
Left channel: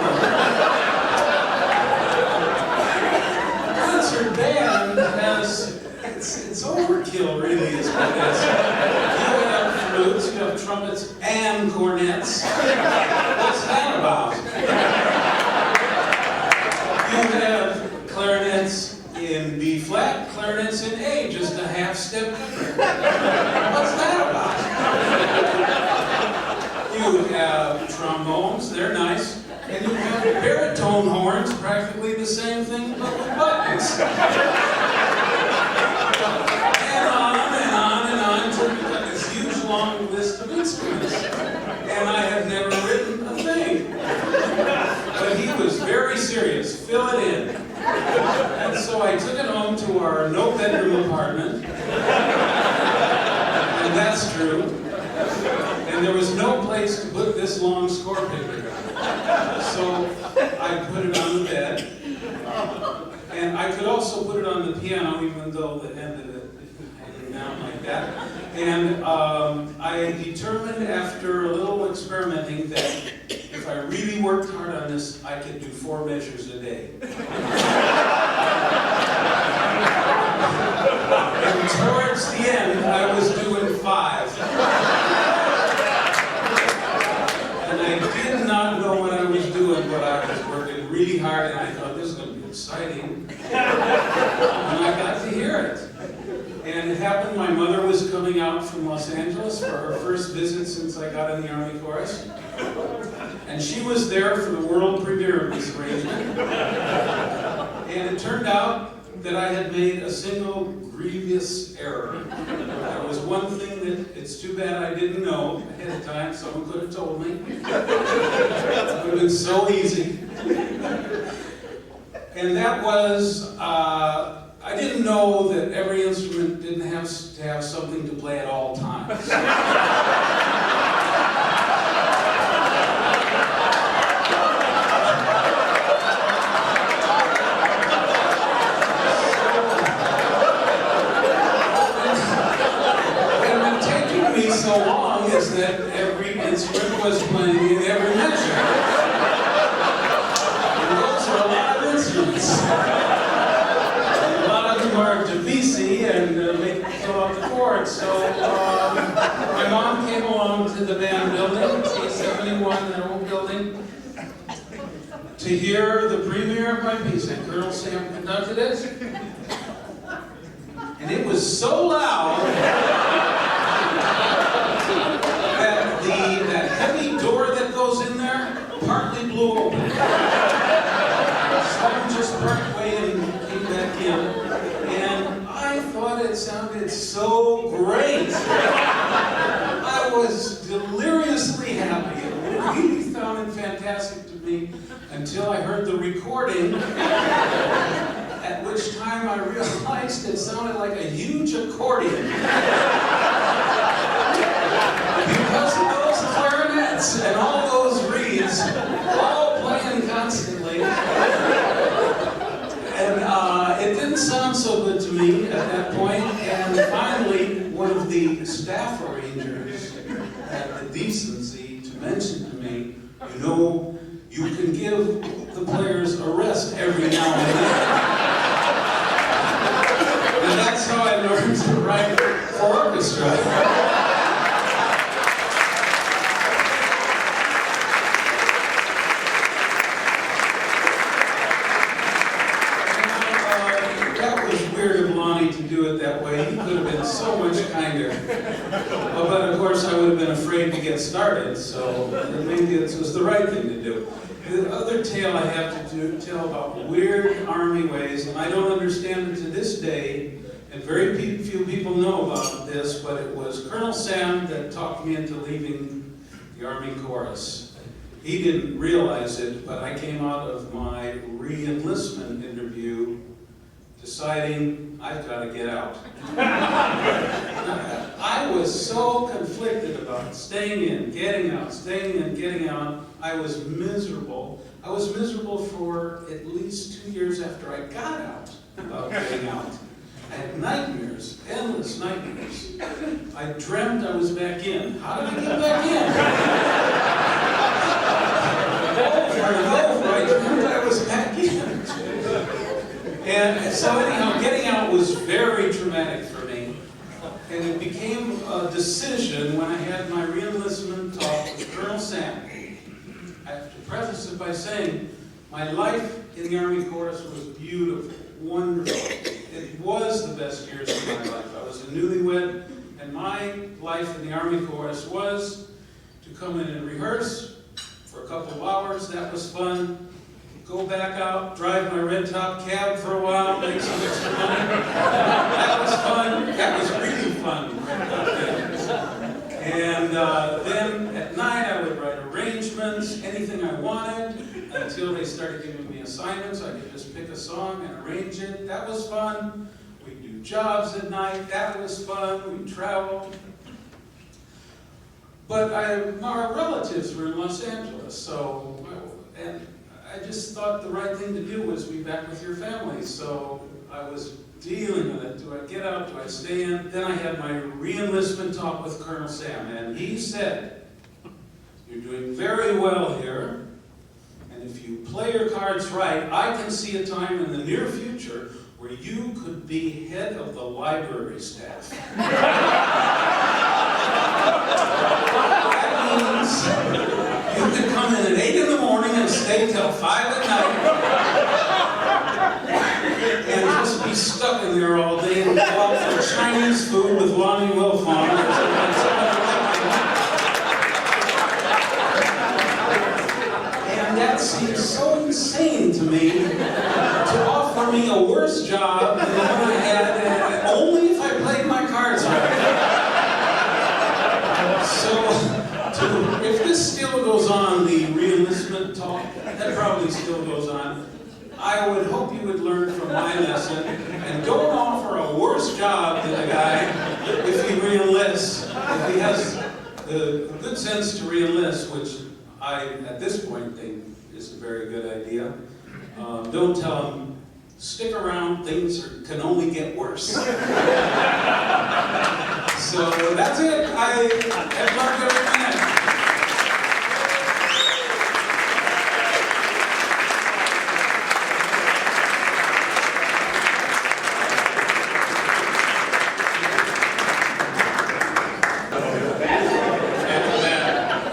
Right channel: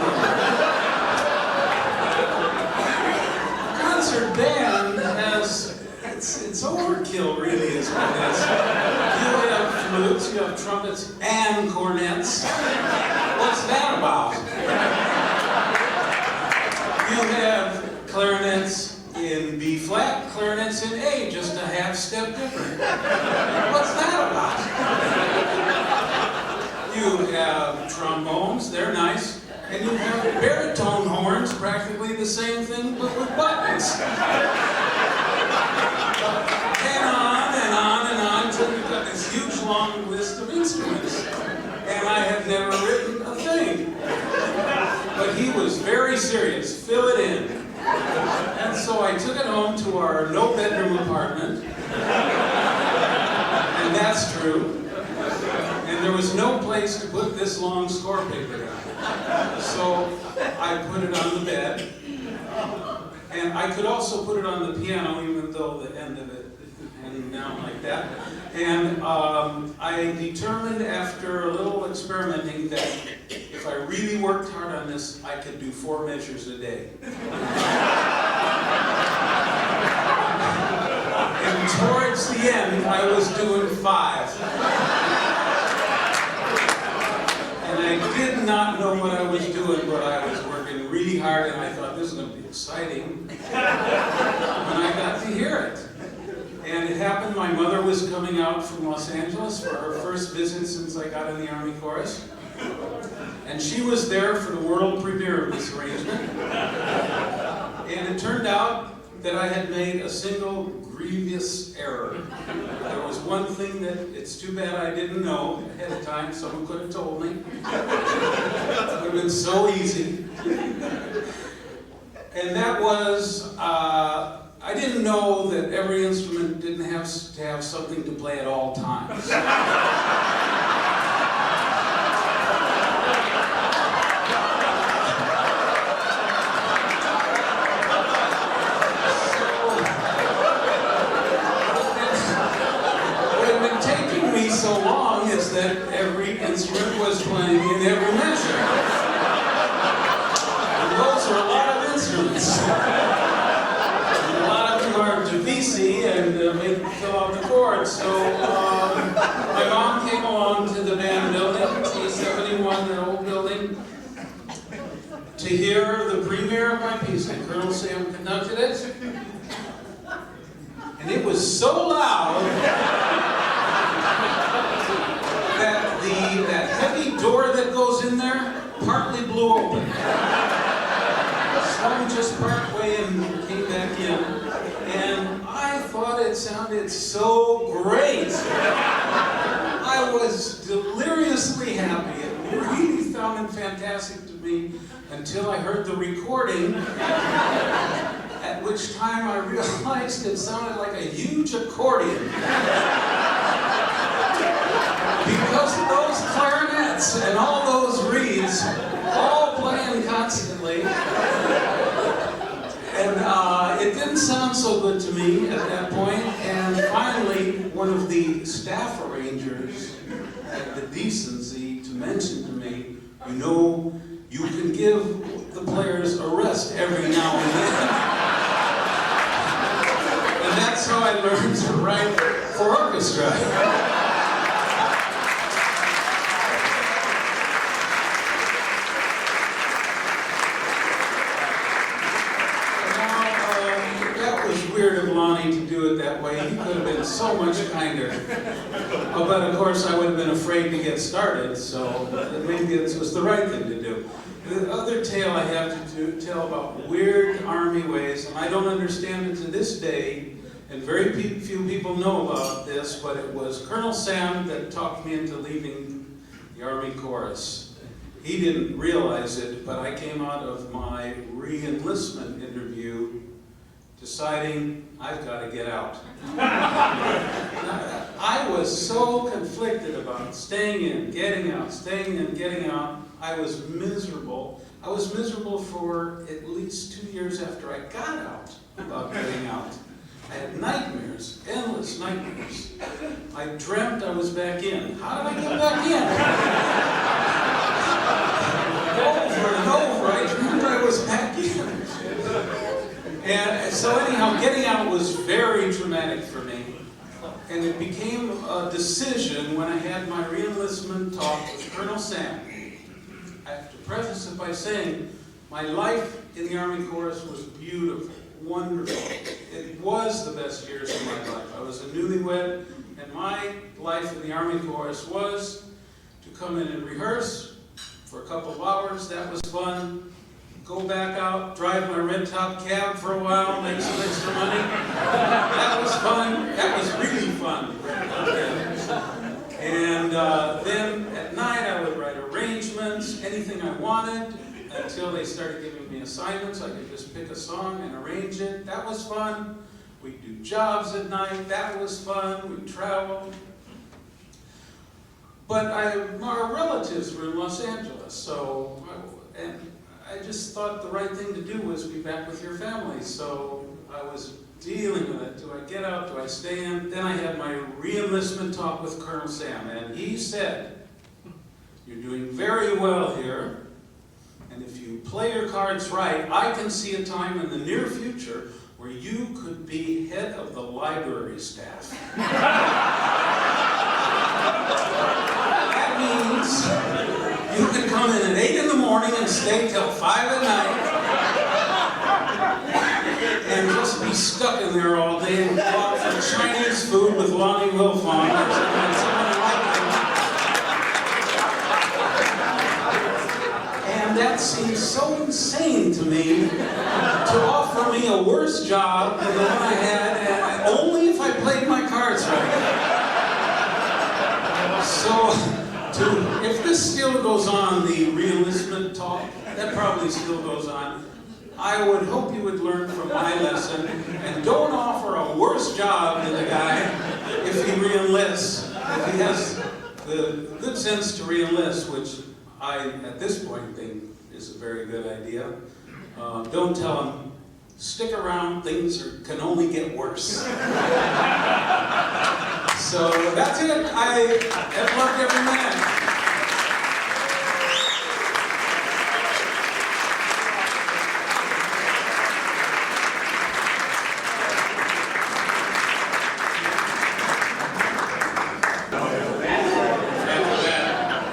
Concert band has, it's overkill really is what it is. You have flutes, you have trumpets and cornets. What's that about? You have clarinets in B flat, clarinets in A, just a half step different. What's that about? You have trombones, they're nice, and you have baritone horns, practically the same thing, but with buttons. And on and on and on, until you've got this huge long list of instruments. And I have never written a thing. But he was very serious, fill it in. And so I took it home to our no-bedroom apartment, and that's true. And there was no place to put this long score paper down. So I put it on the bed, and I could also put it on the piano, even though the end of it hanging down like that. And I determined after a little experimenting that if I really worked hard on this, I could do 4 measures a day. And towards the end, I was doing 5. And I did not know what I was doing, but I was working really hard, and I thought, this is going to be exciting. And I got to hear it. And it happened, my mother was coming out from Los Angeles for her first visit since I got in the Army Chorus. And she was there for the world premiere of this arrangement. And it turned out that I had made a single grievous error. There was one thing that it's too bad I didn't know ahead of time. Someone could have told me. It would have been so easy. And that was, I didn't know that every instrument didn't have to have something to play at all times. So long is that every instrument was playing in every measure. And those are a lot of instruments. And a lot of them are Javisi and make fill out the chords. So my mom came along to the band building, A71, an old building, to hear the premiere of my piece. And Colonel Sam conducted it. And it was so loud that heavy door that goes in there partly blew open. Someone just parked away and came back in. And I thought it sounded so great. I was deliriously happy. It really sounded fantastic to me until I heard the recording, at which time I realized it sounded like a huge accordion. Because of those clarinets and all those reeds, all playing constantly. And it didn't sound so good to me at that point, and finally there's a rest every now and then. And that's how I learned to write for orchestra. To do it that way, he could have been so much kinder. But of course, I would have been afraid to get started, so maybe this was the right thing to do. The other tale I have to tell about weird Army ways, and I don't understand it to this day, and very few people know about this, but it was Colonel Sam that talked me into leaving the Army Chorus. He didn't realize it, but I came out of my re-enlistment interview deciding I've got to get out. I was so conflicted about staying in, getting out, staying in, getting out. I was miserable. I was miserable for at least 2 years after I got out about getting out. I had nightmares, endless nightmares. I dreamt I was back in. How did I get back in? Over and over, I dreamt I was back in. And so anyhow, getting out was very traumatic for me. And it became a decision when I had my re-enlistment talk with Colonel Sam. I have to preface it by saying my life in the Army Chorus was beautiful, wonderful. It was the best years of my life. I was a newlywed, and my life in the Army Chorus was to come in and rehearse for a couple of hours. That was fun. Go back out, drive my red top cab for a while, make some extra money. That was fun. That was really fun. And then at night I would write arrangements, anything I wanted, until they started giving me assignments. I could just pick a song and arrange it. That was fun. We'd do jobs at night. That was fun. We'd travel. But our relatives were in Los Angeles, and I just thought the right thing to do was be back with your family. So I was dealing with it. Do I get out? Do I stay in? Then I had my re-enlistment talk with Colonel Sam, and he said, "You're doing very well here, and if you play your cards right, I can see a time in the near future where you could be head of the library staff." That means you could come in at 8 in the morning and stay till 5 at night and just be stuck in there all day and go for Chinese food with Lonnie Wilfong. And that seems so insane to me to offer me a worse job than the one I had, only if I played my cards right. So, if this still goes on, the re-enlistment talk, that probably still goes on, I would hope you would learn from my lesson and don't offer a worse job than the guy if he re-enlists. If he has the good sense to re-enlist, which I, at this point, think is a very good idea. Don't tell him, stick around, things can only get worse. So that's it. I have learned every minute.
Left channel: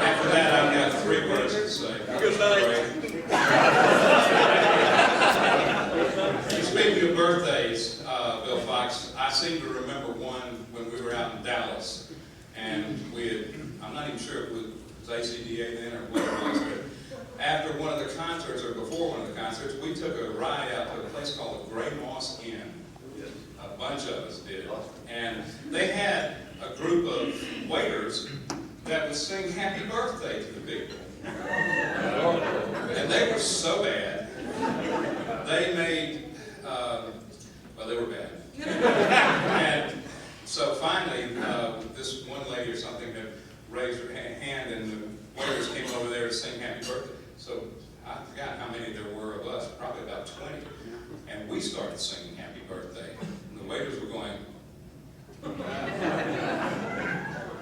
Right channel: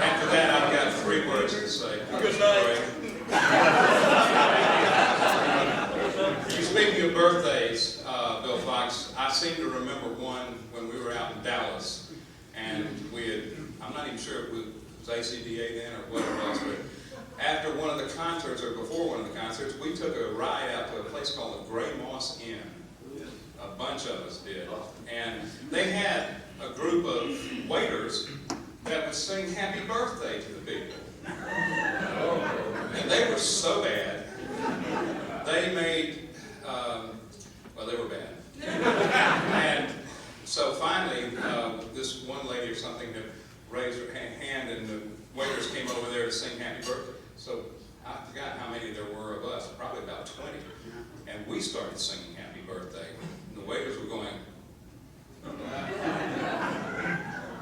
After that, I've got 3 words to say. Good night. Speaking of birthdays, Bill Fox, I seem to remember one when we were out in Dallas, and we had, I'm not even sure if it was ACDA then or what it was, but after one of the concerts, or before one of the concerts, we took a ride out to a place called the Gray Moss Inn. A bunch of us did. And they had a group of waiters that would sing happy birthday to the people. And they were so bad, they made, well, they were bad. And so finally, this one lady or something had raised her hand, and the waiters came over there to sing happy birthday. So I forgot how many there were of us, probably about 20. And we started singing happy birthday. And the waiters were going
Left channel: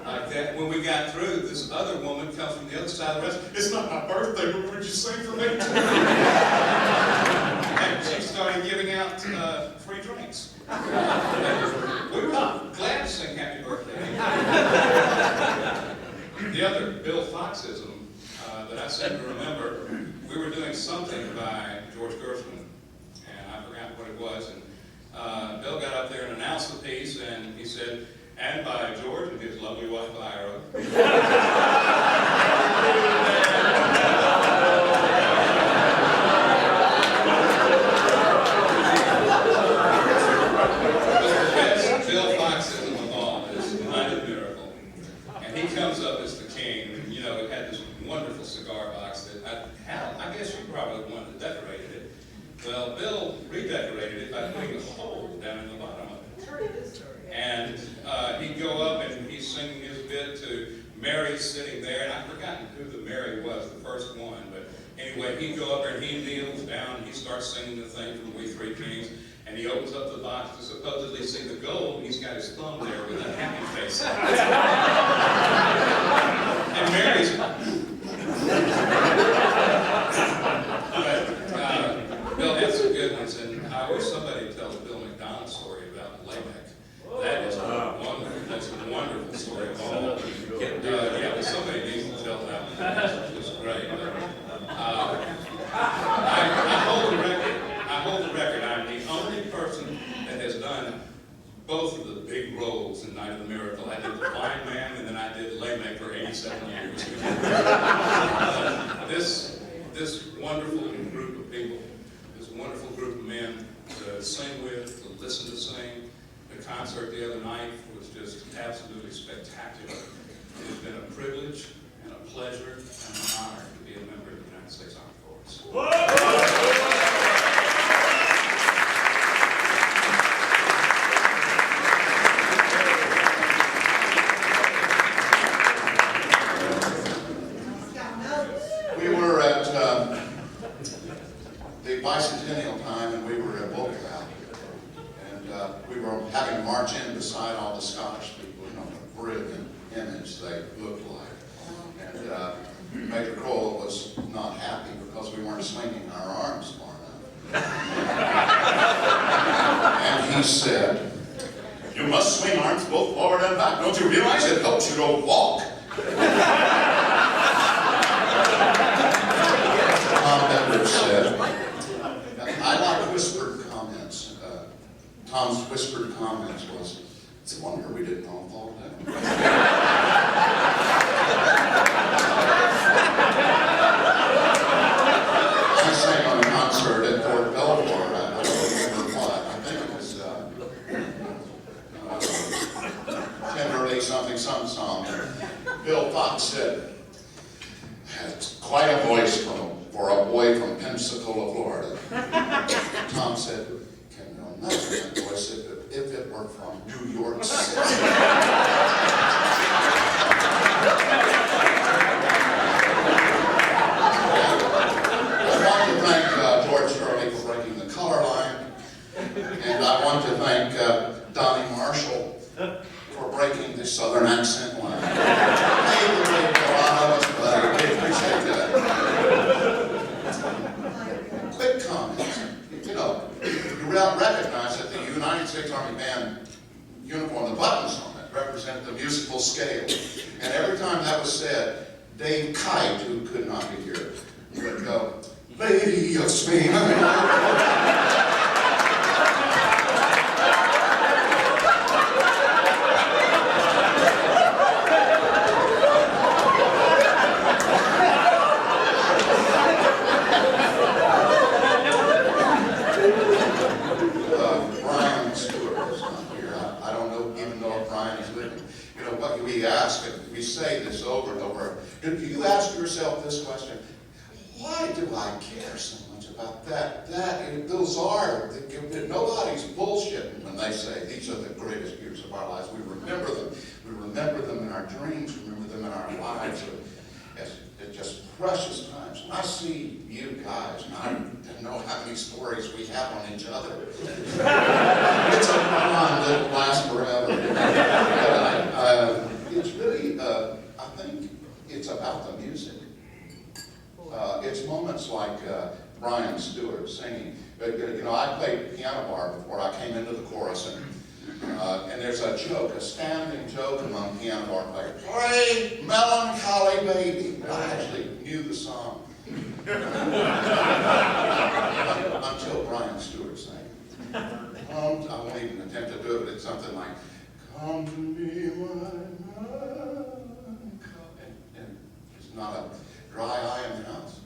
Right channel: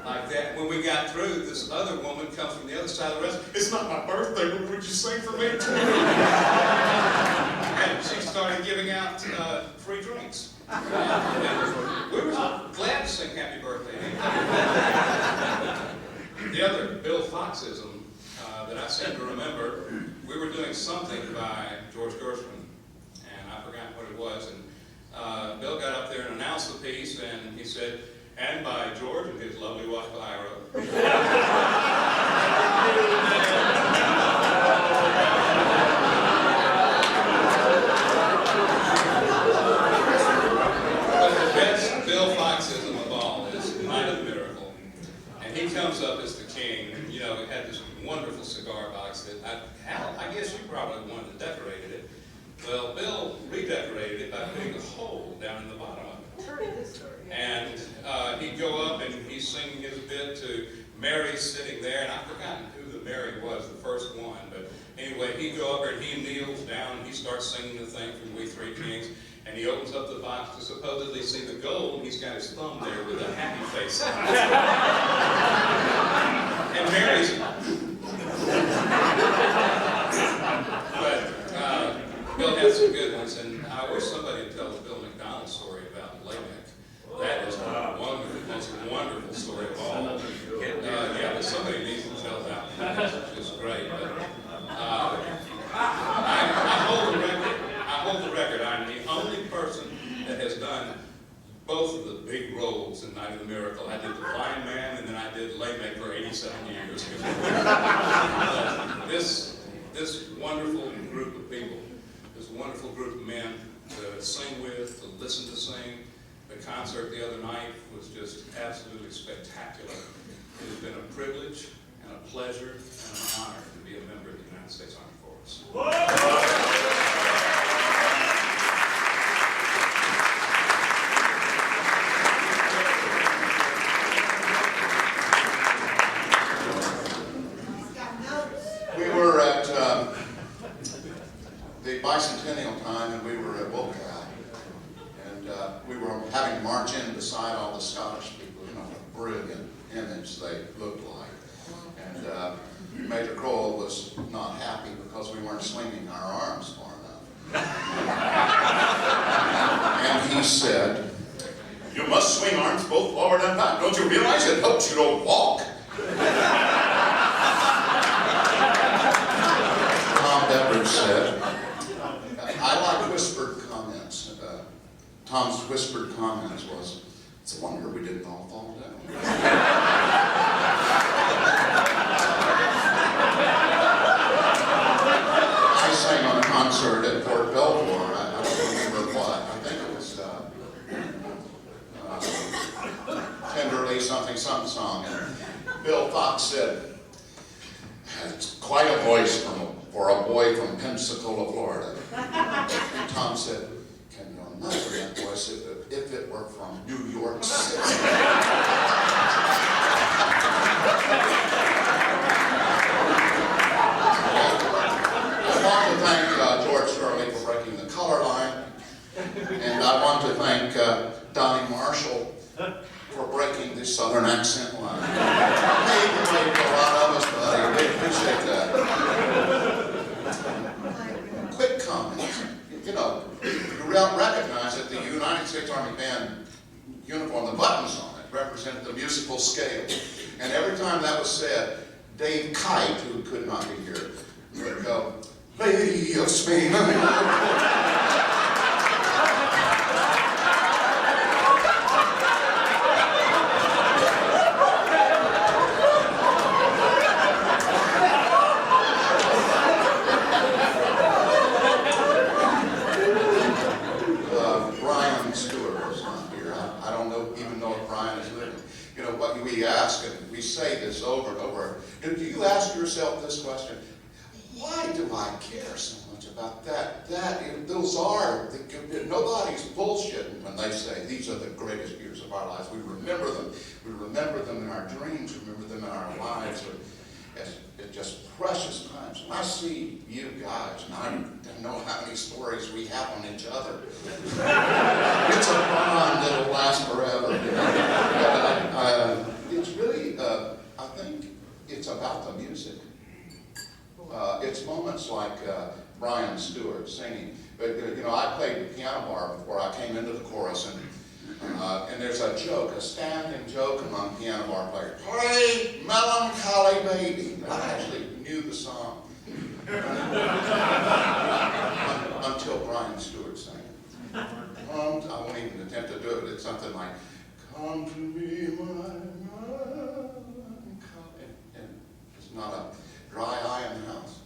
like that. When we got through, this other woman comes from the other side of the restaurant. "It's not my birthday, but would you sing for me too?" out free drinks. We were glad to sing happy birthday. The other Bill Foxism that I seem to remember, we were doing something by George Gershwin, and I forgot what it was, and Bill got up there and announced the piece, and he said, and by George and his lovely wife Ira. But the best Bill Foxism of all is Night of the Miracle. And he comes up as the king, and you know, it had this wonderful cigar box that I guess you probably the one that decorated it. Well, Bill redecorated it by putting a hole down in the bottom of it. And he'd go up and he's singing his bit to Mary sitting there, and I've forgotten who the Mary was, the first one, but anyway, he'd go up there and he kneels down and he starts singing the thing from We Three Kings, and he opens up the box to supposedly see the gold, and he's got his thumb there with a happy face. And Mary's... But Bill had some good ones, and I wish somebody would tell the Bill McDonald story about Lamech. That is one of the most wonderful story of all. Yeah, but somebody needs to tell that one. It's great. But, I hold the record. I hold the record. I'm the only person that has done both of the big roles in Night of the Miracle. I did the blind man, and then I did Lamech for 87 years. This wonderful group of people, this wonderful group of men to sing with, to listen to sing. The concert the other night was just absolutely spectacular. It has been a privilege and a pleasure and an honor to be a member of the United States Armed Forces. We were at the bicentennial time, and we were at Gala, and we were having to march in beside all the Scottish people, you know, the brilliant image they looked like. And Major Crowell was not happy because we weren't swinging our arms far enough. And he said, "You must swing arms both forward and back. Don't you realize it helps you to walk?" Said, I like whispered comments. Tom's whispered comments was, it's a wonder we didn't all fall down. I sang on a concert at Fort Belvoir. I don't remember what. I think it was Tenderly Something Some Song. And Bill Fox said, it's quite a voice for a boy from Pensacola, Florida. Tom said, can you imagine that voice if it were from New York City? I want to thank George Hurley for breaking the color line, and I want to thank Donnie Marshall for breaking the Southern accent line. Hey, we played a lot of us, but I appreciate that. Quick comment. You know, you recognize that the United States Army Band uniform, the buttons on it, represent the musical scale. And every time that was said, Dave Kite, who could not be here, would go, "Lady of Spain." Do you ask yourself this question? Why do I care so much about that? Those are, nobody's bullshitting when they say these are the greatest years of our lives. We remember them. We remember them in our dreams. We remember them in our lives as just precious times. And I see you guys, and I know how many stories we have on each other. It's a bond that will last forever. It's really, I think, it's about the music. it's moments like Brian Stewart singing. But, you know, I played piano bar before I came into the chorus, and there's a joke, a standing joke among piano bar players. Play Melancholy Baby. I actually knew the song until Brian Stewart sang. I won't even attempt to do it, but it's something like, come to me, my and it's not a dry eye in the house.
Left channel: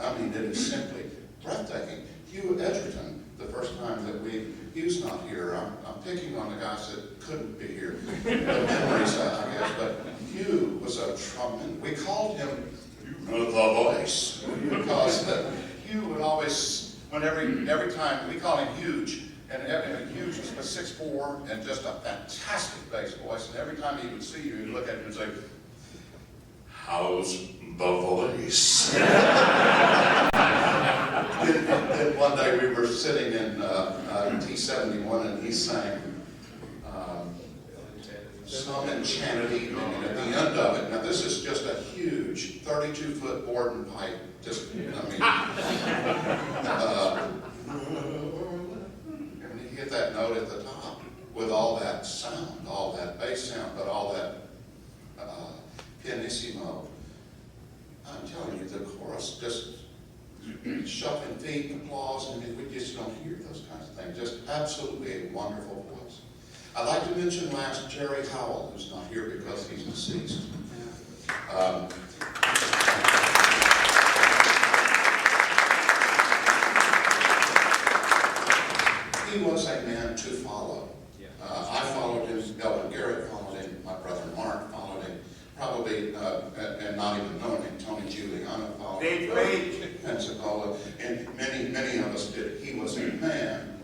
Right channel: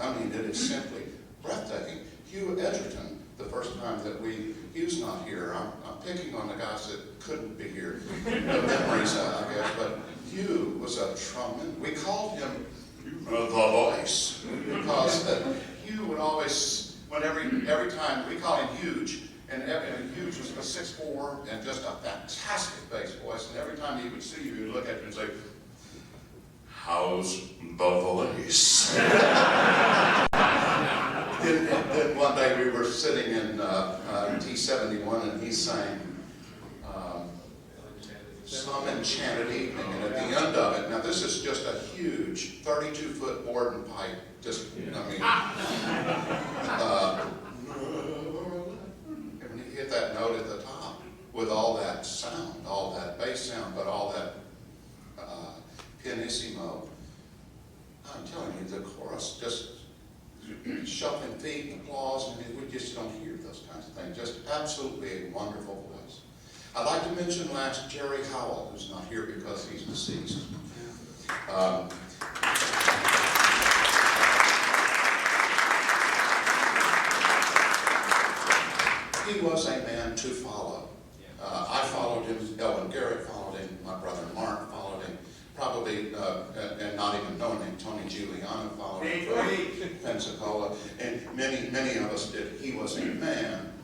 I mean, it is simply breathtaking. Hugh Edgerton, the first time that Hugh's not here. I'm picking on the guys that couldn't be here. The memories, I guess, but Hugh was a trumpet. We called him the voice because Hugh would always, every time, we call him Huge, and Huge was 6'4" and just a fantastic bass voice, and every time he would see you, he'd look at you and say, how's the voice? Then one day we were sitting in T71 and he sang some enchanted evening, and at the end of it, now this is just a huge 32-foot Borden pipe, just, I mean, and he hit that note at the top with all that sound, all that bass sound, but all that pianissimo. I'm telling you, the chorus just shuffling feet, applause, and we just don't hear those kinds of things. Just absolutely a wonderful voice. I'd like to mention last Jerry Howell, who's not here because he's deceased. He was a man to follow. I followed him, Elvin Garrett followed him, my brother Mark followed him, probably, and not even knowing him, Tony Giuliano followed him, Pensacola, and many of us did. He was a man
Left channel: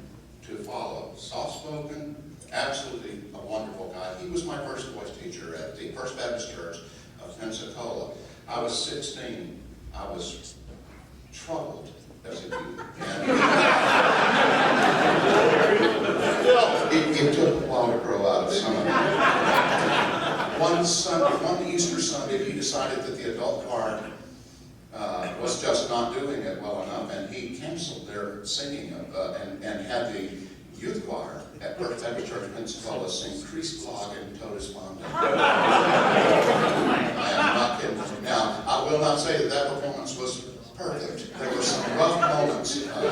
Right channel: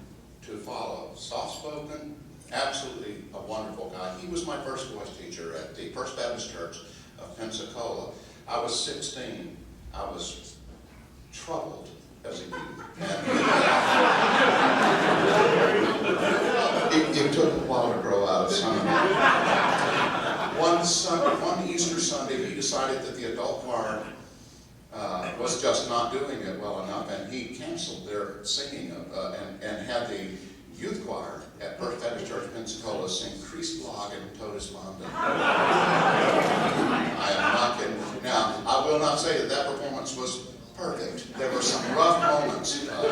to follow. Soft-spoken, absolutely a wonderful guy. He was my first voice teacher at the First Baptist Church of Pensacola. I was 16. I was troubled as a youth. It took a while to grow out of some. One Easter Sunday, he decided that the adult choir was just not doing it well enough, and he canceled their singing and had the youth choir at First Baptist Church in Pensacola sing Christ Lag and Totus Bonding. I am not kidding. Now, I will not say that that performance was perfect. There were some rough moments in that.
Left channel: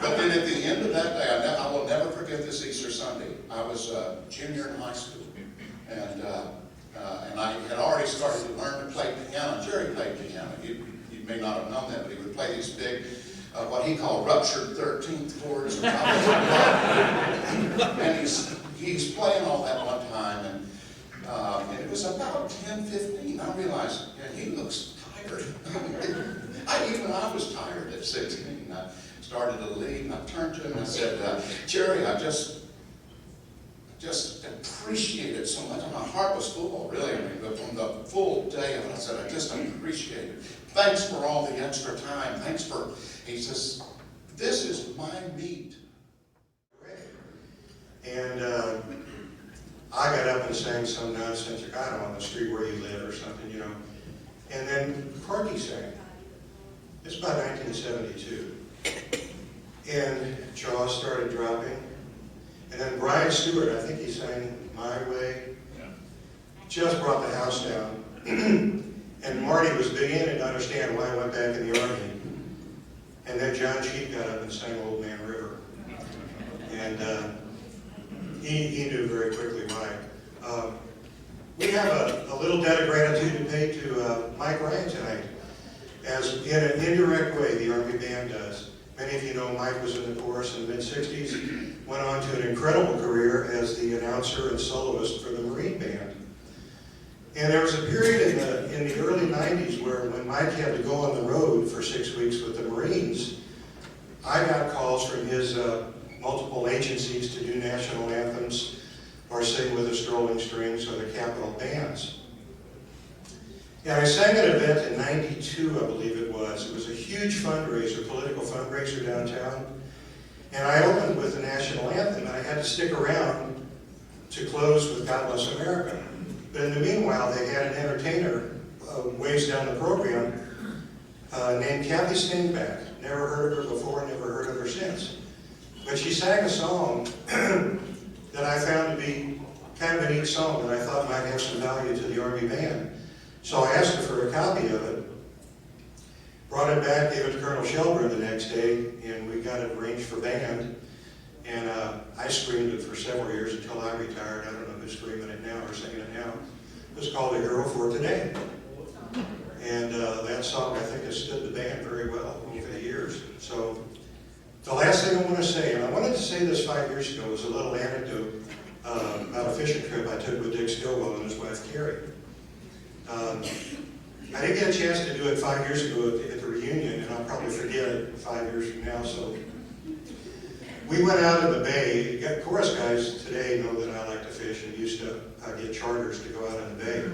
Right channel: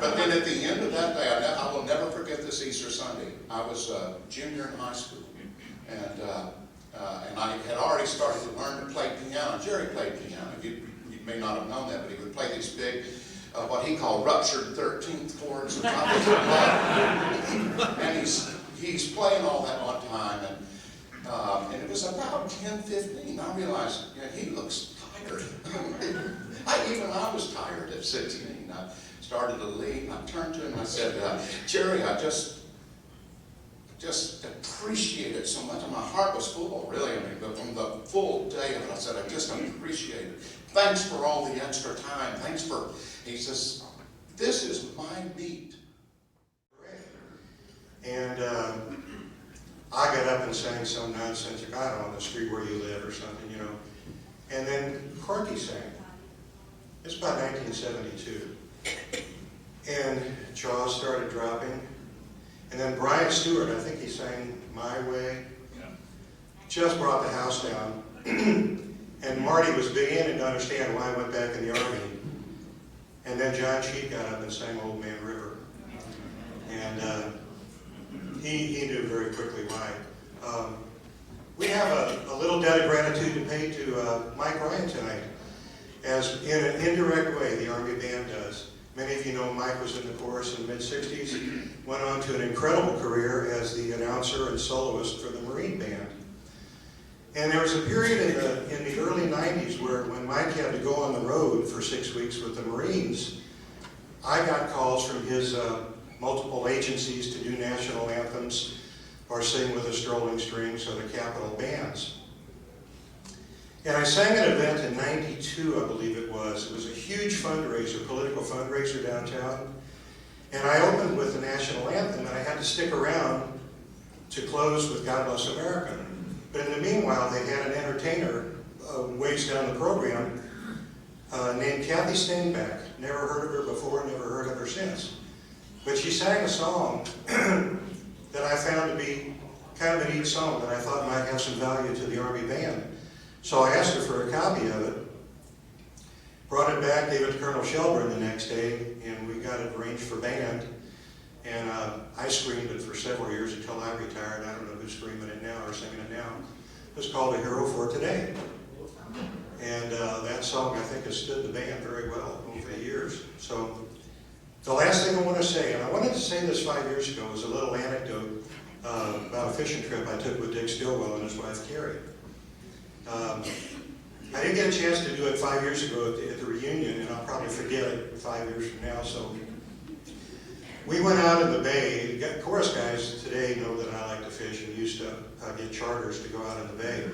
But then at the end of that day, I will never forget this Easter Sunday. I was a junior in high school, and I had already started to learn to play piano. Jerry played piano. You may not have known that, but he would play these big, what he called ruptured 13th chords. And he's playing all that one time, and it was about 10:15. I realized, yeah, he looks tired. Even I was tired at 16. I started to leave. I turned to him and I said, Jerry, I just appreciate it so much. And my heart was full, really. I mean, but from the full day of it, I said, I just appreciate it. Thanks for all the extra time. Thanks for, he says, this is my meat. And I got up and sang some nonsense, I don't know, on the street where he lived or something, you know. And then Corky sang. It's about 1972. And Charles started dropping. And then Brian Stewart, I think he sang My Way. Yeah. Just brought the house down. And Marty was beginning to understand why I went back in the Army. And then John Cheek got up and sang Old Man River. And he knew very quickly why. We have a little debt of gratitude to pay to Mike Ryan tonight. As in an indirect way, the Army Band does. Many of you know Mike was in the chorus in the mid-60s, went on to an incredible career as the announcer and soloist for the Marine Band. And there was a period in the early 90s where when Mike had to go on the road for 6 weeks with the Marines, I got calls from his multiple agencies to do national anthems or sing with the Strolling Strings or the Capitol Bands. And I sang at an event in '92, I believe it was. It was a huge fundraiser, political fundraiser downtown. And I opened with the national anthem, and I had to stick around to close with God Bless America. But in the meanwhile, they had an entertainer ways down the program named Kathy Steinbach. Never heard of her before, never heard of her since. But she sang a song that I found to be kind of a neat song that I thought might have some value to the Army band. So I asked her for a copy of it, brought it back, gave it to Colonel Shelburne the next day, and we got it arranged for band. And I screamed it for several years until I retired. I don't know who's screaming it now or singing it now. It was called A Hero for Today. And that song, I think, has stood the band very well over the years. So the last thing I want to say, and I wanted to say this 5 years ago, was a little anecdote about a fishing trip I took with Dick Stilwell and his wife, Carrie. I didn't get a chance to do it 5 years ago at the reunion, and I'll probably forget it 5 years from now. So we went out in the bay. Chorus guys today know that I like to fish and used to get charters to go out in the bay.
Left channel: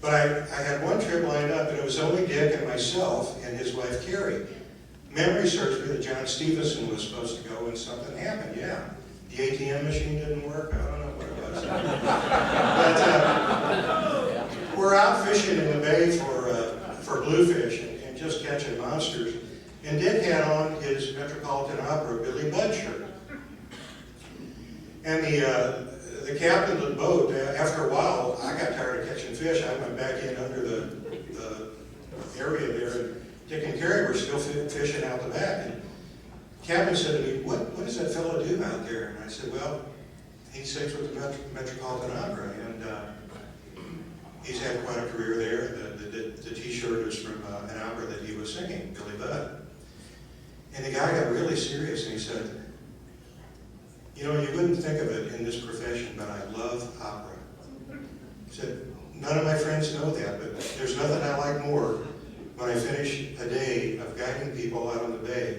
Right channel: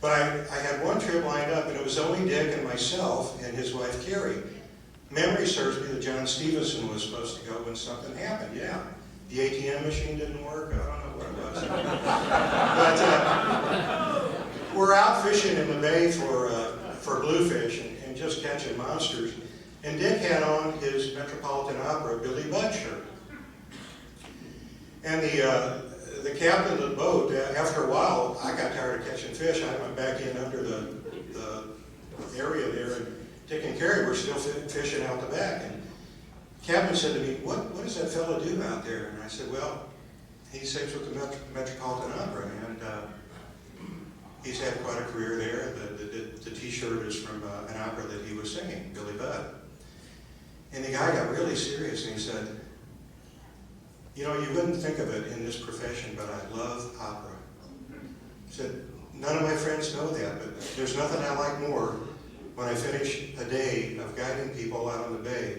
But I had one trip lined up, and it was only Dick and myself and his wife, Carrie. Memory serves me that John Stevenson was supposed to go, and something happened, yeah. The ATM machine didn't work. I don't know what it was. But we're out fishing in the bay for bluefish and just catching monsters. And Dick had on his Metropolitan Opera Billy Budd shirt. And the captain of the boat, after a while, I got tired of catching fish. I went back in under the area there, and Dick and Carrie were still fishing out the back. And the captain said to me, what does that fellow do out there? And I said, well, he sings with the Metropolitan Opera, and he's had quite a career there. The T-shirt is from an opera that he was singing, Billy Budd. And the guy got really serious, and he said, you know, you wouldn't think of it in this profession, but I love opera. He said, none of my friends know that, but there's nothing I like more. When I finish a day of guiding people out on the bay,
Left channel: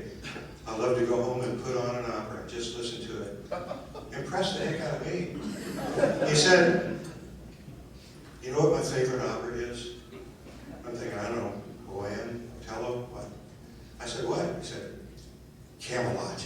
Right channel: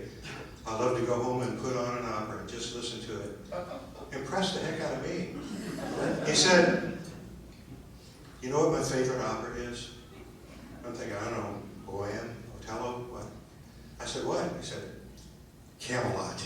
I love to go home and put on an opera and just listen to it. Impressed the heck out of me. He said, you know what my favorite opera is? I'm thinking, I don't know, Boyan, Otello, what? I said, what? He said, Camelot.